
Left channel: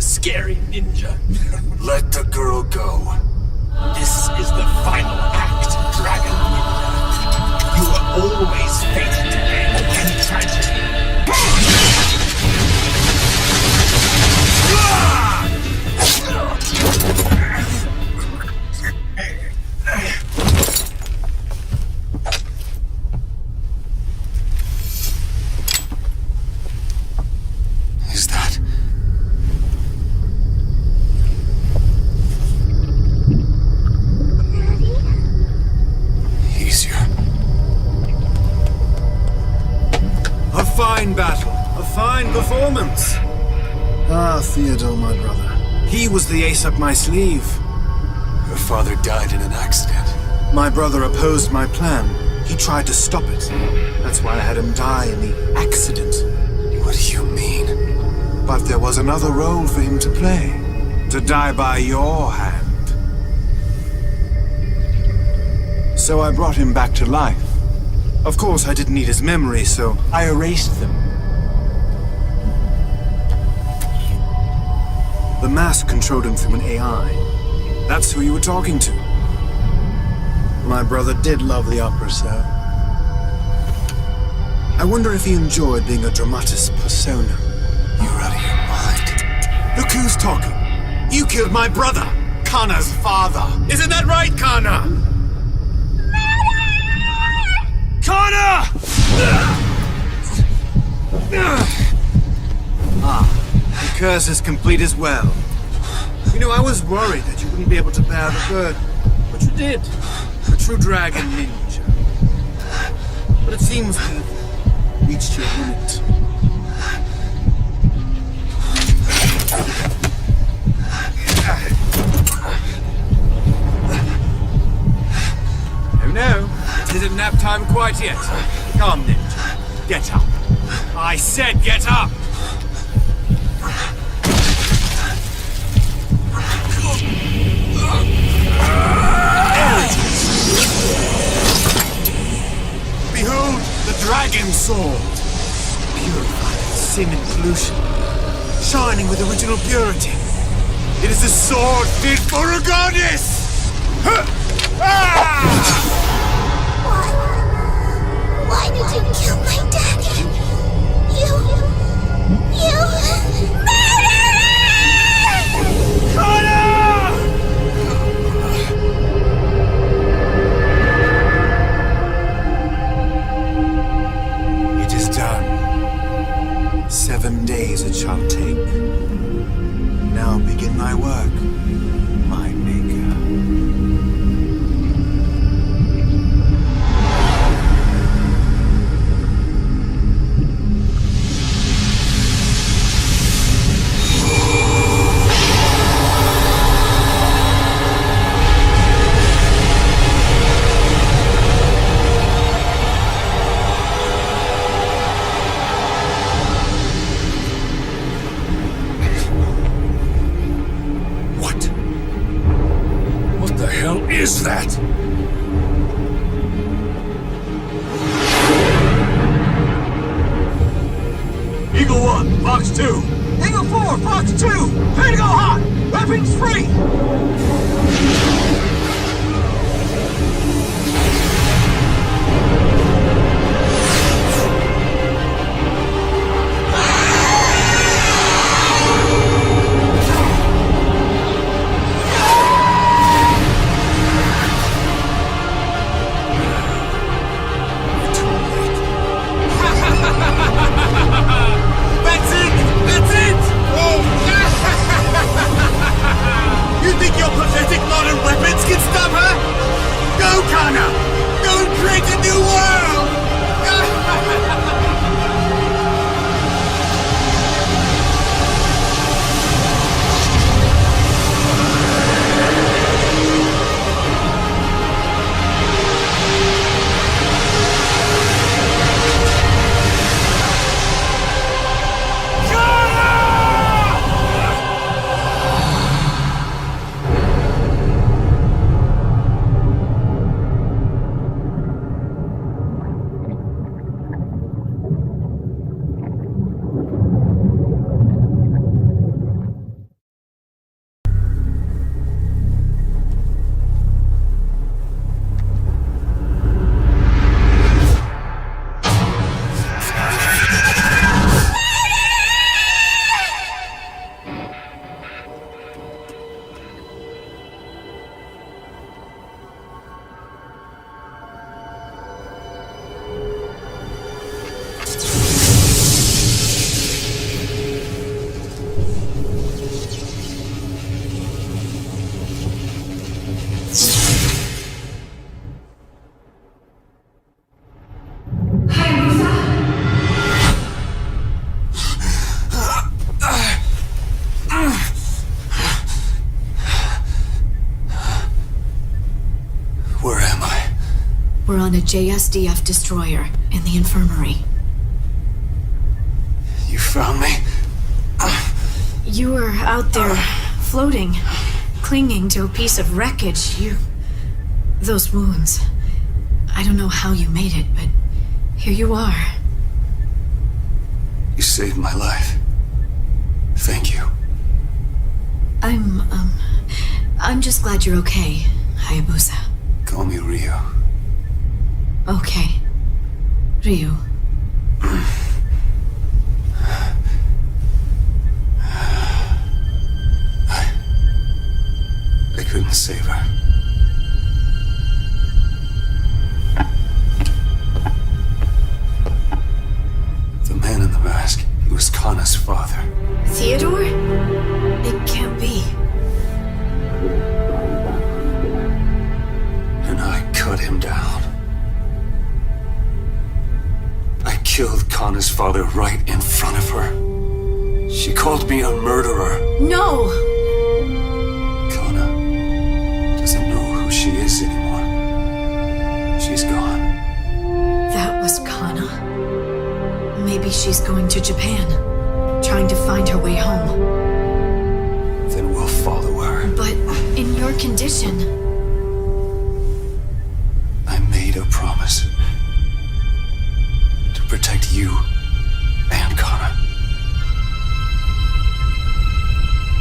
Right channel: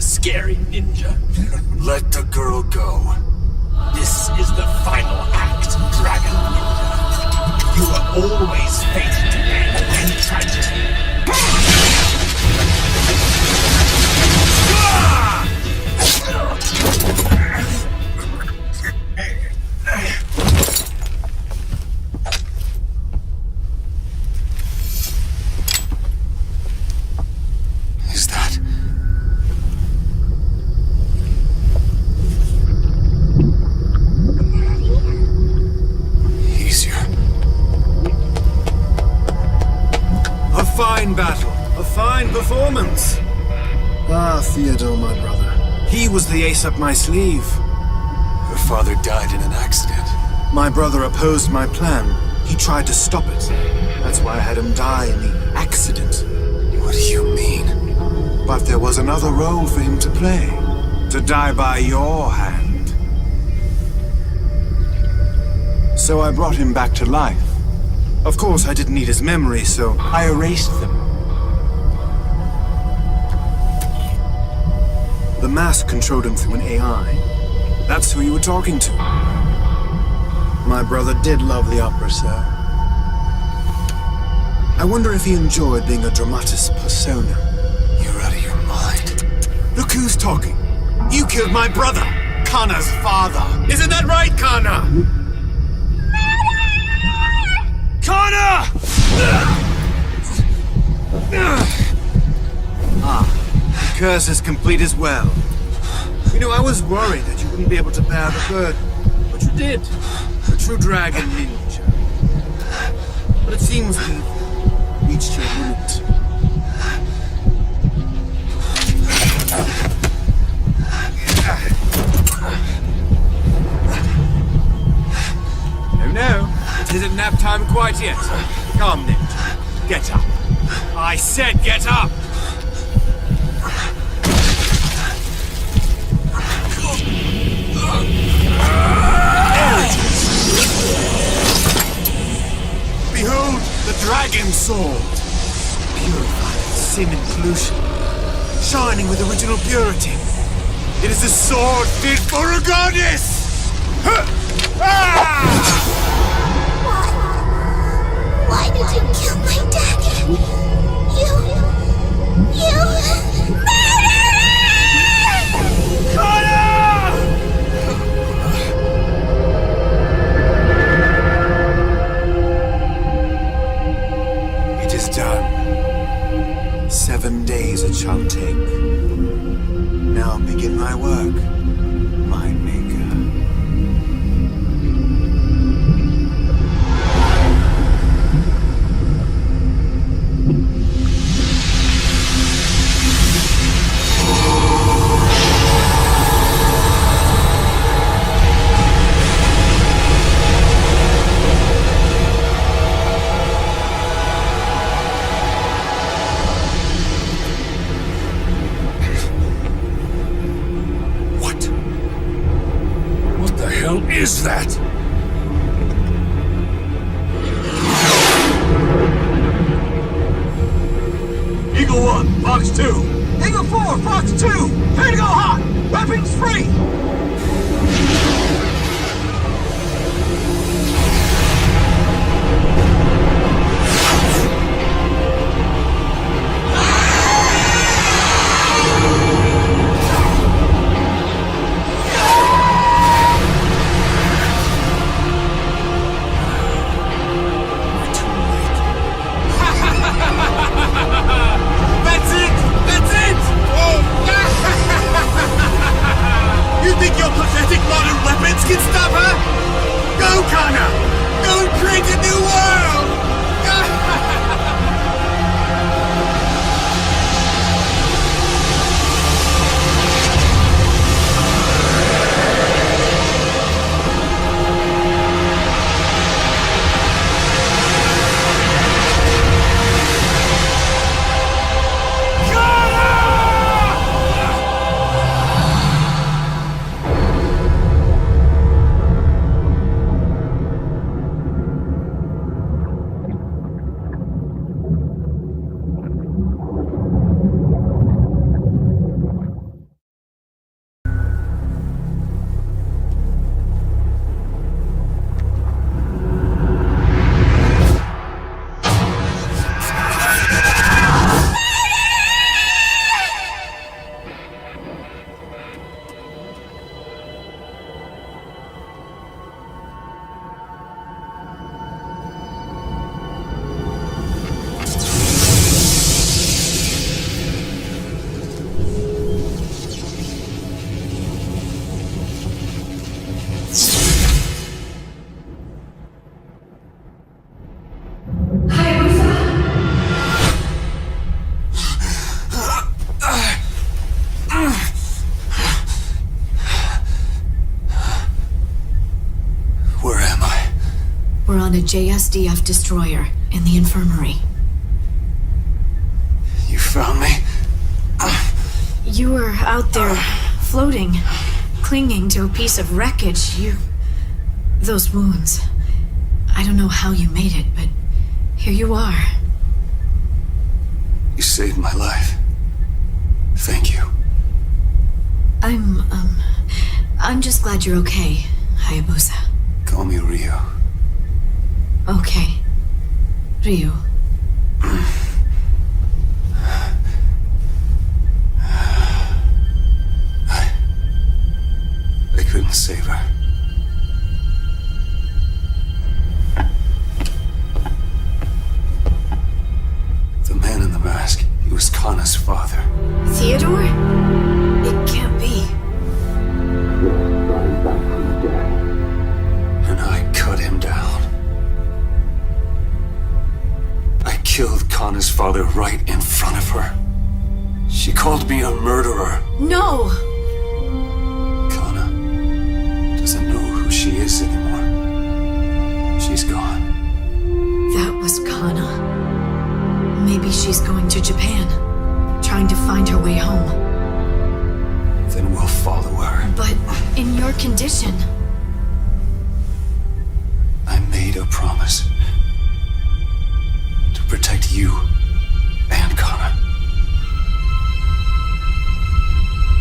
Scary ninja. Let the girl go. This is the final act, Dragon Ninja. You were always fated to end in tragedy. Is that... A fine battle, a fine performance. Ah, Theodore, my brother. He was the ace up my sleeve. Her father died in an accident. My brother opposed my plan. He tried to stop it. That's why I had him die in the accident. What do you mean? But there was another role for him to play. To die by your hand. So I brought him back to life. Of course, I didn't need his memory, so I erased them. The mask controlled him through an AI. That's who you were talking to. My brother did love the opera, sir. I wonder if he enjoyed being a dramatis persona. You're out of your mind. Look who's talking. You killed my brother, Kanna's father. Isn't that right, Kanna? Kanna! The curse is complete as well. You know, I was worried that you wouldn't be able to bear the burden, but you did. A true dragon ninja. But it seems we've reached your limit. No, it isn't nap time quite yet. Come, ninja. Get up. I said get up! Behold the dragon sword. Purified of sin and pollution. Shining with original purity. It is a sword fit for a goddess! Why did you kill my daddy? You It is done. 7 days it shall take. Now begin my work, my maker. Is that? Eagle 1, Fox 2. Eagle 4, Fox 2. Clear to go hot. Weapons free. You think your pathetic modern weapons can stop her? Go, Kanna! Go and create a new world! We're on a JSDF destroyer in the infirmary. You found me? You were out there, floating, clinging to a piece of wreckage. Those wounds. I don't know how you made it, but here you are. You saved my life. Thank you. I'm just glad you're okay, Hayabusa. Call me Ryu. Okay. Ryu. I couldn't save her. The man in the mask, he was Kana's father. Theodore? It can't be. And I cut him down. I killed Kana's father right in front of her. She called me a murderer. No! Kana doesn't know who she is anymore. She's gone. That was Kana. Maybe she's going to Japan, trying to find her way home. Then we'll follow her. But in your condition... I made a promise. To protect you and Kana.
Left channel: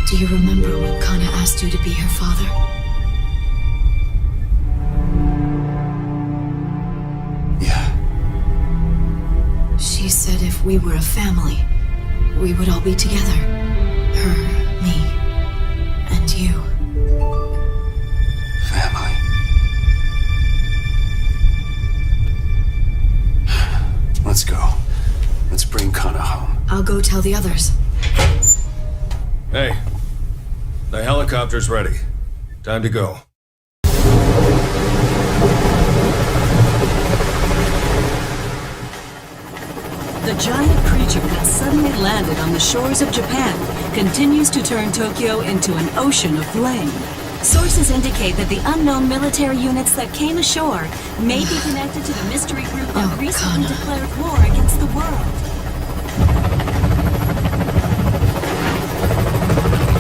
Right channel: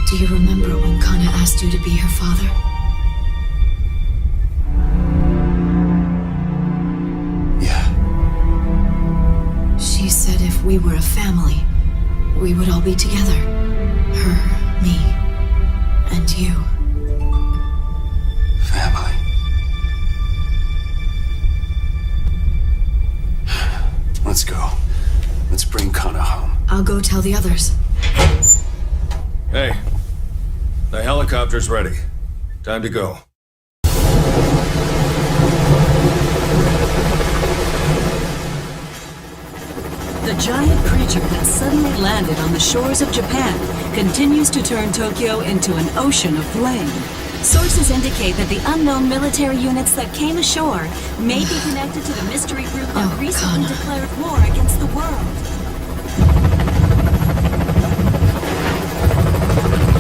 Do you remember when Kana asked you to be her father? Yeah. She said if we were a family, we would all be together. Her, me, and you. Family. Let's go. Let's bring Kana home. I'll go tell the others. Hey, the helicopter's ready. Time to go. The giant creature that suddenly landed on the shores of Japan continues to turn Tokyo into an ocean of flame. Sources indicate that the unknown military units that came ashore may be connected to the mystery group that recently declared war against the world.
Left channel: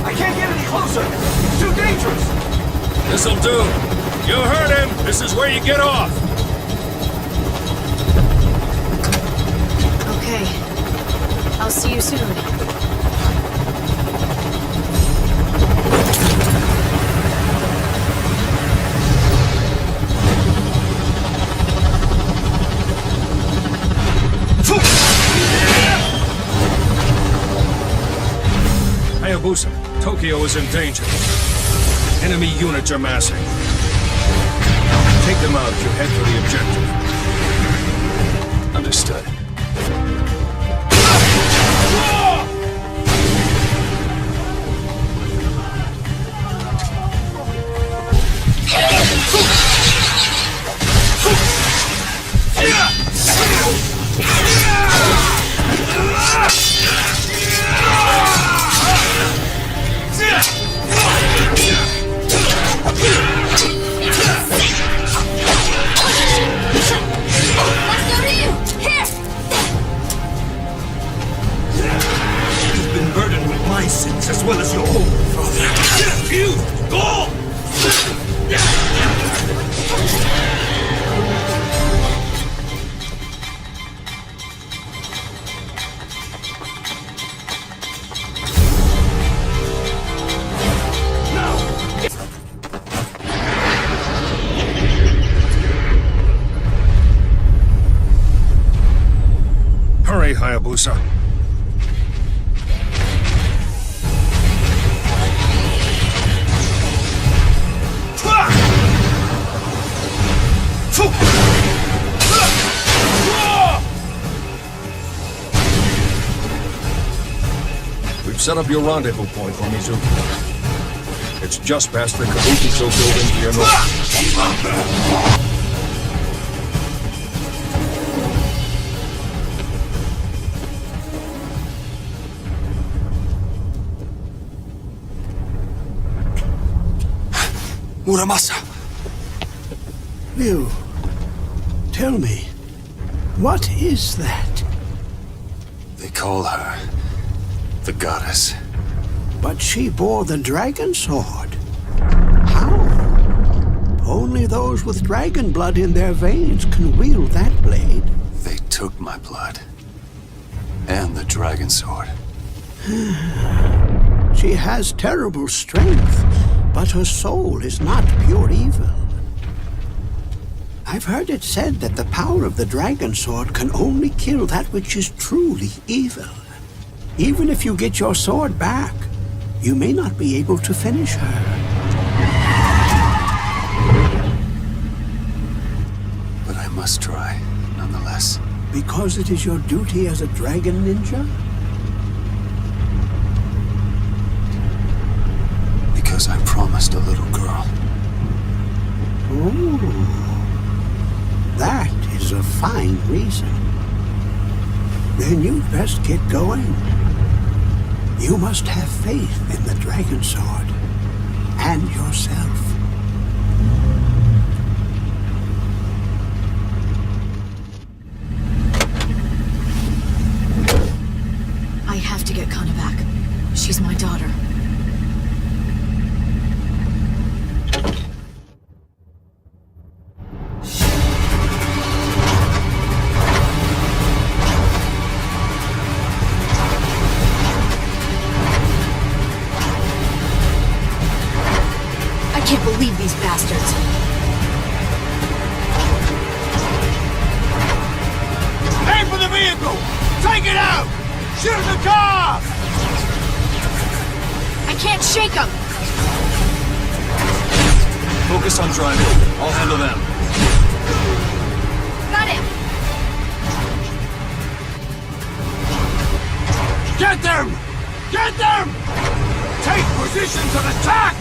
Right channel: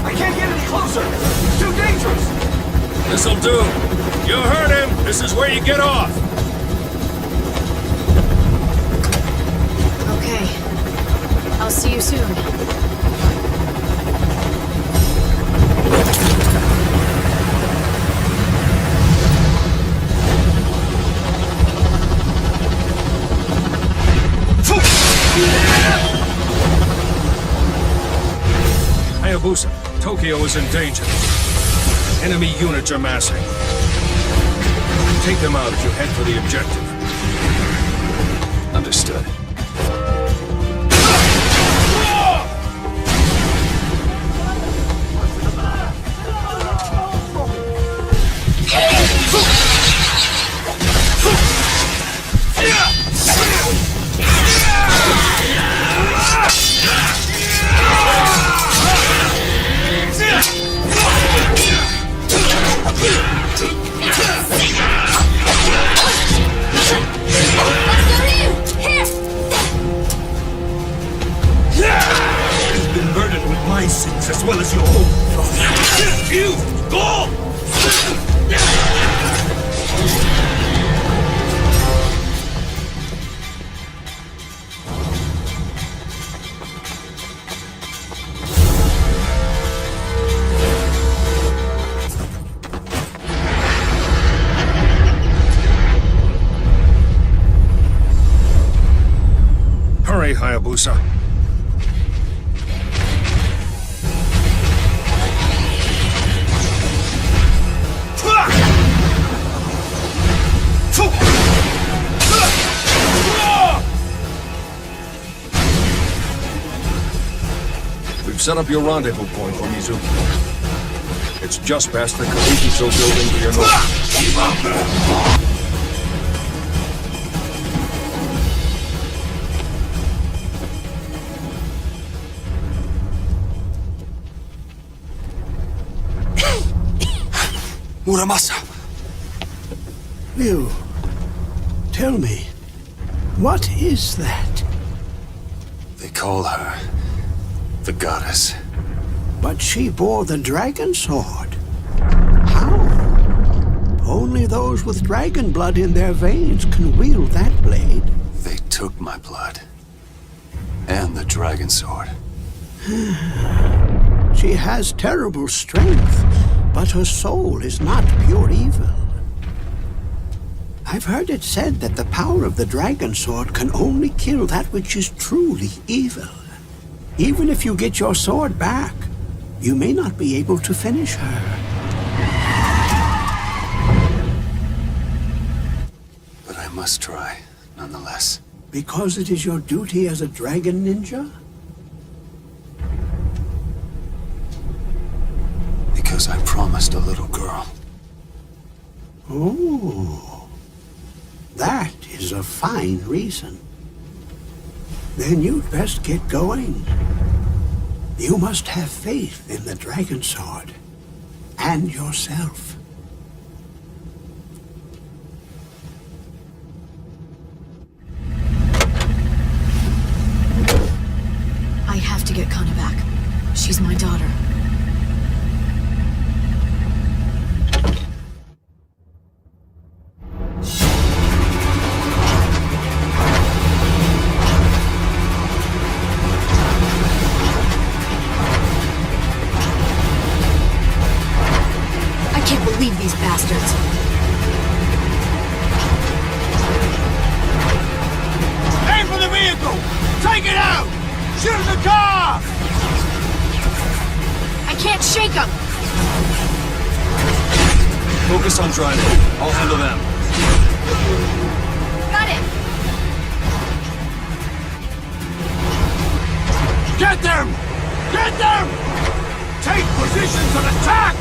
I can't get any closer! It's too dangerous! This'll do. You heard him. This is where you get off. Okay. I'll see you soon. Hayabusa, Tokyo is in danger. Enemy units are massing. Take them out as you head for the objective. Understood. You've been burdened with my sins as well as your own, father. You! Go! Hurry, Hayabusa. We've set up your rendezvous point for Mizuki. It's just past the Kabukicho building to your north. Muramasa! Ryu, tell me, what is that? They call her the goddess. But she bore the dragon sword. How? Only those with dragon blood in their veins can wield that blade. They took my blood. And the dragon sword. She has terrible strength, but her soul is not pure evil. I've heard it said that the power of the dragon sword can only kill that which is truly evil. Even if you get your sword back, you may not be able to finish her. But I must try, nonetheless. Because it is your duty as a dragon ninja? Because I promised a little girl. Oh. That is a fine reason. Then you'd best get going. You must have faith in the dragon sword and yourself. I have to get Kana back. She's my daughter. I can't believe these bastards. Aim for the vehicle! Take it out! Shoot the car! I can't shake them! Focus on driving. I'll handle them. Got it! Get them! Get them! Take positions and attack!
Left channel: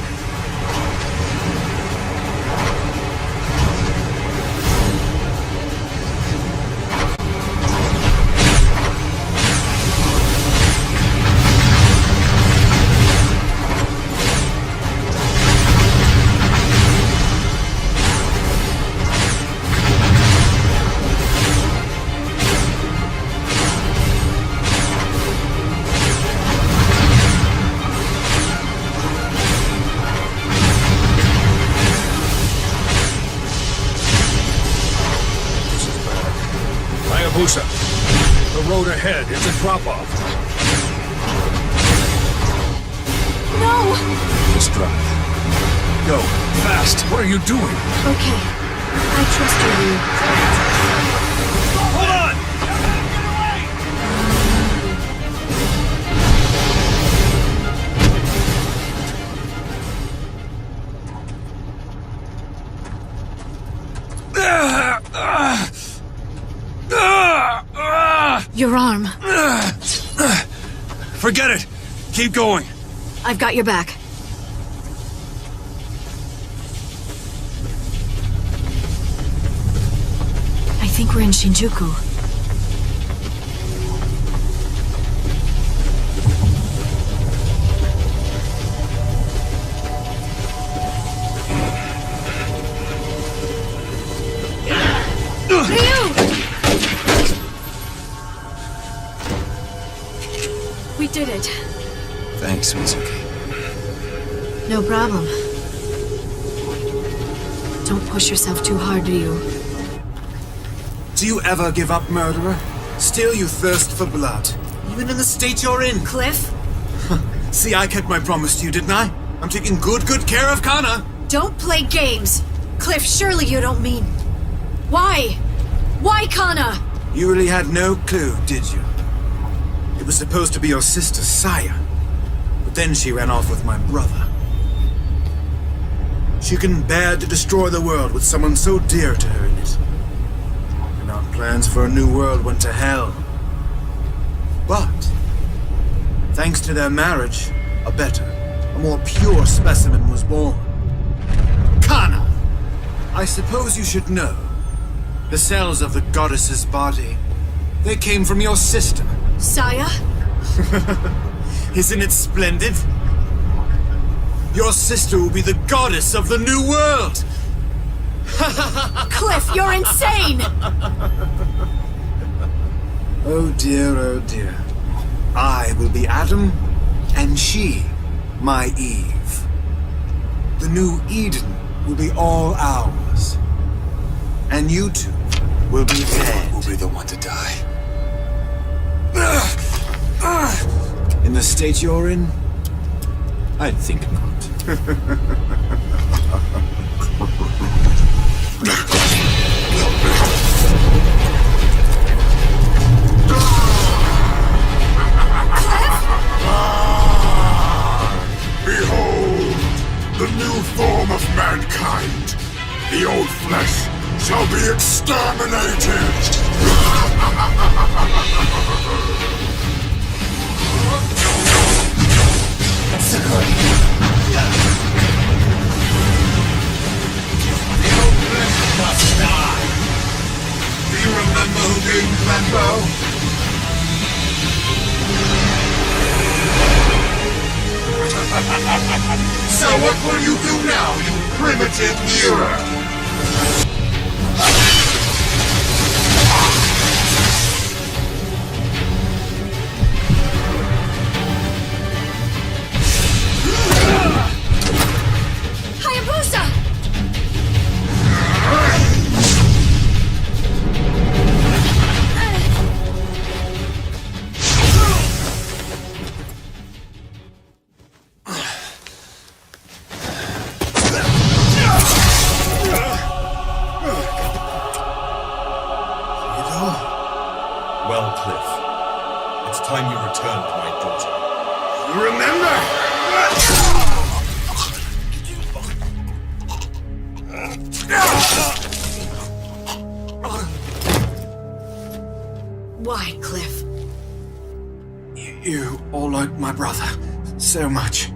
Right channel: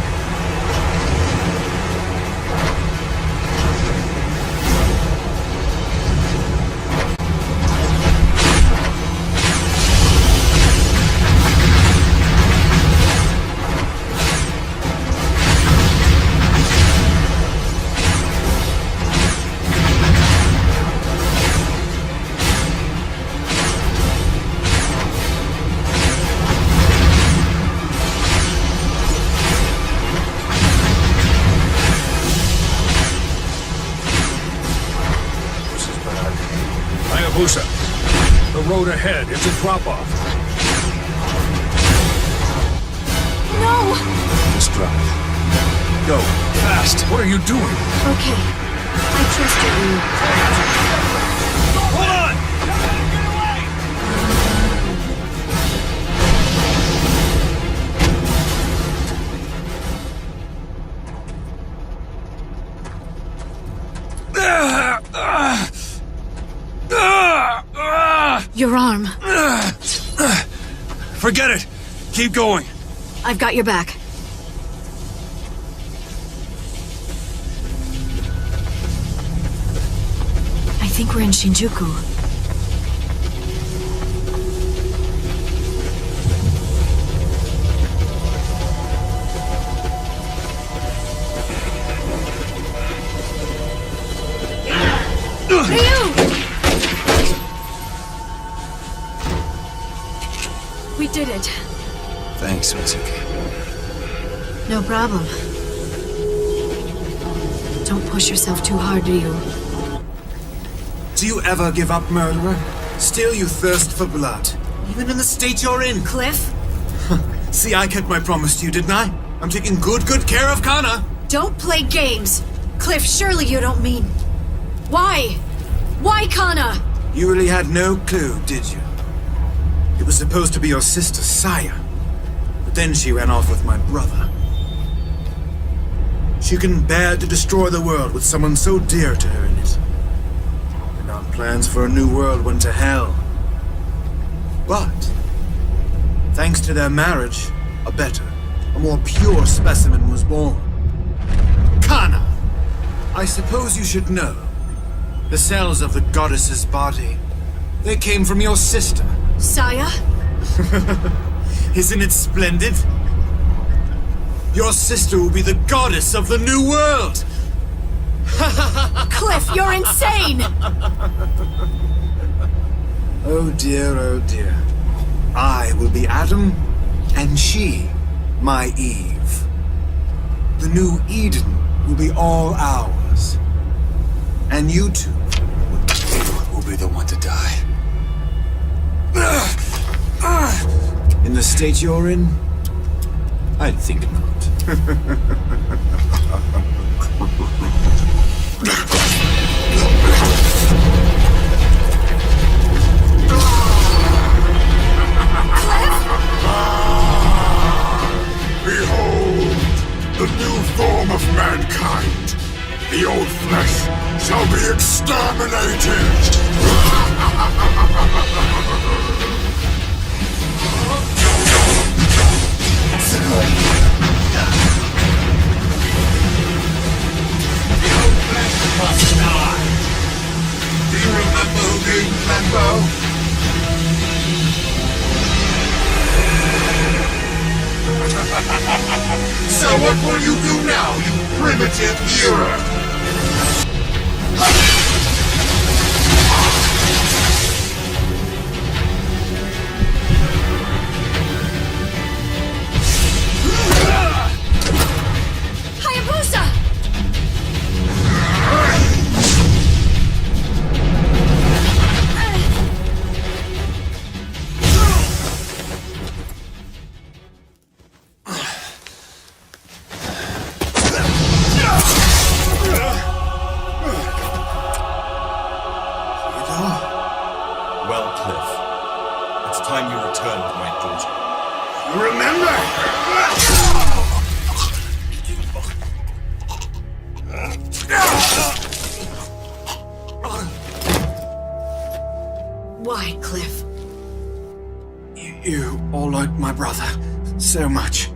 Hayabusa, the road ahead is a drop-off. No! Just drive. Go, fast. What are you doing? Okay. I trust you, Ryu. Hold on! Your arm. Forget it. Keep going. I've got your back. I think we're in Shinjuku. Ryu! We did it. Thanks, Mizuki. No problem. Don't push yourself too hard, Ryu. Do you ever give up, murderer? Still you thirst for blood. Even in the state you're in. Cliff? See, I kept my promise to you, didn't I? I'm taking good care of Kana. Don't play games! Cliff, surely you don't mean... Why? Why Kana? You really had no clue, did you? It was supposed to be your sister, Saya. But then she ran off with my brother. She couldn't bear to destroy the world with someone so dear to her in it. And our plans for a new world went to hell. But, thanks to their marriage, a better, a more pure specimen was born. Kana! I suppose you should know. The cells of the goddess's body, they came from your sister. Saya? Isn't it splendid? Your sister will be the goddess of the new world! Cliff, you're insane! Oh dear, I will be Adam, and she, my Eve. The new Eden will be all ours. And you two will be dead. Will be the one to die. In the state you're in, I think not. Behold, the new form of mankind. The old flesh shall be exterminated. The old flesh must die. Do you remember who gave you that bow? So what will you do now, you primitive hero? Hayabusa! Well, Cliff, it's time you returned my daughter. Remember? Why, Cliff? You all like my brother so much.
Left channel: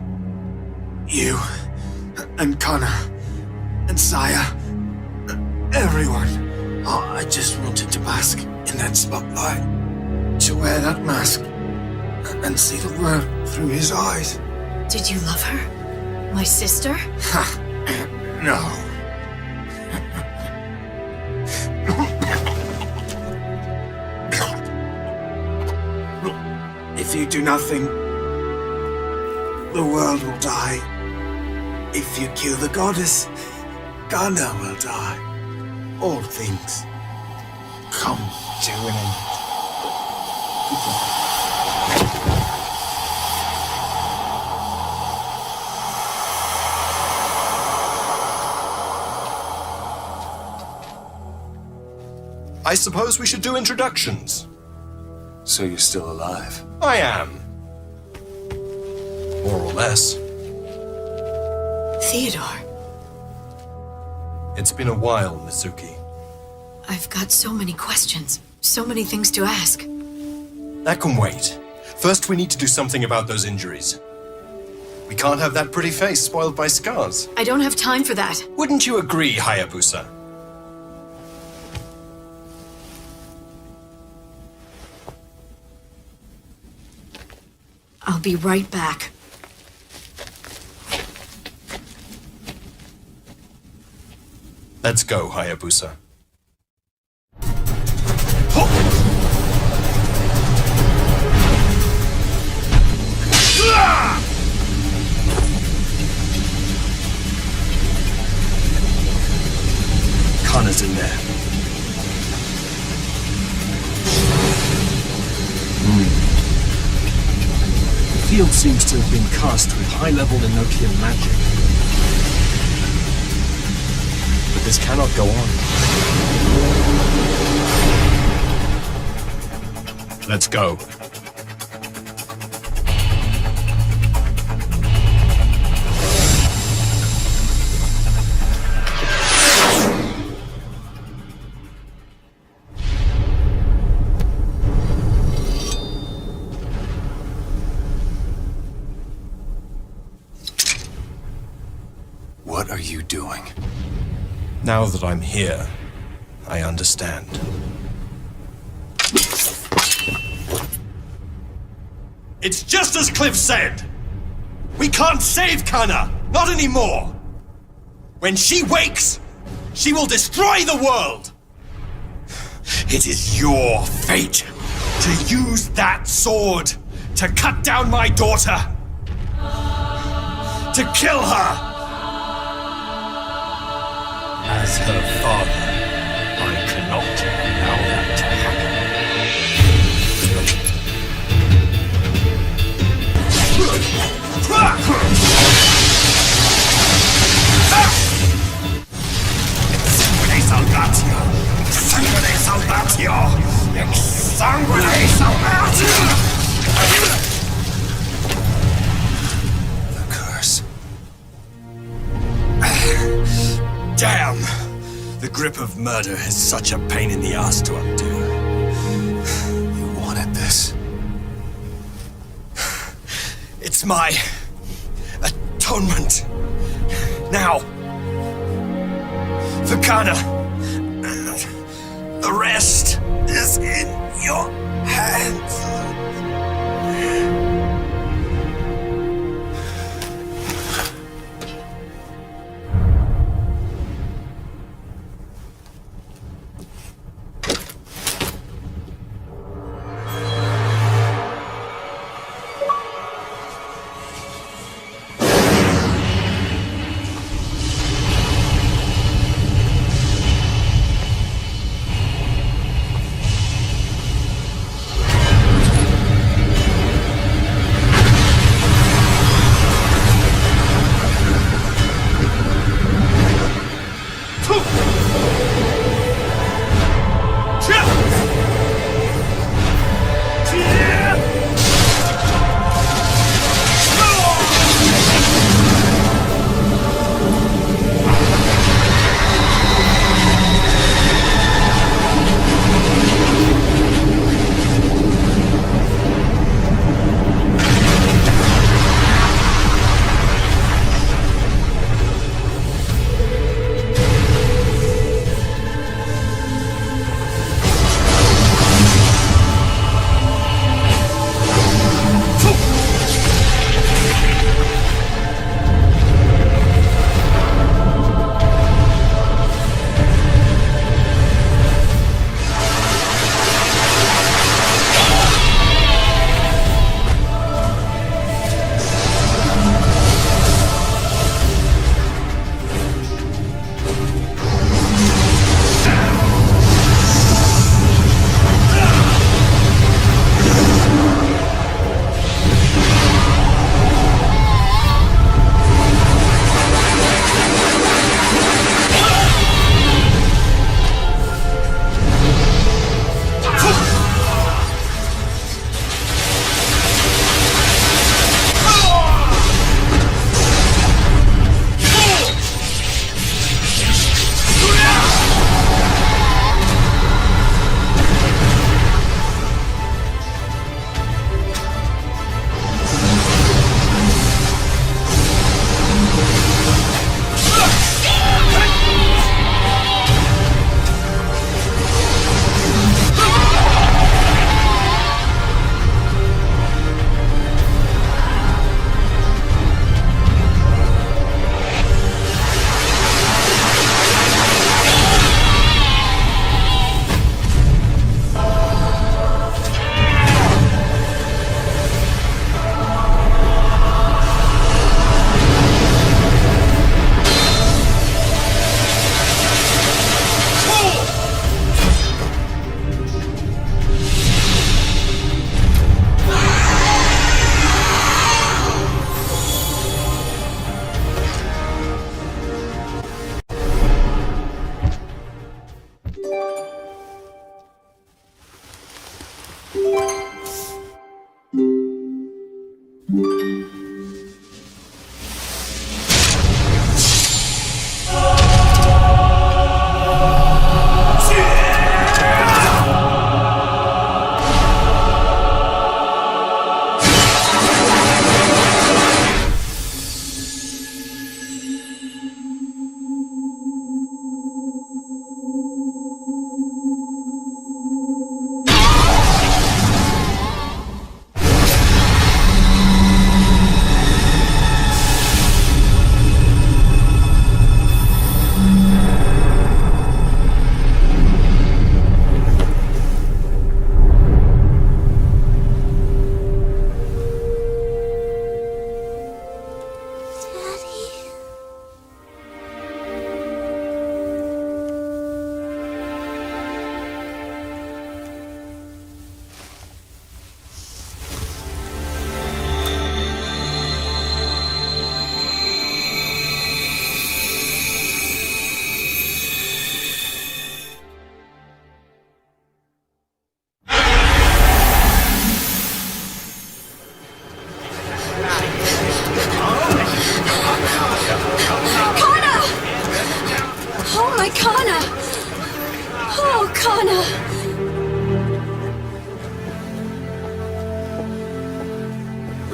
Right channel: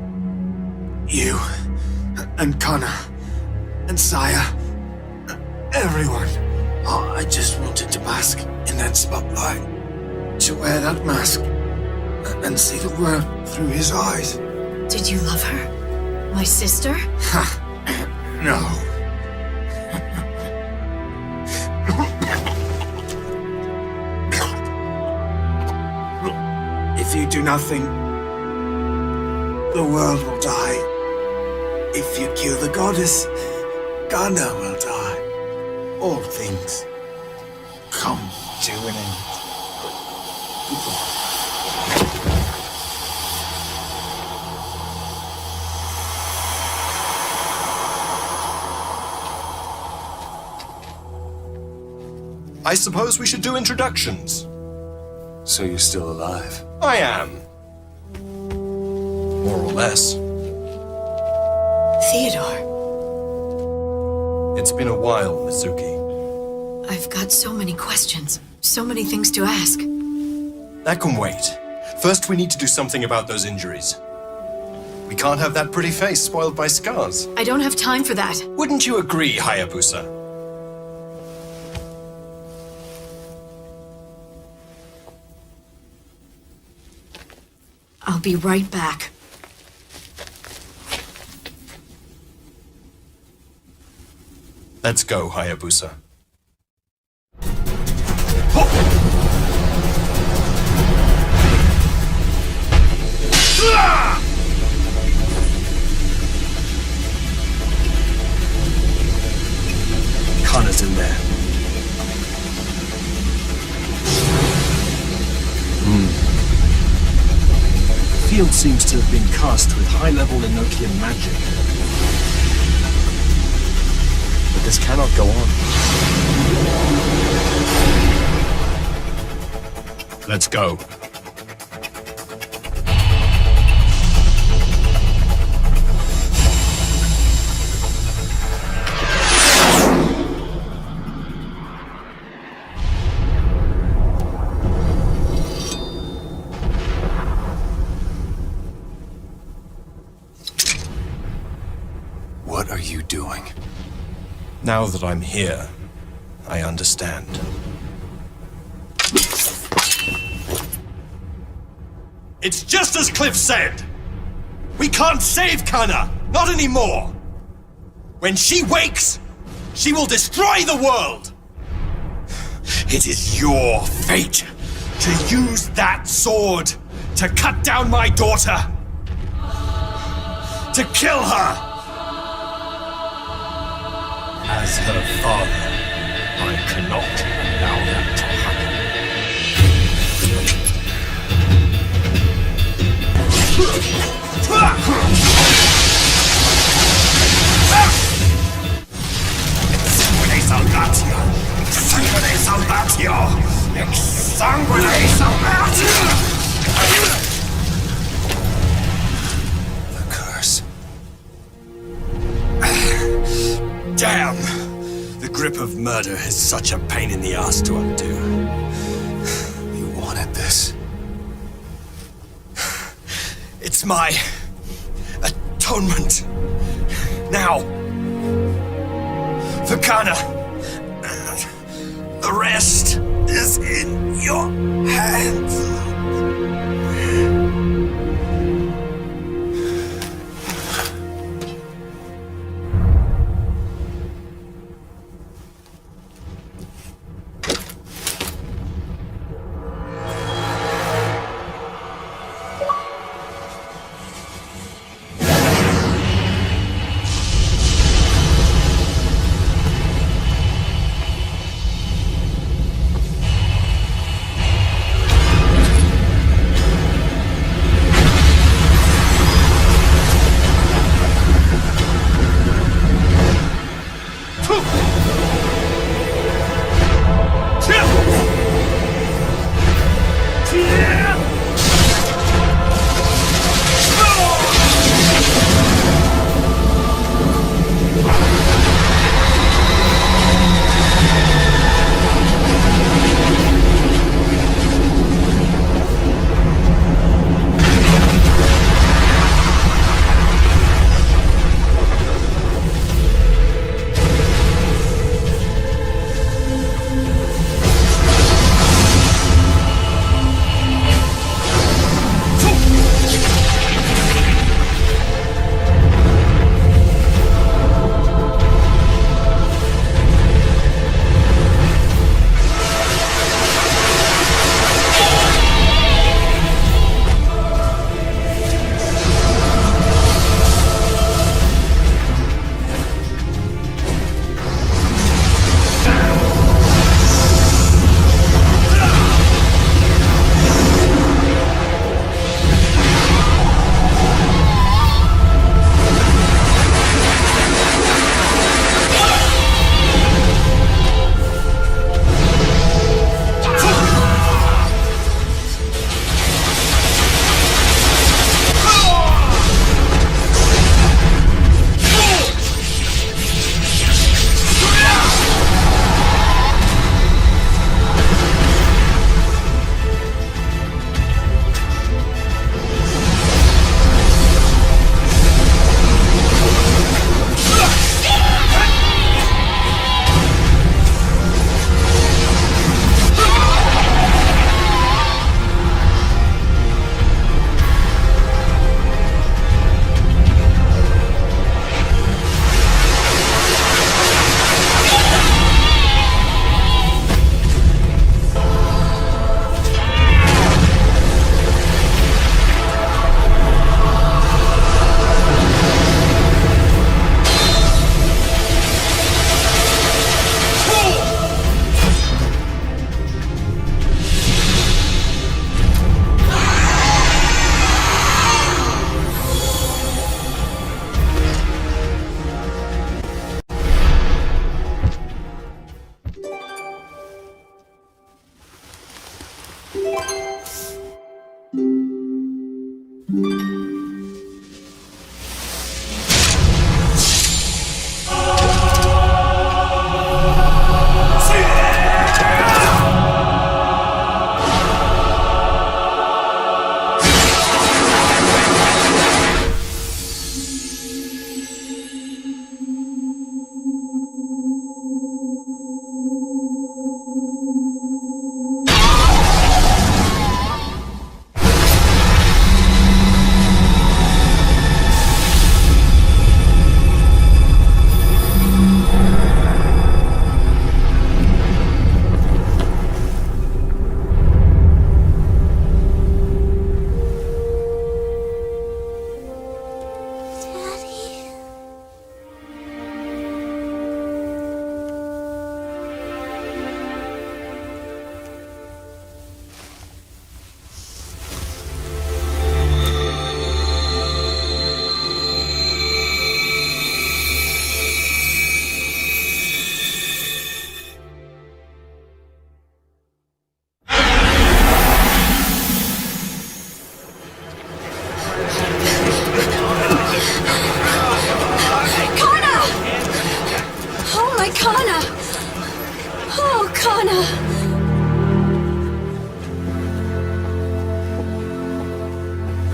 You and Connor and Saya, everyone. Oh, I just wanted to bask in that spotlight, to wear that mask and see the world through his eyes. Did you love her? My sister? Ha! No. If you do nothing, the world will die. If you kill the goddess, Ghana will die. All things come to an end. I suppose we should do introductions. So you're still alive? I am. More or less. Theodore. It's been a while, Mizuki. I've got so many questions, so many things to ask. That can wait. First, we need to do something about those injuries. We can't have that pretty face spoiled by scars. I don't have time for that. Wouldn't you agree, Hayabusa? I'll be right back. Let's go, Hayabusa. Kana's in there. The field seems to have been cast with high-level Enochian magic. But this cannot go on. Let's go. What are you doing? Now that I'm here, I understand. It's just as Cliff said! We can't save Kana! Not anymore! When she wakes, she will destroy the world! It is your fate to use that sword to cut down my daughter! To kill her! As her father, I cannot allow that to happen. your exsanguination! The curse. Damn! The grip of murder is such a pain in the ass to undo. You wanted this. It's my atonement. Now, for Kana, the rest is in your hands.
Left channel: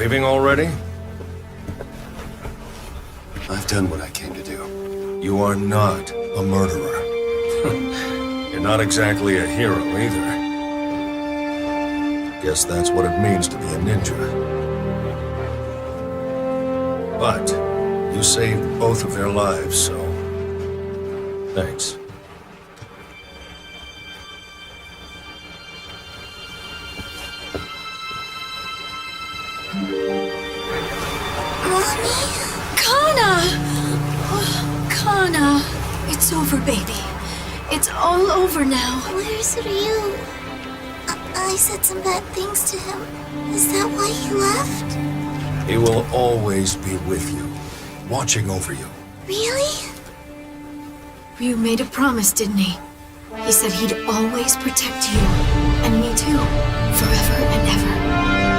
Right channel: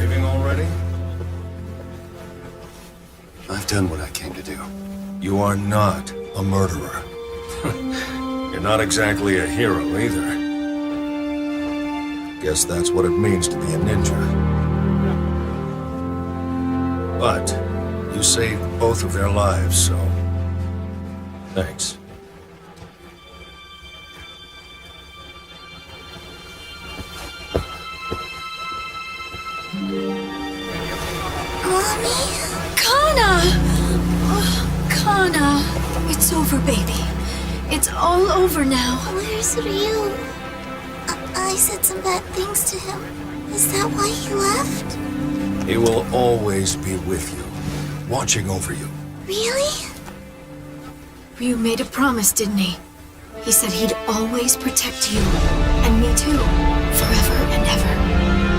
Leaving already? I've done what I came to do. You are not a murderer. You're not exactly a hero either. Guess that's what it means to be a ninja. But you saved both of their lives, so thanks. Mommy? Kana! Oh, Kana. It's over, baby. It's all over now. Where's Ryu? I said some bad things to him. Is that why he left? He will always be with you, watching over you. Really? Ryu made a promise, didn't he? He said he'd always protect you, and me too, forever and ever.